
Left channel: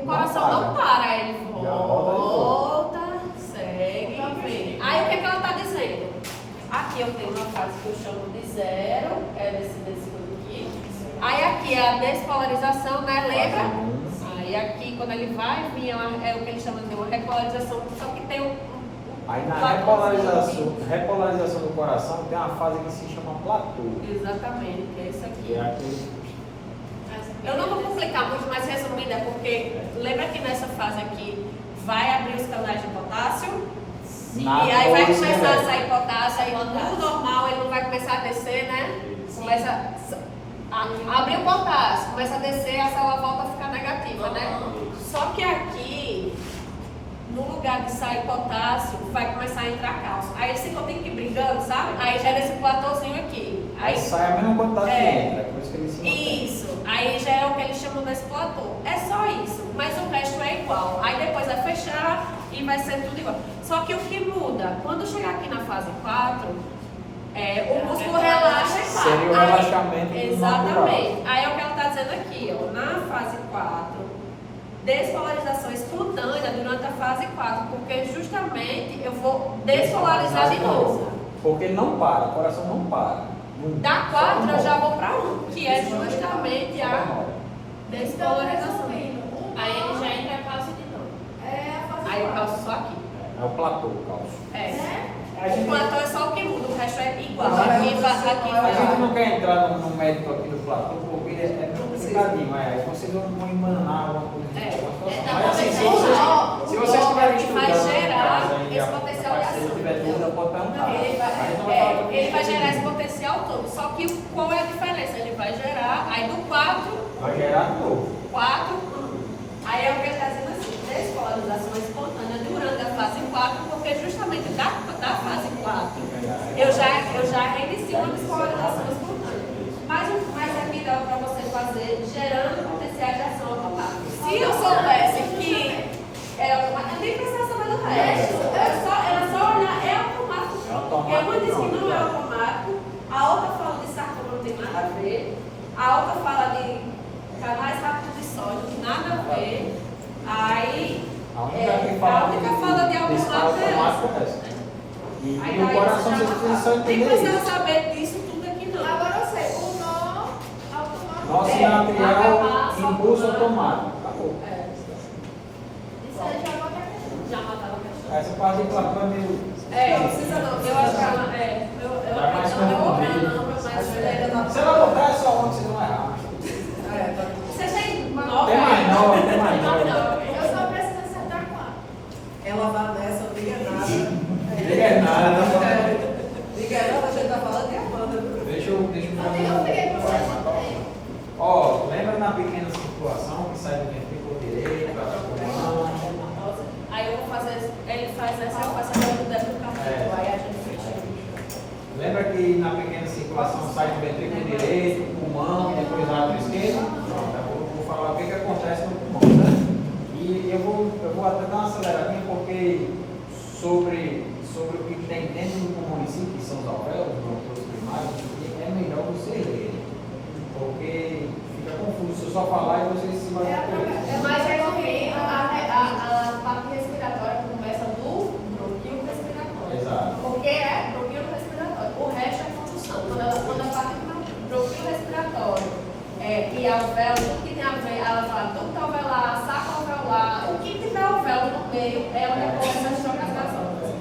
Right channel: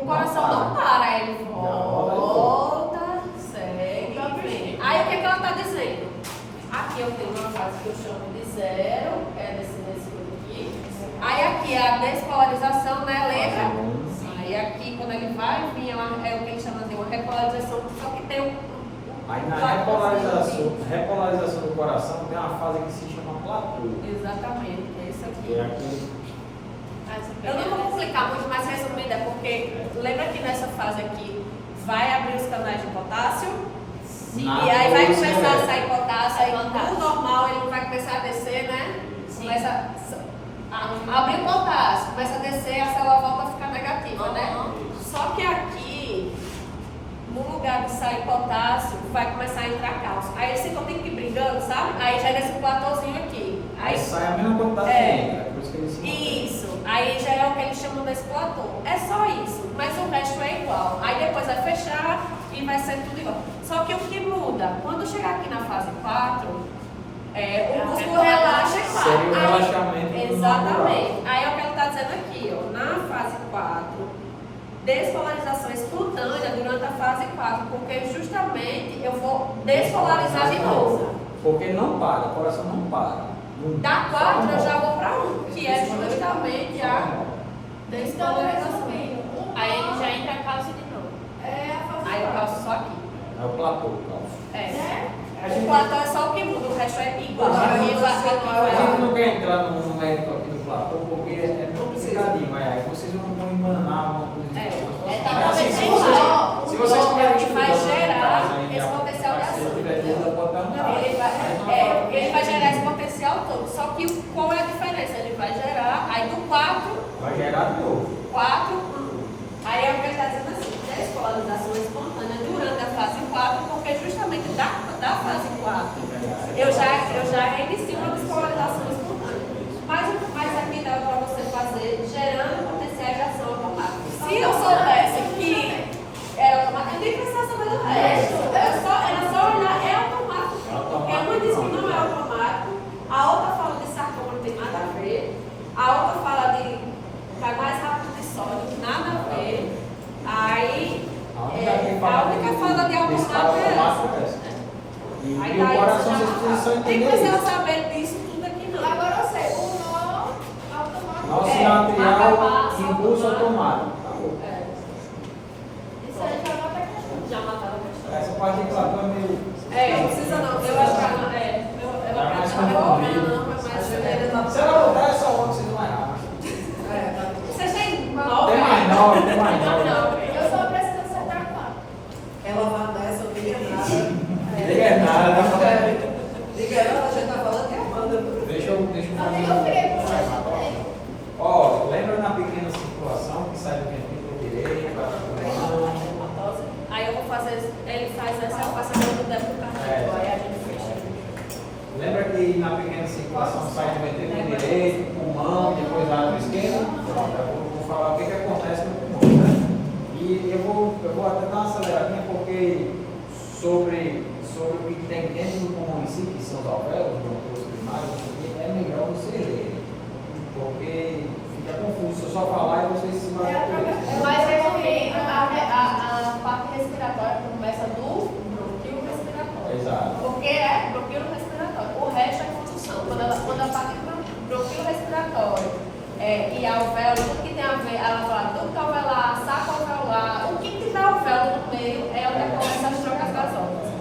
o coração não para, ele volta, segue, vem. Aí o que ela está dizendo? Aqui eu tenho uma fase que eu chamo de zero, que é desse aqui. Aí aqui é a despolarização, né? Lembra? Aí aqui, quando ele vai vir, é o que ele chama de uma repolarização, só que tem um. Aí na repolarização do coração tem uma fase que se chama platô. Exatamente, é isso Que é aqui. aqui. Eu não vou complicar muito, mas resumida, porque lembra que nessa fase aqui vai abrir os canais de potássio? E aí vai começar a sair potássio, aí no normal ele não vai começar a descer, né? Começa a abrir o potássio, começa a descer, a célula volta a ficar negativa, né? Só que aqui, no lugar de sair potássio, vai começar a entrar cálcio. Aí eles ficam meio que brigando, sabe? Aí gera esse platôzinho aqui. Aí sai a mesma quantidade que entra, por isso que eles se Isso, aí já é o que eles chamam desse platô. É só isso, mas o resto é igual. Aí depois vai fechar e vai ser tudo igual. Só que o que muda, quando chegar aqui na fase 4, o músculo relaxa e para. Seria o relaxamento. Exatamente. Aí é o que ela está dizendo aqui, ó, na fase 4, despolarização espontânea durante a fase 4, porque justamente eu vou despolarizar de novo. Porque não para, o coração não para. Da 4 eu já vou para 1, que é justamente a despolarização. Aí ele já entra em cálcio de novo. Aí o cálcio só aqui. É o platô, o cálcio. O platô é só o que muda, o resto é igual. A Aqui gente não quer entrar no médico aqui do platô porque é complicadinho, mas aí vocês vão emanar alguma coisa. Mas assim, se vocês estiverem estudando vai em gerar casa e esse coração vai falar do Ele vai gerar esse potencial todo. Só que qual é a diferença? Ele vai gerar, aí do 4, vai gerar de novo. 4, aí é o que ele está dizendo assim, desvalorização espontânea durante a fase 4, porque justamente da fase 4, eu já reinicio uma desvalorização espontânea. Mas aqui dá para você fazer gerando potenciais de ação automática. Se eu soubesse que é automático, eu nem precisava saber do resto. Era só olhar, é automático. Porque uma diz que não é automático, a outra fala de sarcoma, não tem nada a ver, a outra fala de canais rápidos de sódio, nada a ver. Aí, A única fala de automático é essa. essa. E Aí o daí coração você vocês precisam nem entender precisa isso. saber disso tudo aqui não. Agora eu sei, o nó automático. Nó sinatrial, impulso automático. Acabou. Isso aí já bota aqui. Já mataram a questão. Essa partícula é meio. Não precisa não. Eu acho que ela Tá mais não é confundido. mas ainda não. Você vai voltar essa hora que vocês vão errar. Vocês têm 9? Tem mais não, tem mais não. Eu só preciso acertar quatro. Ela vai nessa, não liga nada. Liga nada, tá falando. Liga nada, a gente tá falando que é Amanda. Deixa eu fazer Eu peguei pra você. Ó, lembra na pequena circulação que sai do ventrículo direito, vai pro pulmão? Aí eu vou fazer, ele faz essa equação do déficit cardíaco, aí a gente fecha. Lembra que na pequena circulação sai do ventrículo direito, pulmão, depois vai para o esquerdo? Pronto, eu vou falar o que acontece no pulmão, né? E eu vou até dar uma aceleradinha porque sobre o que tem dentro do pulmão em si, que são os alvéolos, os primários, é melhor você ler, porque fica confuso se eu só falar e vocês se Mas é porque a parte respiratória começa do bronquio respiratório. Exato. Porque é bronquio respiratório. O resto é condução. Quando a parte do bronquio respiratório e alvéolo, tudo que tem a ver, ela fala ducto alveolar, saco alveolar, o que tiver alvéolo no meio é onde começa as trocas gasosas,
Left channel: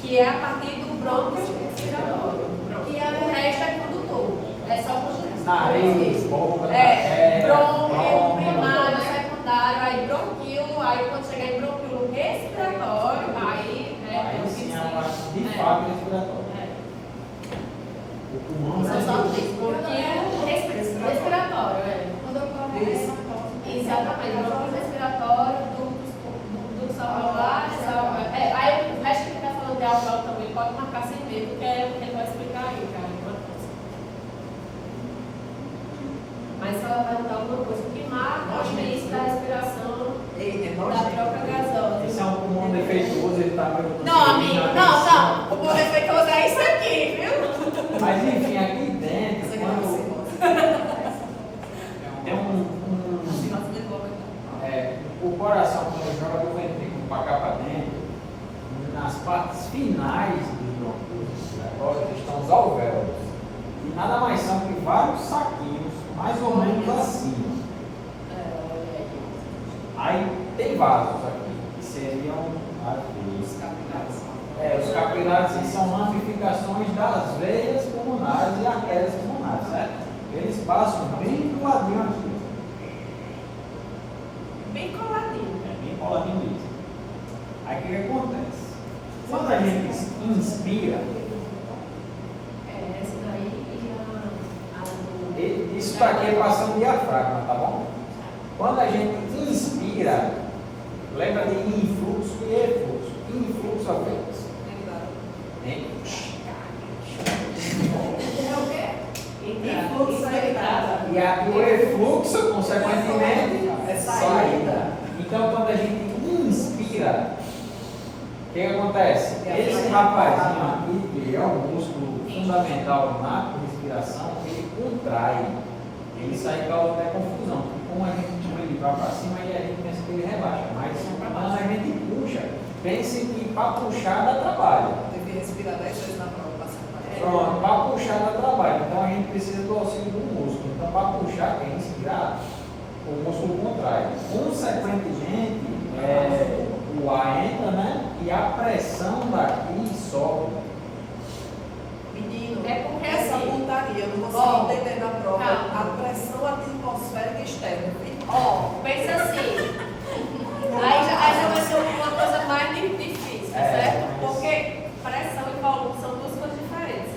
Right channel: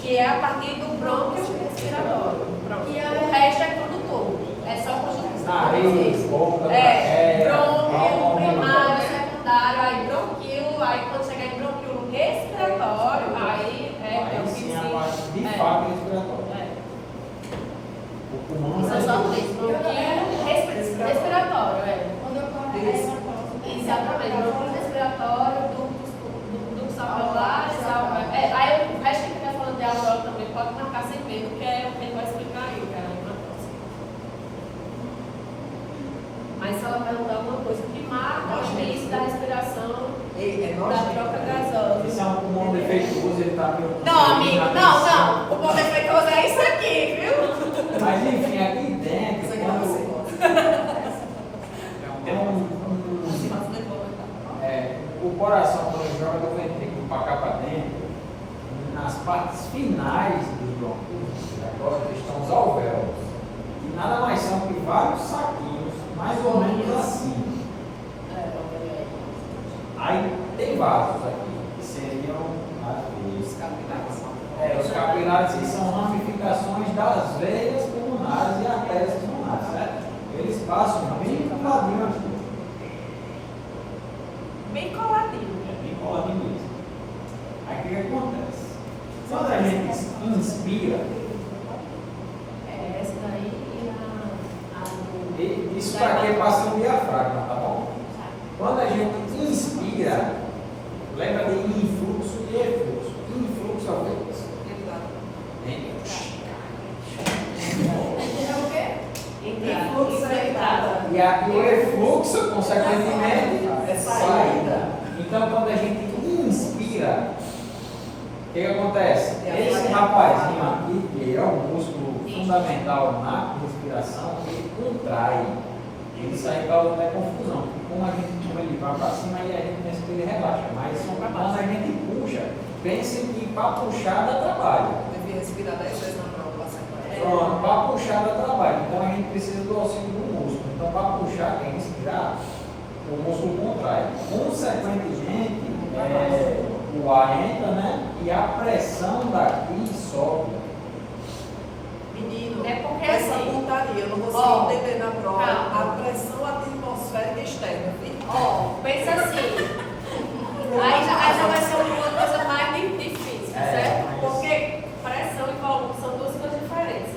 que é a partir do brônquio respiratório. E o resto é condutor. É só condução. Nariz, boca, Brônquio, primário, secundário, aí bronquio, aí quando chegar em bronquio respiratório, aí é o que sim, a se- parte de fato respiratória. O pulmão São só não três. Bronquio respiratório, Quando eu corro, aí eu corro. Exatamente. Bronquio respiratório, ductos alveolares, aí o resto que está falando de alvéolo também pode marcar sem medo, porque aí ele vai explicar aí, cara. Mas se ela perguntar alguma coisa, o que marca o início da respiração da troca gasosa? Isso é um pulmão defeituoso, ele está perguntando. Não, amigo, não. O pulmão defeituoso é isso aqui, viu? Mas enfim, aqui dentro, quando tem o coração, quando ele joga do ventrículo para cá para dentro, nas partes finais do bronquio respiratório estão os alvéolos. E nada mais são que vários saquinhos, mais ou menos assim. Aí tem vasos aqui, que seriam os capilares, que são ramificações das veias pulmonares e artérias pulmonares, certo? Eles passam bem coladinho aqui. Bem coladinho. É bem coladinho mesmo. Aí o que acontece? Quando a gente inspira, Essa daí e a isso para aqui é passando diafragma, tá bom? Quando a gente inspira, lembra de influxo e efluxo. Influxo é o quê? É o quê? E aqui o efluxo, consequentemente, é saída. Então, quando a gente inspira, o que acontece? Esse rapazinho aqui, que é um músculo fundamental na respiração, ele contrai. Ele sai causa até confusão. Porque como a gente chama ele vai para cima, aí a gente pensa que ele relaxa. Mas quando a gente puxa, pense que para puxar dá trabalho. Devia respirar 10 vezes na prova, passar para Pronto, para puxar dá trabalho. Então a gente precisa do auxílio do músculo. Então para puxar, quem respirar, o músculo contrai. Consequentemente, o ar entra, né? E a pressão daqui sobe. Menino, É porque essa assim, pontaria, eu não ó, consigo entender na prova calma. a pressão atmosférica externa. pensa assim. Aí já vai ser uma coisa mais difícil, certo? Porque pressão e volume são duas coisas diferentes.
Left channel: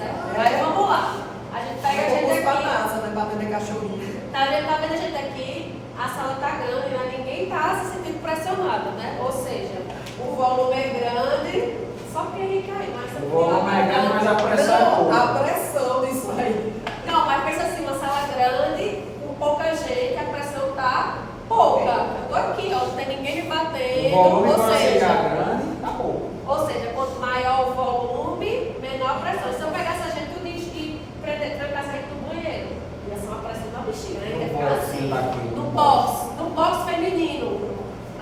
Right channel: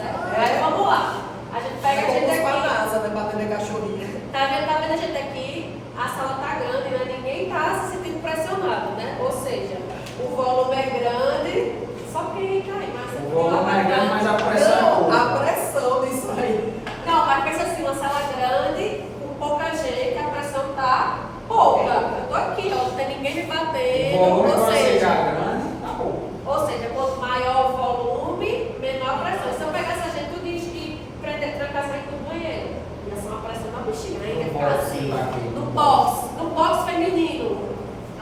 volume é grande, só quem cai, mas O volume é grande, mas a pressão é pouca. A pressão disso aí. Não, mas pensa assim, uma sala grande, com pouca gente, a pressão tá pouca. Eu tô aqui, ó, não tem ninguém me O batendo, volume ou quando seja, ficar grande, tá pouco. ou seja, quanto maior o volume, menor a pressão. Se eu pegar essa gente tudo e prender, trancar essa gente no banheiro, ia ser uma pressão na bexiga, né? Ia ficar assim. No box feminino.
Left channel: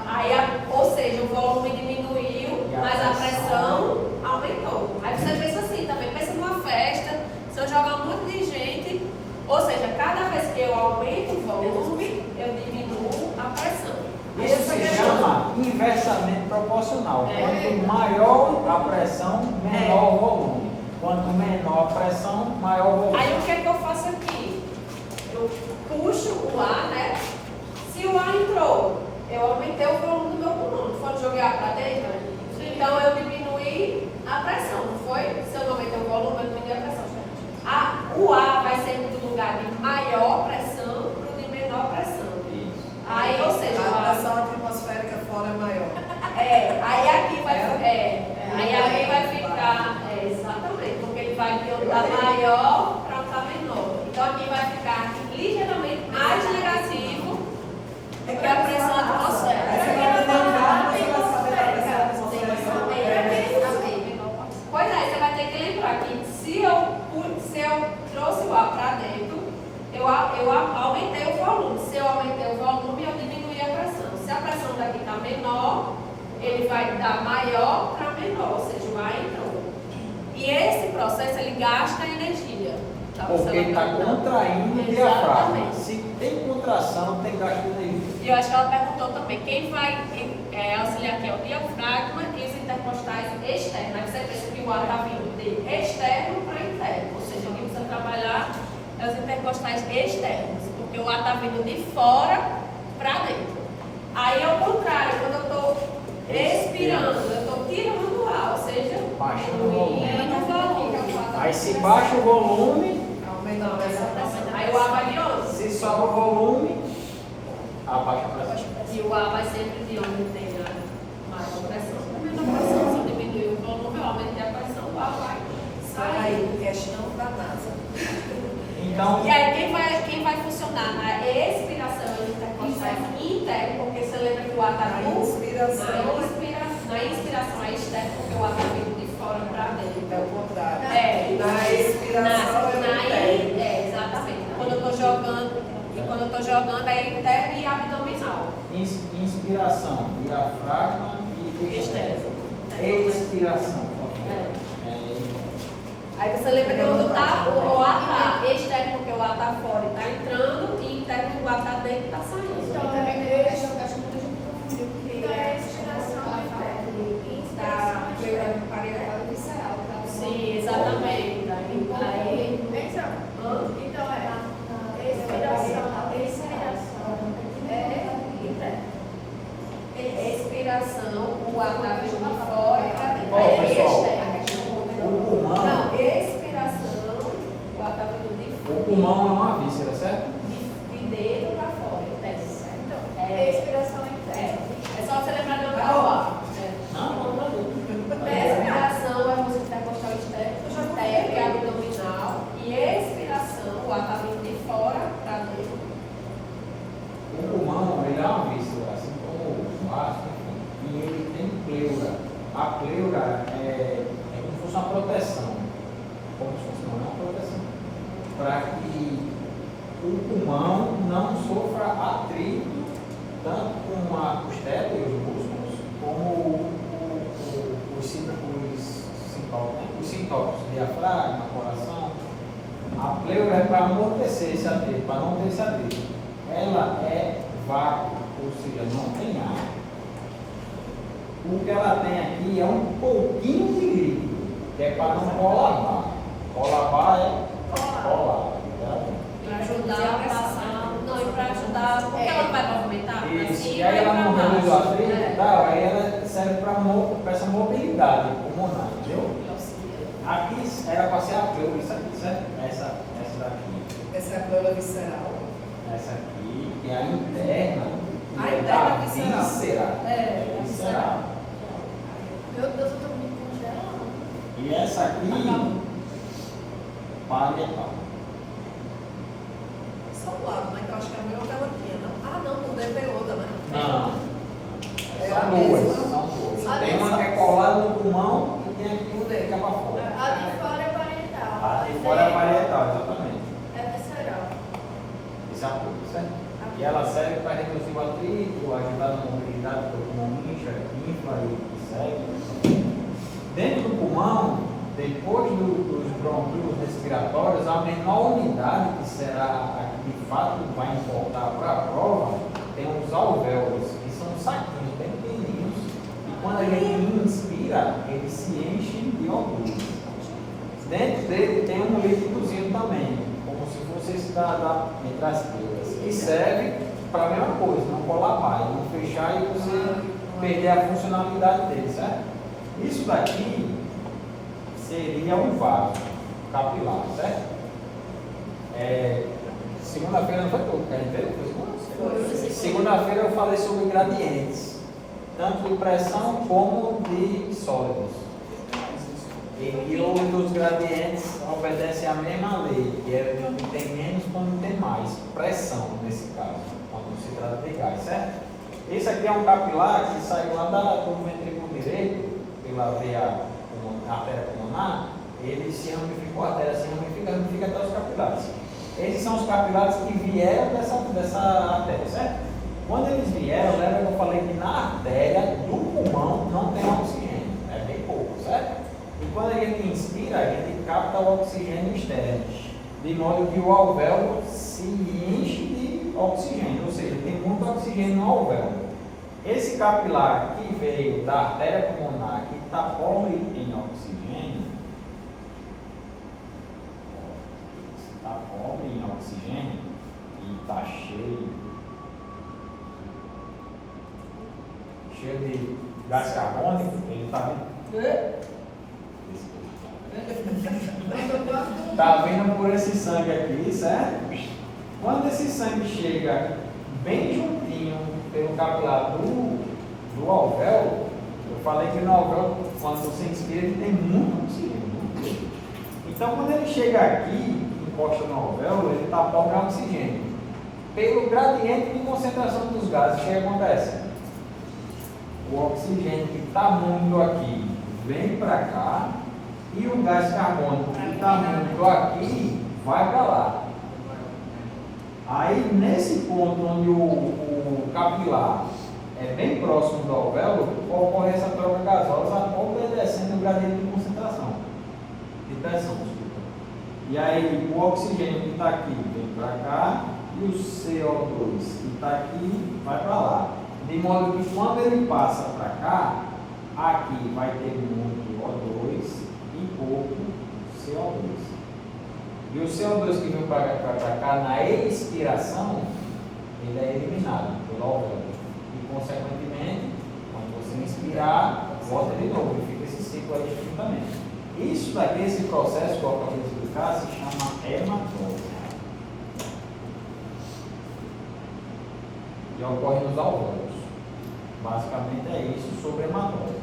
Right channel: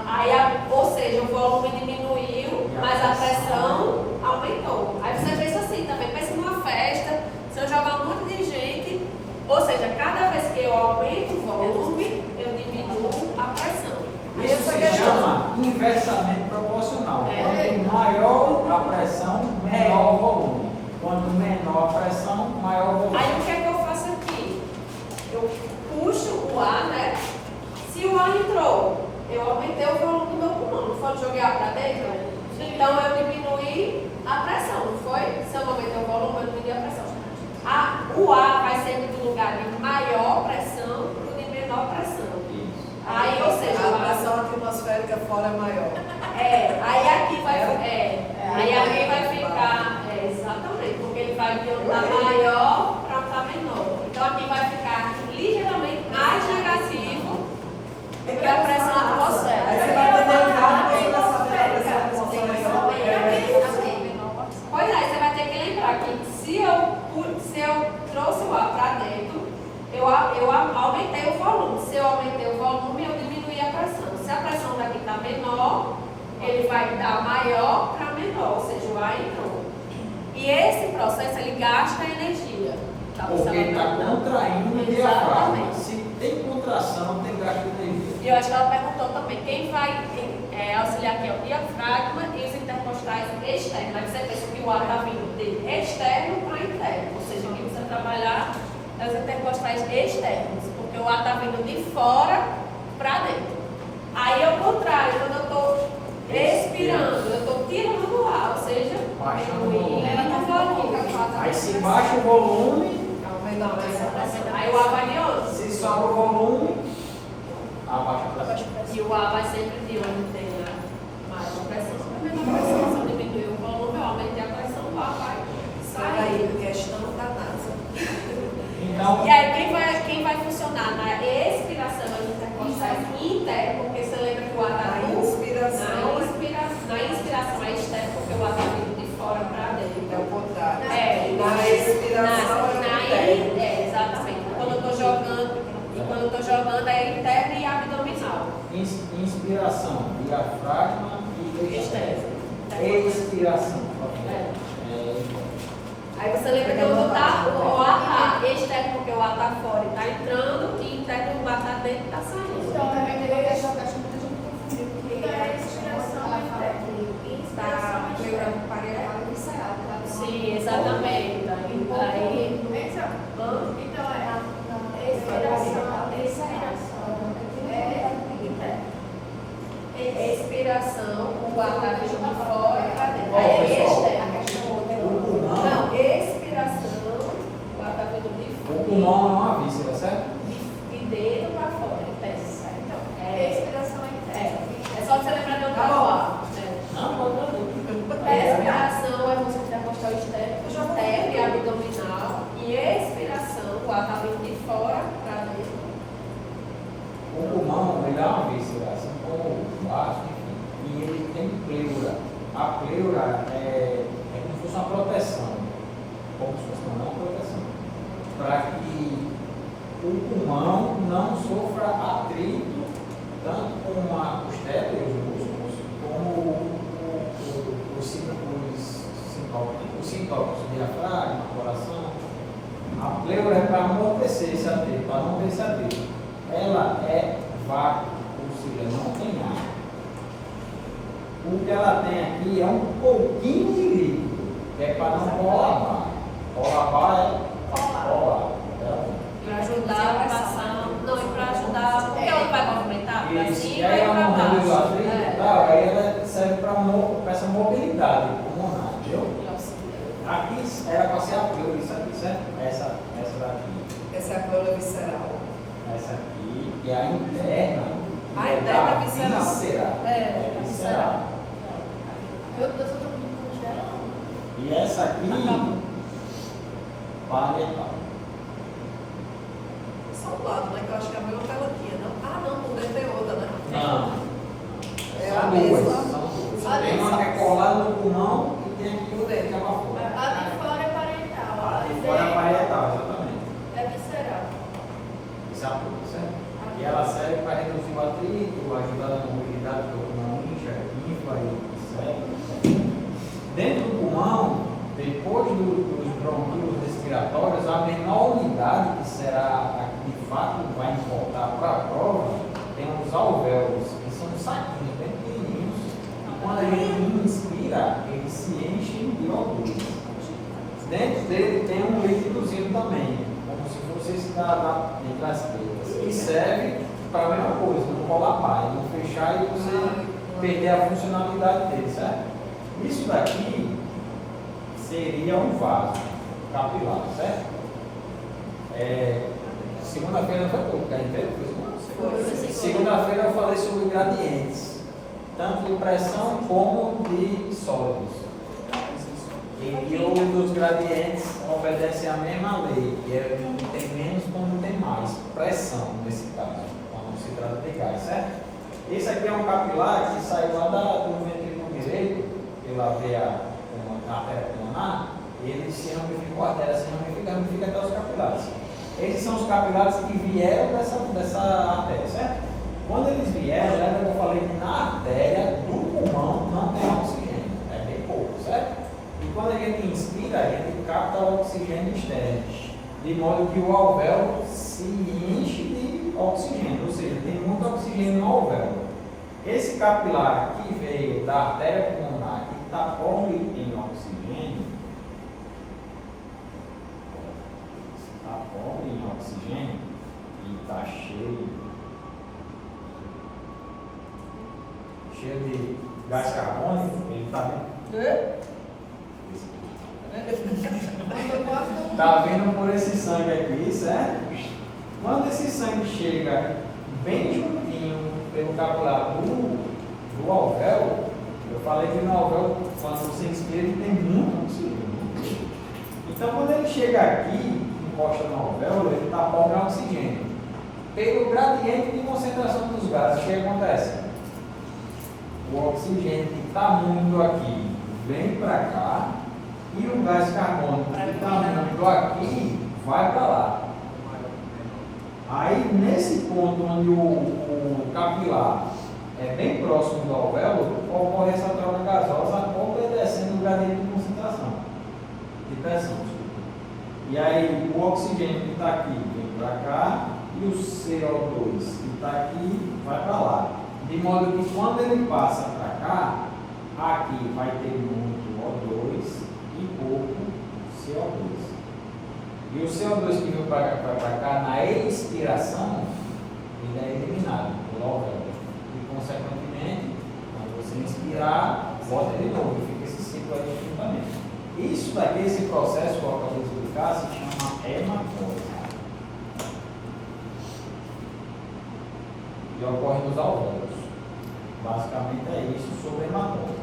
Aí, ou seja, o volume diminuiu, mas a pressão aumentou. Aí você pensa assim também, pensa numa festa, se eu jogar um monte de gente, ou seja, cada vez que eu aumento o volume, eu diminuo a pressão. Isso se chama inversamente proporcional. Quanto maior a pressão, menor o volume. Quanto menor a pressão, maior o volume. Aí o que é que eu faço aqui? Eu puxo o ar, né? Se o ar entrou, eu aumentei o volume do meu pulmão, não foi? Joguei ar para dentro? Então eu diminuí a pressão, não foi? Se eu não aumentei o volume, eu diminui a pressão. O ar vai sempre do lugar de maior pressão para o de menor pressão. Aí, ou seja, A pressão atmosférica fora é maior. aí aqui vai ficar, exatamente, porque ele vai de um tá maior para um tá menor. Então aqui vai ficar ligeiramente mais negativo do que a pressão Aí atmosférica. você vai lembrar, você vai saber a pressão atmosférica. Pois é, você vai ter que lembrar que se eu trouxe o ar para dentro, eu aumentei o volume. Se eu aumentei o volume, eu diminuí a pressão. Se a pressão daqui está menor, ele vai dar maior para menor, ou seja, o ar entrou. E esse processo, ele gasta energia. Tá? Porque ele está contraindo o diafragma. Exatamente. Se tem contração, tem gasto de energia. E eu acho que ela perguntou também, quem vai auxiliar aqui é o diafragma e os intercostais externos. Aí você pensa que o ar está vindo de externo para interno, ou seja, o que precisa trabalhar é os intercostais externos, porque o ar está vindo de fora para dentro. Aí ao contrário, quando eu estou expirando, eu estou tirando o ar, ou seja, Baixando o volume. diminuindo o volume. Aí se baixa o volume, Aí o ar vai de onde? se sobe o volume, abaixa a pressão. E o ar vai sempre de onde tem a maior pressão. Se a menor pressão, se eu diminuir o volume, eu aumentei a pressão, o ar vai sair. Aí, questão da NASA. Então, E aí quem vai funcionar na expiração e intercostais interno, porque você lembra que o ar está Na vindo inspiração. na inspiração é externo, porque o ar está vindo de fora para dentro. É o contrário. Na expiração é interno. exatamente. Quando eu estou jogando é interno e abdominal. inspiração, diafragma e Externo. expiração. Aí você lembra que quando o ar está externo, porque o ar está fora e está entrando, e interno o ar está dentro e está saindo. Então, também tem uma questão que acho que muita gente confundiu, que é a respiração da pleura parietal visceral. Sim, exatamente. Aí, Então, é a expiração, expiração, o ar está vindo de fora para dentro. Ó, Aí é pessoal, externo. o pulmão, Não, expiração, o ar está vindo de o pulmão é uma víscera, certo? de dentro para fora, interno, certo? expiração interna. É só você lembrar de outra ar. Respiração é o músculo intercostal externo e abdominal. E expiração, o ar está vindo de fora para dentro. O pulmão, ele é uma víscera, assim como o vaso, enfim, e ele tem pleura. A pleura é como se fosse uma proteção, como se fosse uma proteção, para que o pulmão não sofra atrito, tanto com a costela e os músculos, como os sintópicos, diafragma, coração. A pleura é para amortecer esse atrito, para não ter esse atrito. Ela é vácuo, ou seja, não tem ar. O que ela tem aqui é um pouquinho de líquido, que é para não colabar. Colabar é colar. Para ajudar a passar. Não, e para ajudar. Porque ela vai movimentar para Isso, cima e aí ela para não reduz o baixo. atrito e tal, aí ela serve para essa mobilidade pulmonar, entendeu? Aqui era para ser a pleura, isso aqui, certo? Essa daqui. Essa é a pleura visceral. Essa aqui, que é a interna. A que é interna da visceral. víscera. É, Visceral. E essa aqui, parietal. Só um lado, né? Que eu acho que a mesma pelotinha, não? Ah, não, não deve ter outra, né? Não. É São a duas. mesma. São duas. A Tem uma que é colada no pulmão e tem aqui tudo aí que é para fora. A de fora é parietal. A de fora é parietal, exatamente. É visceral. Isso é a tudo, certo? E ela serve para reduzir o atrito, ajudar na mobilidade do pulmão, incha, infla e segue. Dentro do pulmão, depois dos brônquios respiratórios, a menor unidade que será a que de fato vai importar para a prova tem os alvéolos, que são saquinhos bem pequenininhos. E quando a gente inspira, eles se enchem de O2. Dentro dele tem um líquidozinho também, como se fosse esse entre as pedras, que serve para a mesma coisa, não colapar, não fechar e você perder a funcionalidade dele, certo? Isso daqui seria um vaso capilar, certo? Segunda-feira não foi pouco, que a gente veio? Segunda-feira eu falei sobre gradientes, tanto de pressão como de sólidos. E os gradientes obedecem à mesma lei, que é quando tem menos, quando tem mais. Pressão, nesse caso, quando se trata de gás, certo? Esse aqui é um capilar que saiu lá do ventrículo direito, pela veia artéria pulmonar, ele se ramificou, a artéria se ramifica até os capilares. Esses são os capilares que vieram dessa artéria, certo? Quando eles vieram, lembra que eu falei que na artéria do pulmão não tem oxigênio, é bem pouco, certo? E quando a gente inspira, a gente capta o oxigênio externo, de modo que o alvéolo se enche de oxigênio, ou seja, tem muito oxigênio no alvéolo. Esse capilar que veio da artéria pulmonar, que está pobre em oxigênio, e está cheio de gás carbônico, ele está vendo? Está vendo por esse sangue aqui, certo? Quando esse sangue chega bem juntinho pelo capilar do alvéolo, eu falei que no alvéolo, quando você inspira, ele tem muito oxigênio. Então, quando ele chega aqui, encosta no alvéolo, ele está pobre em oxigênio. Pelo gradiente de concentração dos gases, o que acontece? O oxigênio que está muito aqui vem para cá, e o gás carbônico que está muito aqui vai para lá. Aí, nesse ponto onde o capilar é bem próximo do alvéolo, ocorre essa troca gasosa obedecendo o gradiente de concentração, de pressão. E aí, o oxigênio que está aqui vem para cá, e o CO2 que está aqui vai para lá. De modo que quando ele passa para cá, aqui vai ter muito O2 e pouco CO2. E o CO2 que vem para cá na expiração, ele é eliminado pelo alvéolo. E, consequentemente, quando você inspirar, volta de novo e fica esse ciclo aí de juntamento. Isso daqui, esse processo que eu acabei de explicar, se chama hematose. E ocorre nos alvéolos. Basicamente é isso sobre hematose.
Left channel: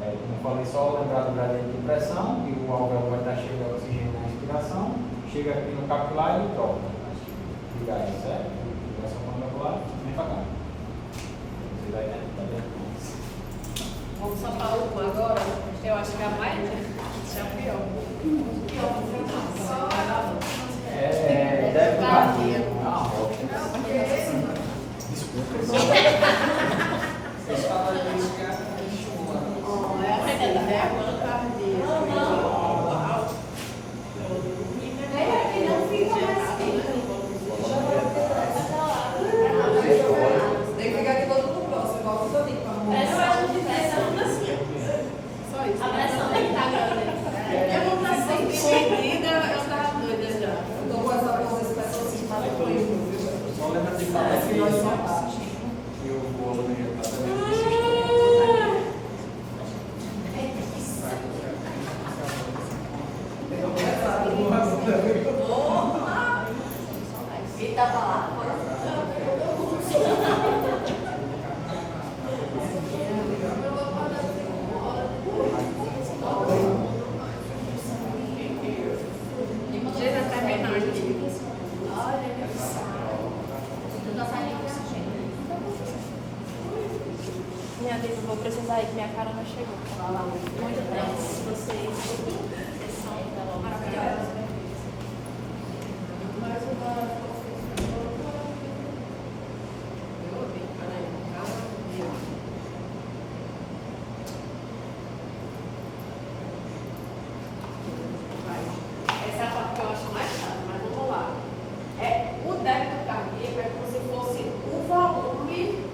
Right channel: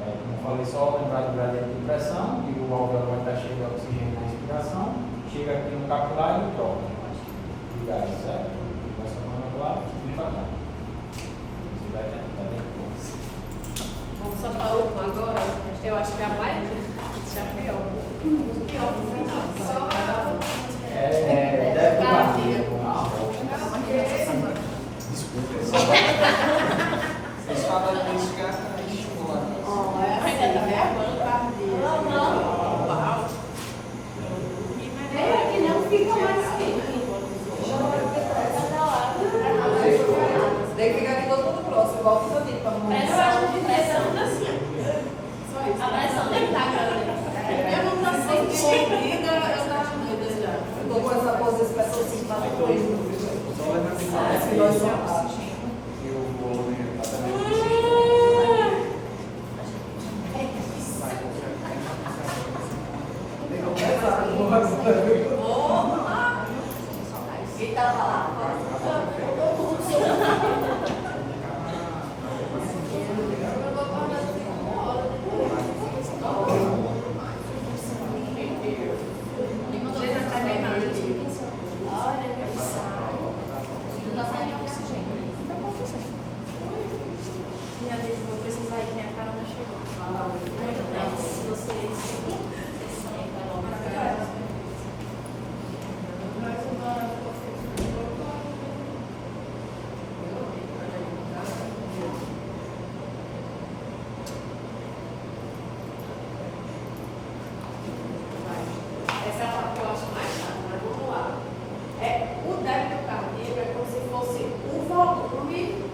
Como eu falei, só lembrar do gradiente de pressão, que o alvéolo vai estar cheio de oxigênio na inspiração, chega aqui no capilar e troca de gás, certo? Vai só para lá e vem para cá. Você vai ter Vamos só para uma agora. Eu acho que a mais é a pior. deve bater. Desculpa. Vocês falaram isso que a estimula. Tem que ficar aqui todo mundo próximo, igual tudo ali. Mas eu acho que pressão assim. Só isso. A pressão tem que estar grande. Eu não estou sem seguida, eu estava doida já. Eu tô com essa pose específica para depois. Só lembra de falar É, que nós somos. eu vou ver exatamente. já disse, vou precisar ir, minha cara não chegou. Muito bem, vocês são maravilhosos. Essa é a parte que eu acho mais chata, mas vamos lá. O débito cardíaco é como se fosse o volume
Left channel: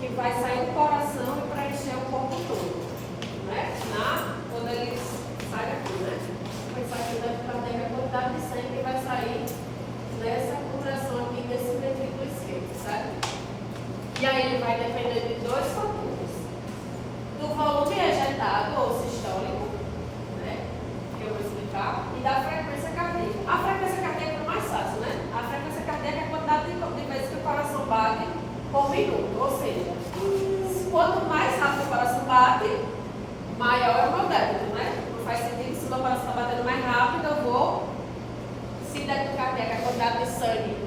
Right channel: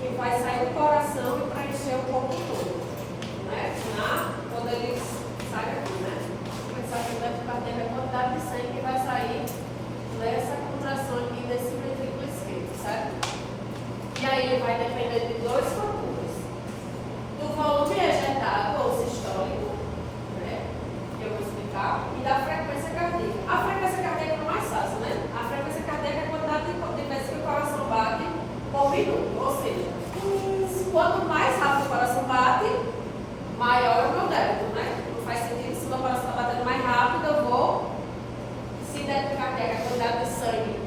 que vai sair do coração e preencher o corpo todo. Né? Quando ele sai daqui, né? Vai sair o débito cardíaco é a quantidade de sangue que vai sair dessa contração aqui desse ventrículo esquerdo, certo? E aí ele vai depender de dois fatores. Do volume ejetado ou sistólico, né? Que eu vou explicar, e da frequência cardíaca. A frequência cardíaca é o mais fácil, né? A frequência cardíaca é a quantidade de vezes que o coração bate por minuto. Ou seja, quanto mais rápido o coração bate, maior é o meu débito, né? Não faz sentido, se o meu coração está batendo mais rápido, eu vou. Se débito cardíaco é a quantidade de sangue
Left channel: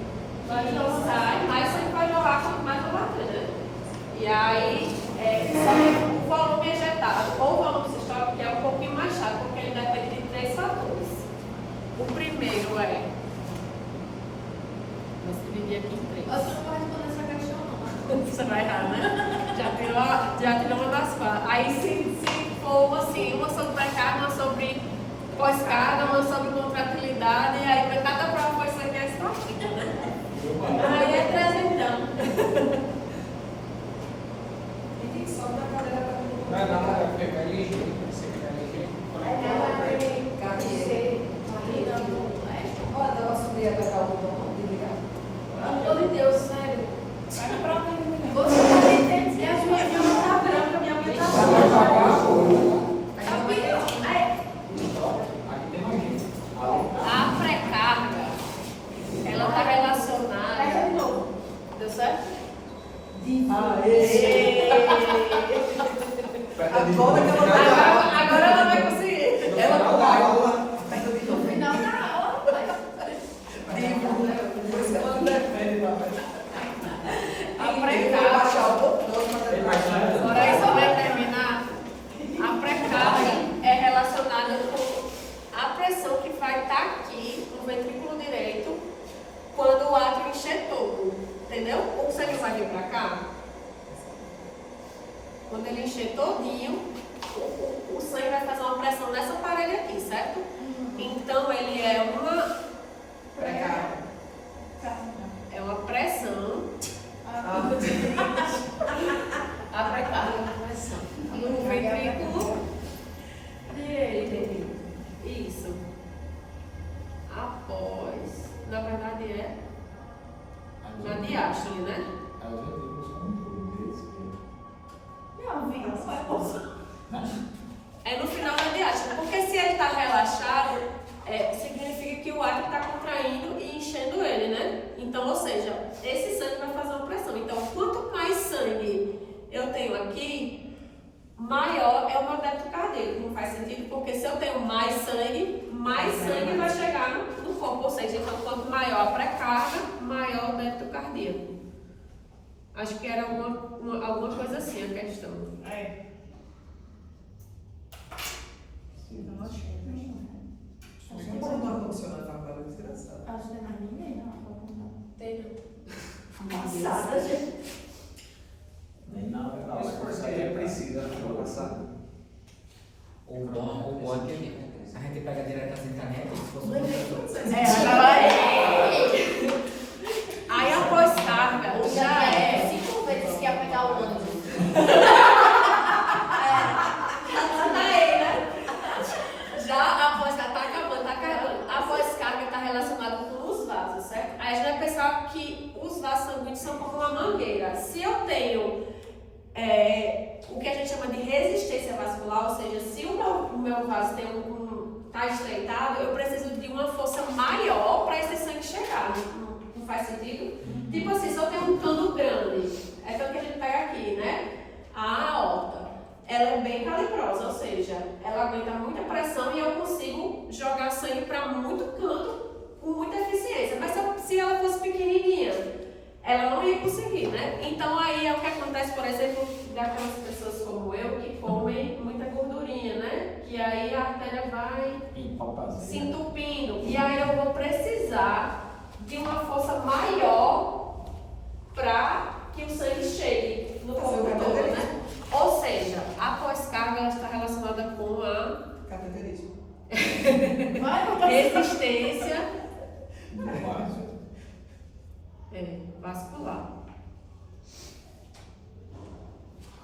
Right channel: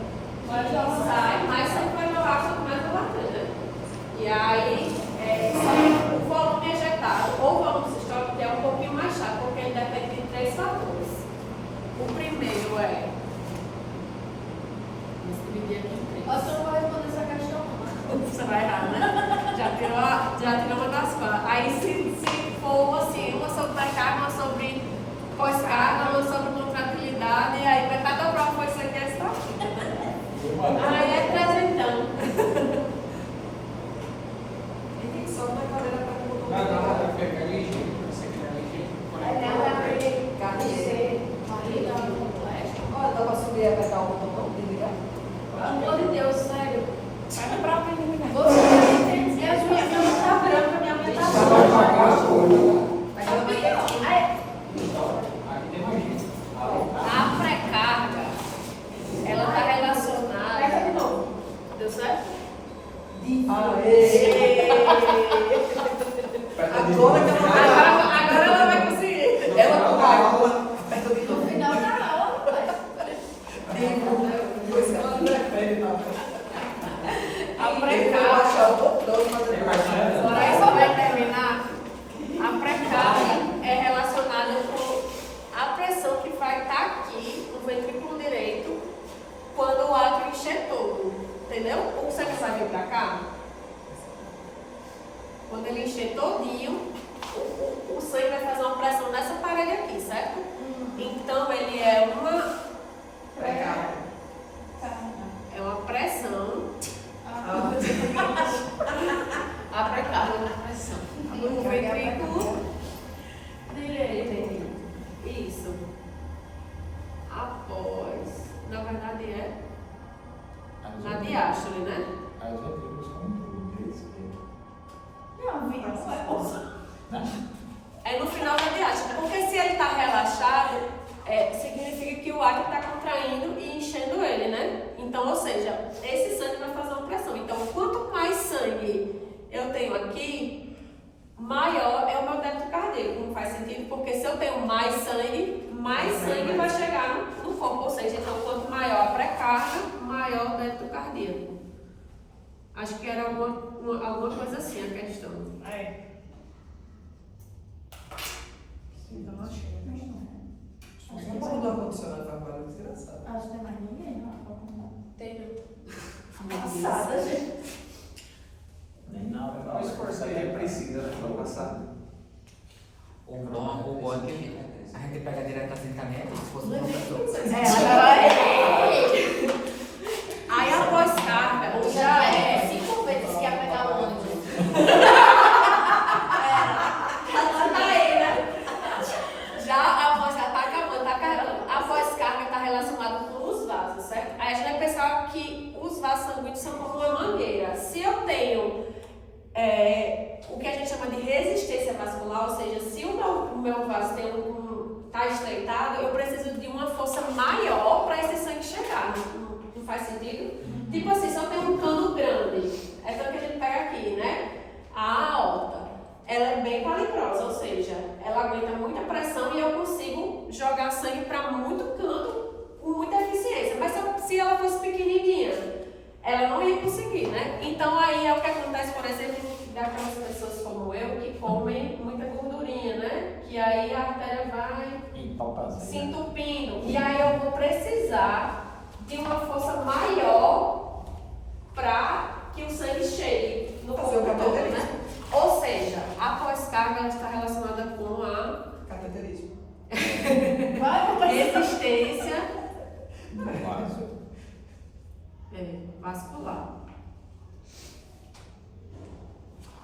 que sai, mais sangue vai jogar, quanto mais eu bater, né? E aí, só que o volume ejetado ou o volume sistólico que é um pouquinho mais chato, porque ele depende de três fatores. O primeiro é. Vamos dividir aqui em três. Você não vai responder essa questão, não. Você vai errar, né? Já tirou uma das partes. Aí, se for assim, uma sobre pré-carga, uma sobre pós-carga, uma sobre contratilidade, aí vai cada prova foi isso aqui, essa partida, né? Aí é presentão. E tem só na cadeira para Vai lá, vai pegar ligeiro, você fica ligeiro. Olha, dá para subir a pegar o botão de ligar? Pelo amor de Deus, sério. Vai na prova, menina. Você tem E a minha mãe tá branca, minha mãe tá Você vai branca. pagar a coisa. Aí, Aí tem mais gente. a pré-carga, ela está relacionada. Pega de novo. Deu certo? Agora ela vai conseguir. Ela não vai. no final da aula, pai. Depois ela prefere também. A pré-carga. Tem mais nada? Agora aí só vai terminar. A pré-carga é relacionada com a pressão que vai estar aqui no ventrículo direito quando o átrio encher todo. Entendeu? O sangue vai vir para cá. Quando ele encher todinho, o sangue vai fazer uma pressão nessa parede aqui, certo? Então ele é uma é uma pressão. A pré-carga é uma pressão. No ventrículo direito. Isso. Após. Na verdade é na diástole, né? Aí eu já digo os controles. Não, filho, não vai posso. É no final da diástole. Porque se ele está relaxado, significa que o átrio está contraindo e enchendo ele, né? Então, ou seja, esse sangue vai fazer uma pressão. Então, quanto mais sangue eu tenho aqui, maior é o meu débito cardíaco. Não faz sentido, porque se eu tenho mais sangue vai chegar no corpo. Ou seja, então, quanto maior a pré-carga, maior o débito cardíaco. Acho que era alguma coisa assim a questão. Não mudou ar-condicionado agora, desgraçado. Acho que tem mais ninguém, não, pra contar. Tem. Passada, gente. Nem nada. Mas por que ele precisa da prova passada? O bom é que a gente pega direto na caneta, se fosse uma pessoa. Aí a pós-carga já é. 5 vezes que ia pegar o ônibus. Já a pós-carga tá acabando, tá carregando. A pós-carga está relacionada com os vasos, certo? Aí a gente vai pensar que os vasos sanguíneos são como uma mangueira. Se eu tenho o que a gente chama de resistência vascular, ou seja, se o meu vaso tem tá estreitado, eu preciso de uma força maior para esse sangue chegar. Não faz sentido? Tipo assim, se eu tenho um cano grande, é o que a gente pega aqui, né? A aorta, ela é bem calibrosa, ou seja, ela aguenta muita pressão e eu consigo jogar sangue para muito canto com muita eficiência. Mas se ela fosse pequenininha, ela não ia conseguir, né? Então aí é o que acontece, por exemplo, daquelas pessoas faltar se entupindo. E aí eu vou precisar de uma força maior para que o sangue chegue no corpo todo, né? Ou seja, a pós-carga ela está relacionada com a Cateterismo. resistência Básico. vascular.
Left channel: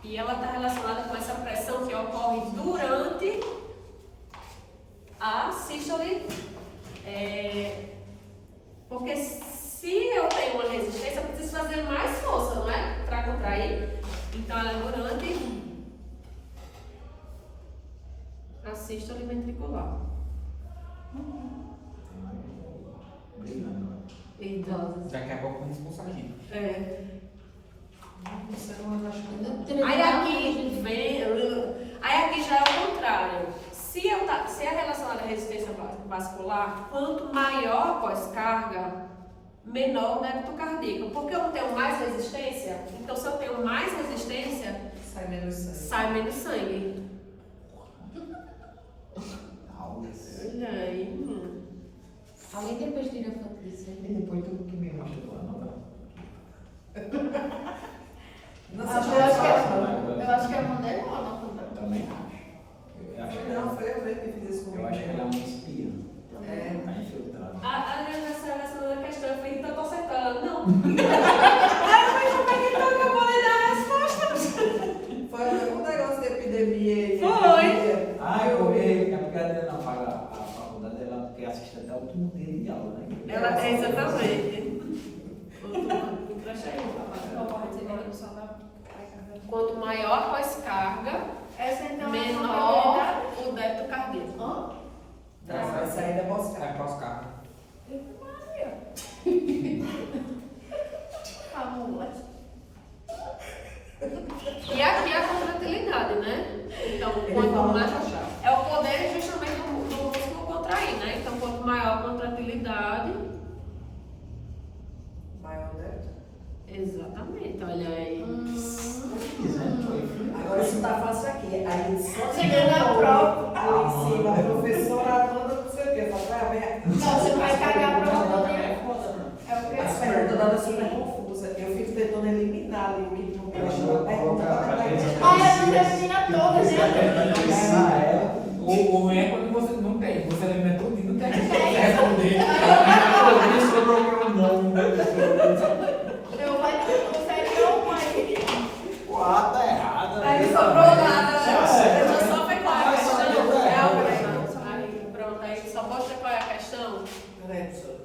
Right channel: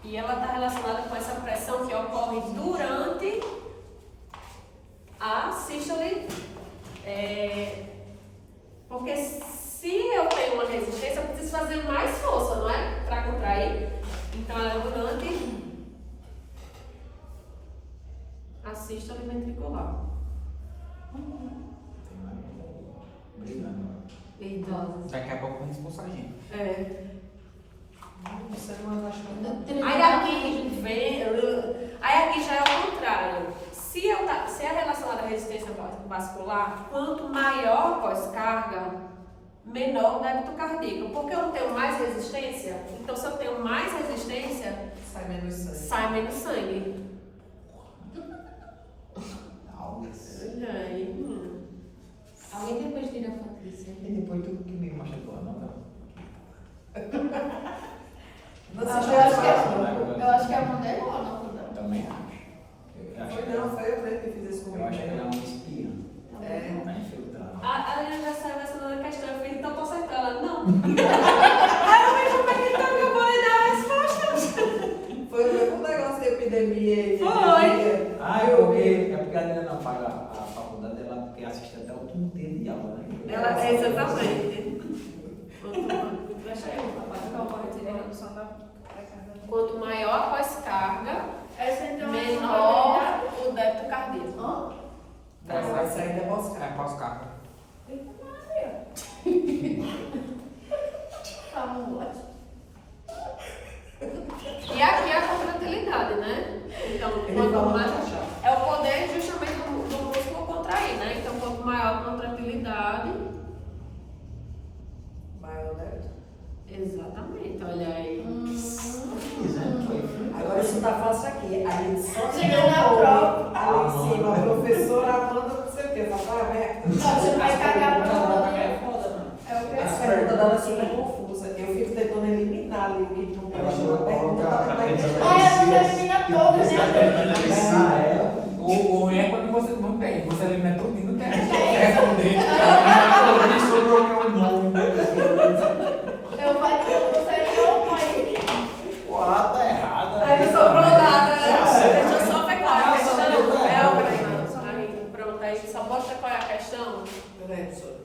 E ela está relacionada com essa pressão que ocorre durante a sístole. Porque se eu tenho uma resistência, eu preciso fazer mais força, não é? Para contrair. Então ela é durante a sístole ventricular. Idosas. Daqui a pouco vem expulsar a gente. Aí aqui já é o contrário. Se é relacionado à resistência vascular, quanto maior a pós-carga, menor o débito cardíaco. Porque eu tenho mais resistência, então se eu tenho mais resistência, sai menos sangue. Olha aí. Alguém depois tira foto disso aí? E depois tu me machucou, não? Eu acho que é a moderna, não? Também acho. Foi eu mesmo que fiz isso comigo. Eu acho que ela é uma espia. Tá infiltrada. A aniversário vai ser na questão, eu falei, então tô aceitando. Ela, não. Aí eu falei, como é que então que eu vou lhe dar a resposta? Foi o mesmo negócio de epidemia. Foi. Eu vi que a brincadeira não paga a faculdade, ela tem assistente até o último dia de aula, né? Ela é exatamente. Quanto maior a pós-carga, menor o débito cardíaco. Essa ainda é pós-carga. É pós-carga. E aqui é a contratilidade, né? Então, quanto mais. É o poder justamente do músculo contrair, né? Então, quanto maior a contratilidade. Maior o débito. Exatamente, olha aí. Agora isso tá fácil aqui. Aí só Chega na prova. ali em cima, a professora Amanda, não sei o quê. Não, você vai cagar a prova também. É foda, né? É o As que perguntas dela super confusas. Eu fico tentando eliminar ali o que não elimina todas, né? O ruim é quando você não tem. Você elimina tudo e não tem a responder. Sobrou o meu nome. Eu vou você não vai. Uau, tá errada. Aí não sobrou nada. Certo. Deixa eu só ver qual é a Ah, questão. só deu É errado. o Breno. Aí, pronto, aí só mostra qual é a questão. Peraí, professora.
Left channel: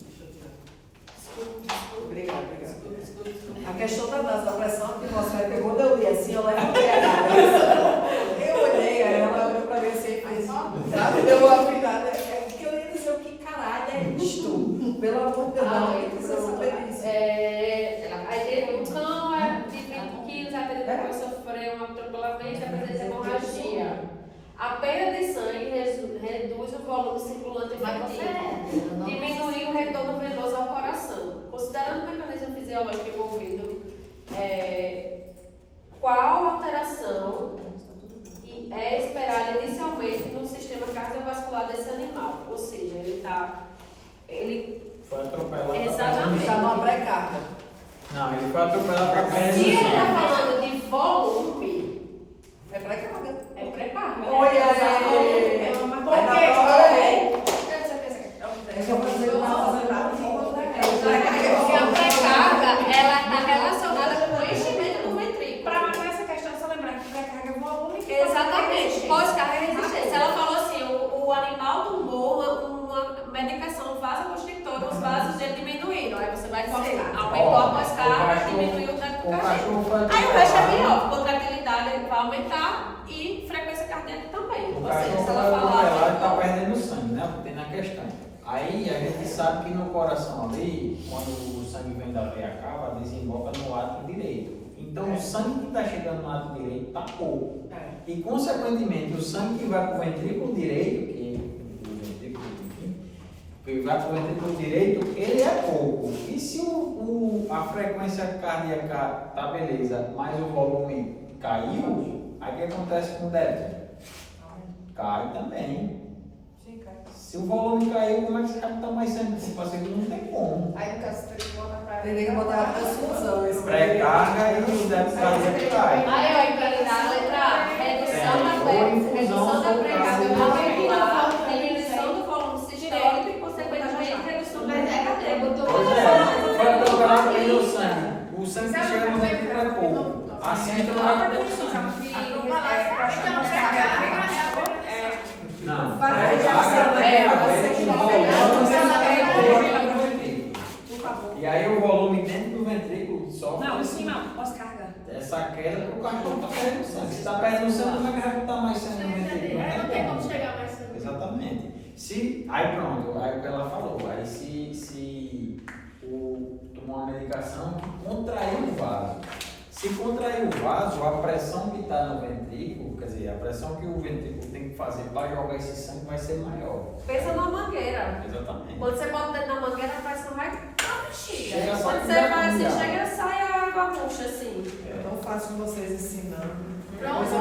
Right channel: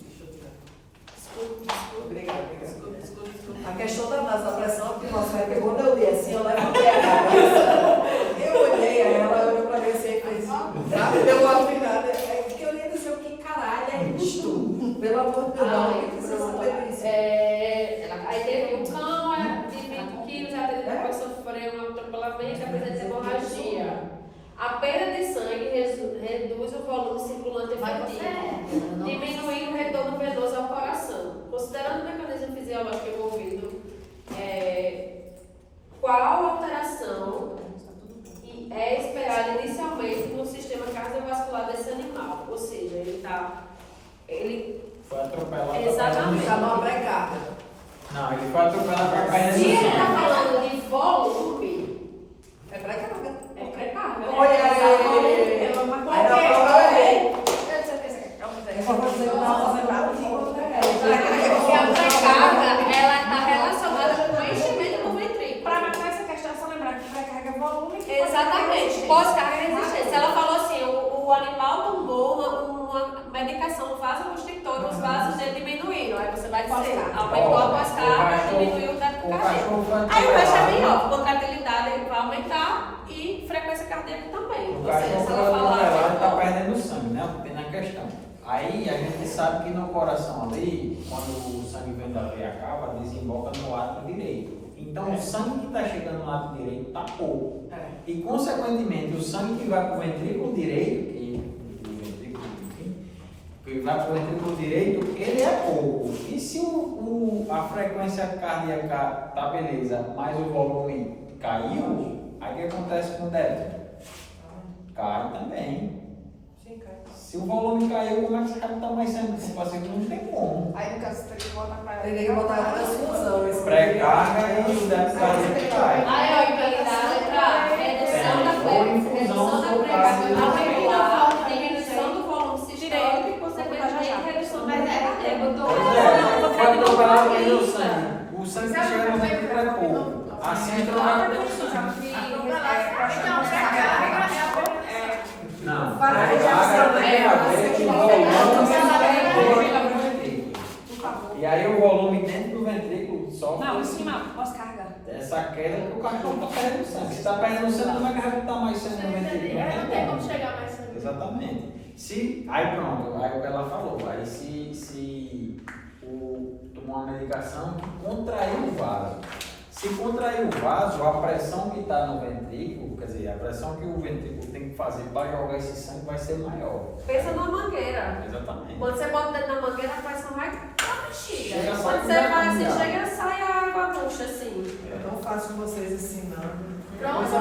Deixa eu tirar. Obrigada. A questão da pressão atmosférica, quando eu li assim, eu levantei a cabeça. Eu olhei, aí ela olhou pra mim assim e fez. Ela deu uma virada. É porque eu ia dizer o que caralho é isto? Pelo amor de Deus, eu preciso saber disso. Aí teve um cão de 20 quilos, depois sofreu um atropelamento e apresenta hemorragia. A perda de sangue reduz o volume circulante efetivo, diminui o retorno venoso ao coração. Considerando o mecanismo fisiológico envolvido, qual alteração é esperada inicialmente no sistema cardiovascular desse animal? Ou seja, ele Foi atropelado. Exatamente. Está numa pré-carga. Não, ele foi atropelado pra cair Se no ele está chão. falando de volume, É pré-carga. é pré-carga. Olha aí. É uma Aí na prova é. Eu Eu vou fazer o Porque a pré-carga, ela está relacionada com o enchimento do ventrículo. Para essa questão, é só lembrar que pré-carga é volume. Exatamente. Pós-carga é resistência. Ela falou assim, o animal tomou uma medicação vasoconstrictora, os vasos dele diminuíram. Aí você vai dizer, aumentou a pós-carga, diminuiu o débito cardíaco. Aí o resto é melhor, contratilidade vai aumentar e frequência cardíaca também. O Ou seja, cachorro se foi ela atropelado, ele tá falar... perdendo sangue, né? Tem na questão. Aí a gente sabe que no coração ali, quando o sangue vem da veia cava, desemboca no lado direito. Então o sangue que está chegando no lado direito está pouco. E consequentemente o sangue que vai para o ventrículo direito, que vai para o ventrículo direito, ele é pouco. E se a frequência cardíaca tá beleza, mas o volume caiu, aí o que acontece com o débito? Cai também. Se o volume caiu, como é que você capta mais sangue? Se fazer não tem como. Aí no caso você teria que botar pra Teria que botar a transfusão. esse Pré-carga e unidade de carga que cai. Aí eu entendi na letra A, redução da Ou infusão, redução da ou pressão, caso. aumento da diminuição do volume sistólico e, consequentemente, redução da Pode dobrar também o sangue. O sangue que chega no ventre é pouco. Assim entra na produção. Não. Para de ação, E aí o volume dentro do ventrículo sofre Não, em cima, pós-carga. essa queda porque o cachorro está perdendo sangue. Se está perdendo sangue, como é que vai botar mais sangue no ventrículo? Não tem como chegar mais sangue. Exatamente. Aí pronto, aí o que ela falou, aí se tomou uma medicação que contraiu o vaso. Se contrair o vaso, a pressão que está no ventrículo, quer dizer, a pressão que o ventrículo tem que fazer para jogar esse sangue vai ser maior. Pensa numa mangueira. Exatamente. Quando você bota dentro da mangueira, a pressão vai pra bexiga. Chega só Quando que você já vai assim, já. chega, sai a água murcha assim. É tão fácil vocês ensinando. Pronto,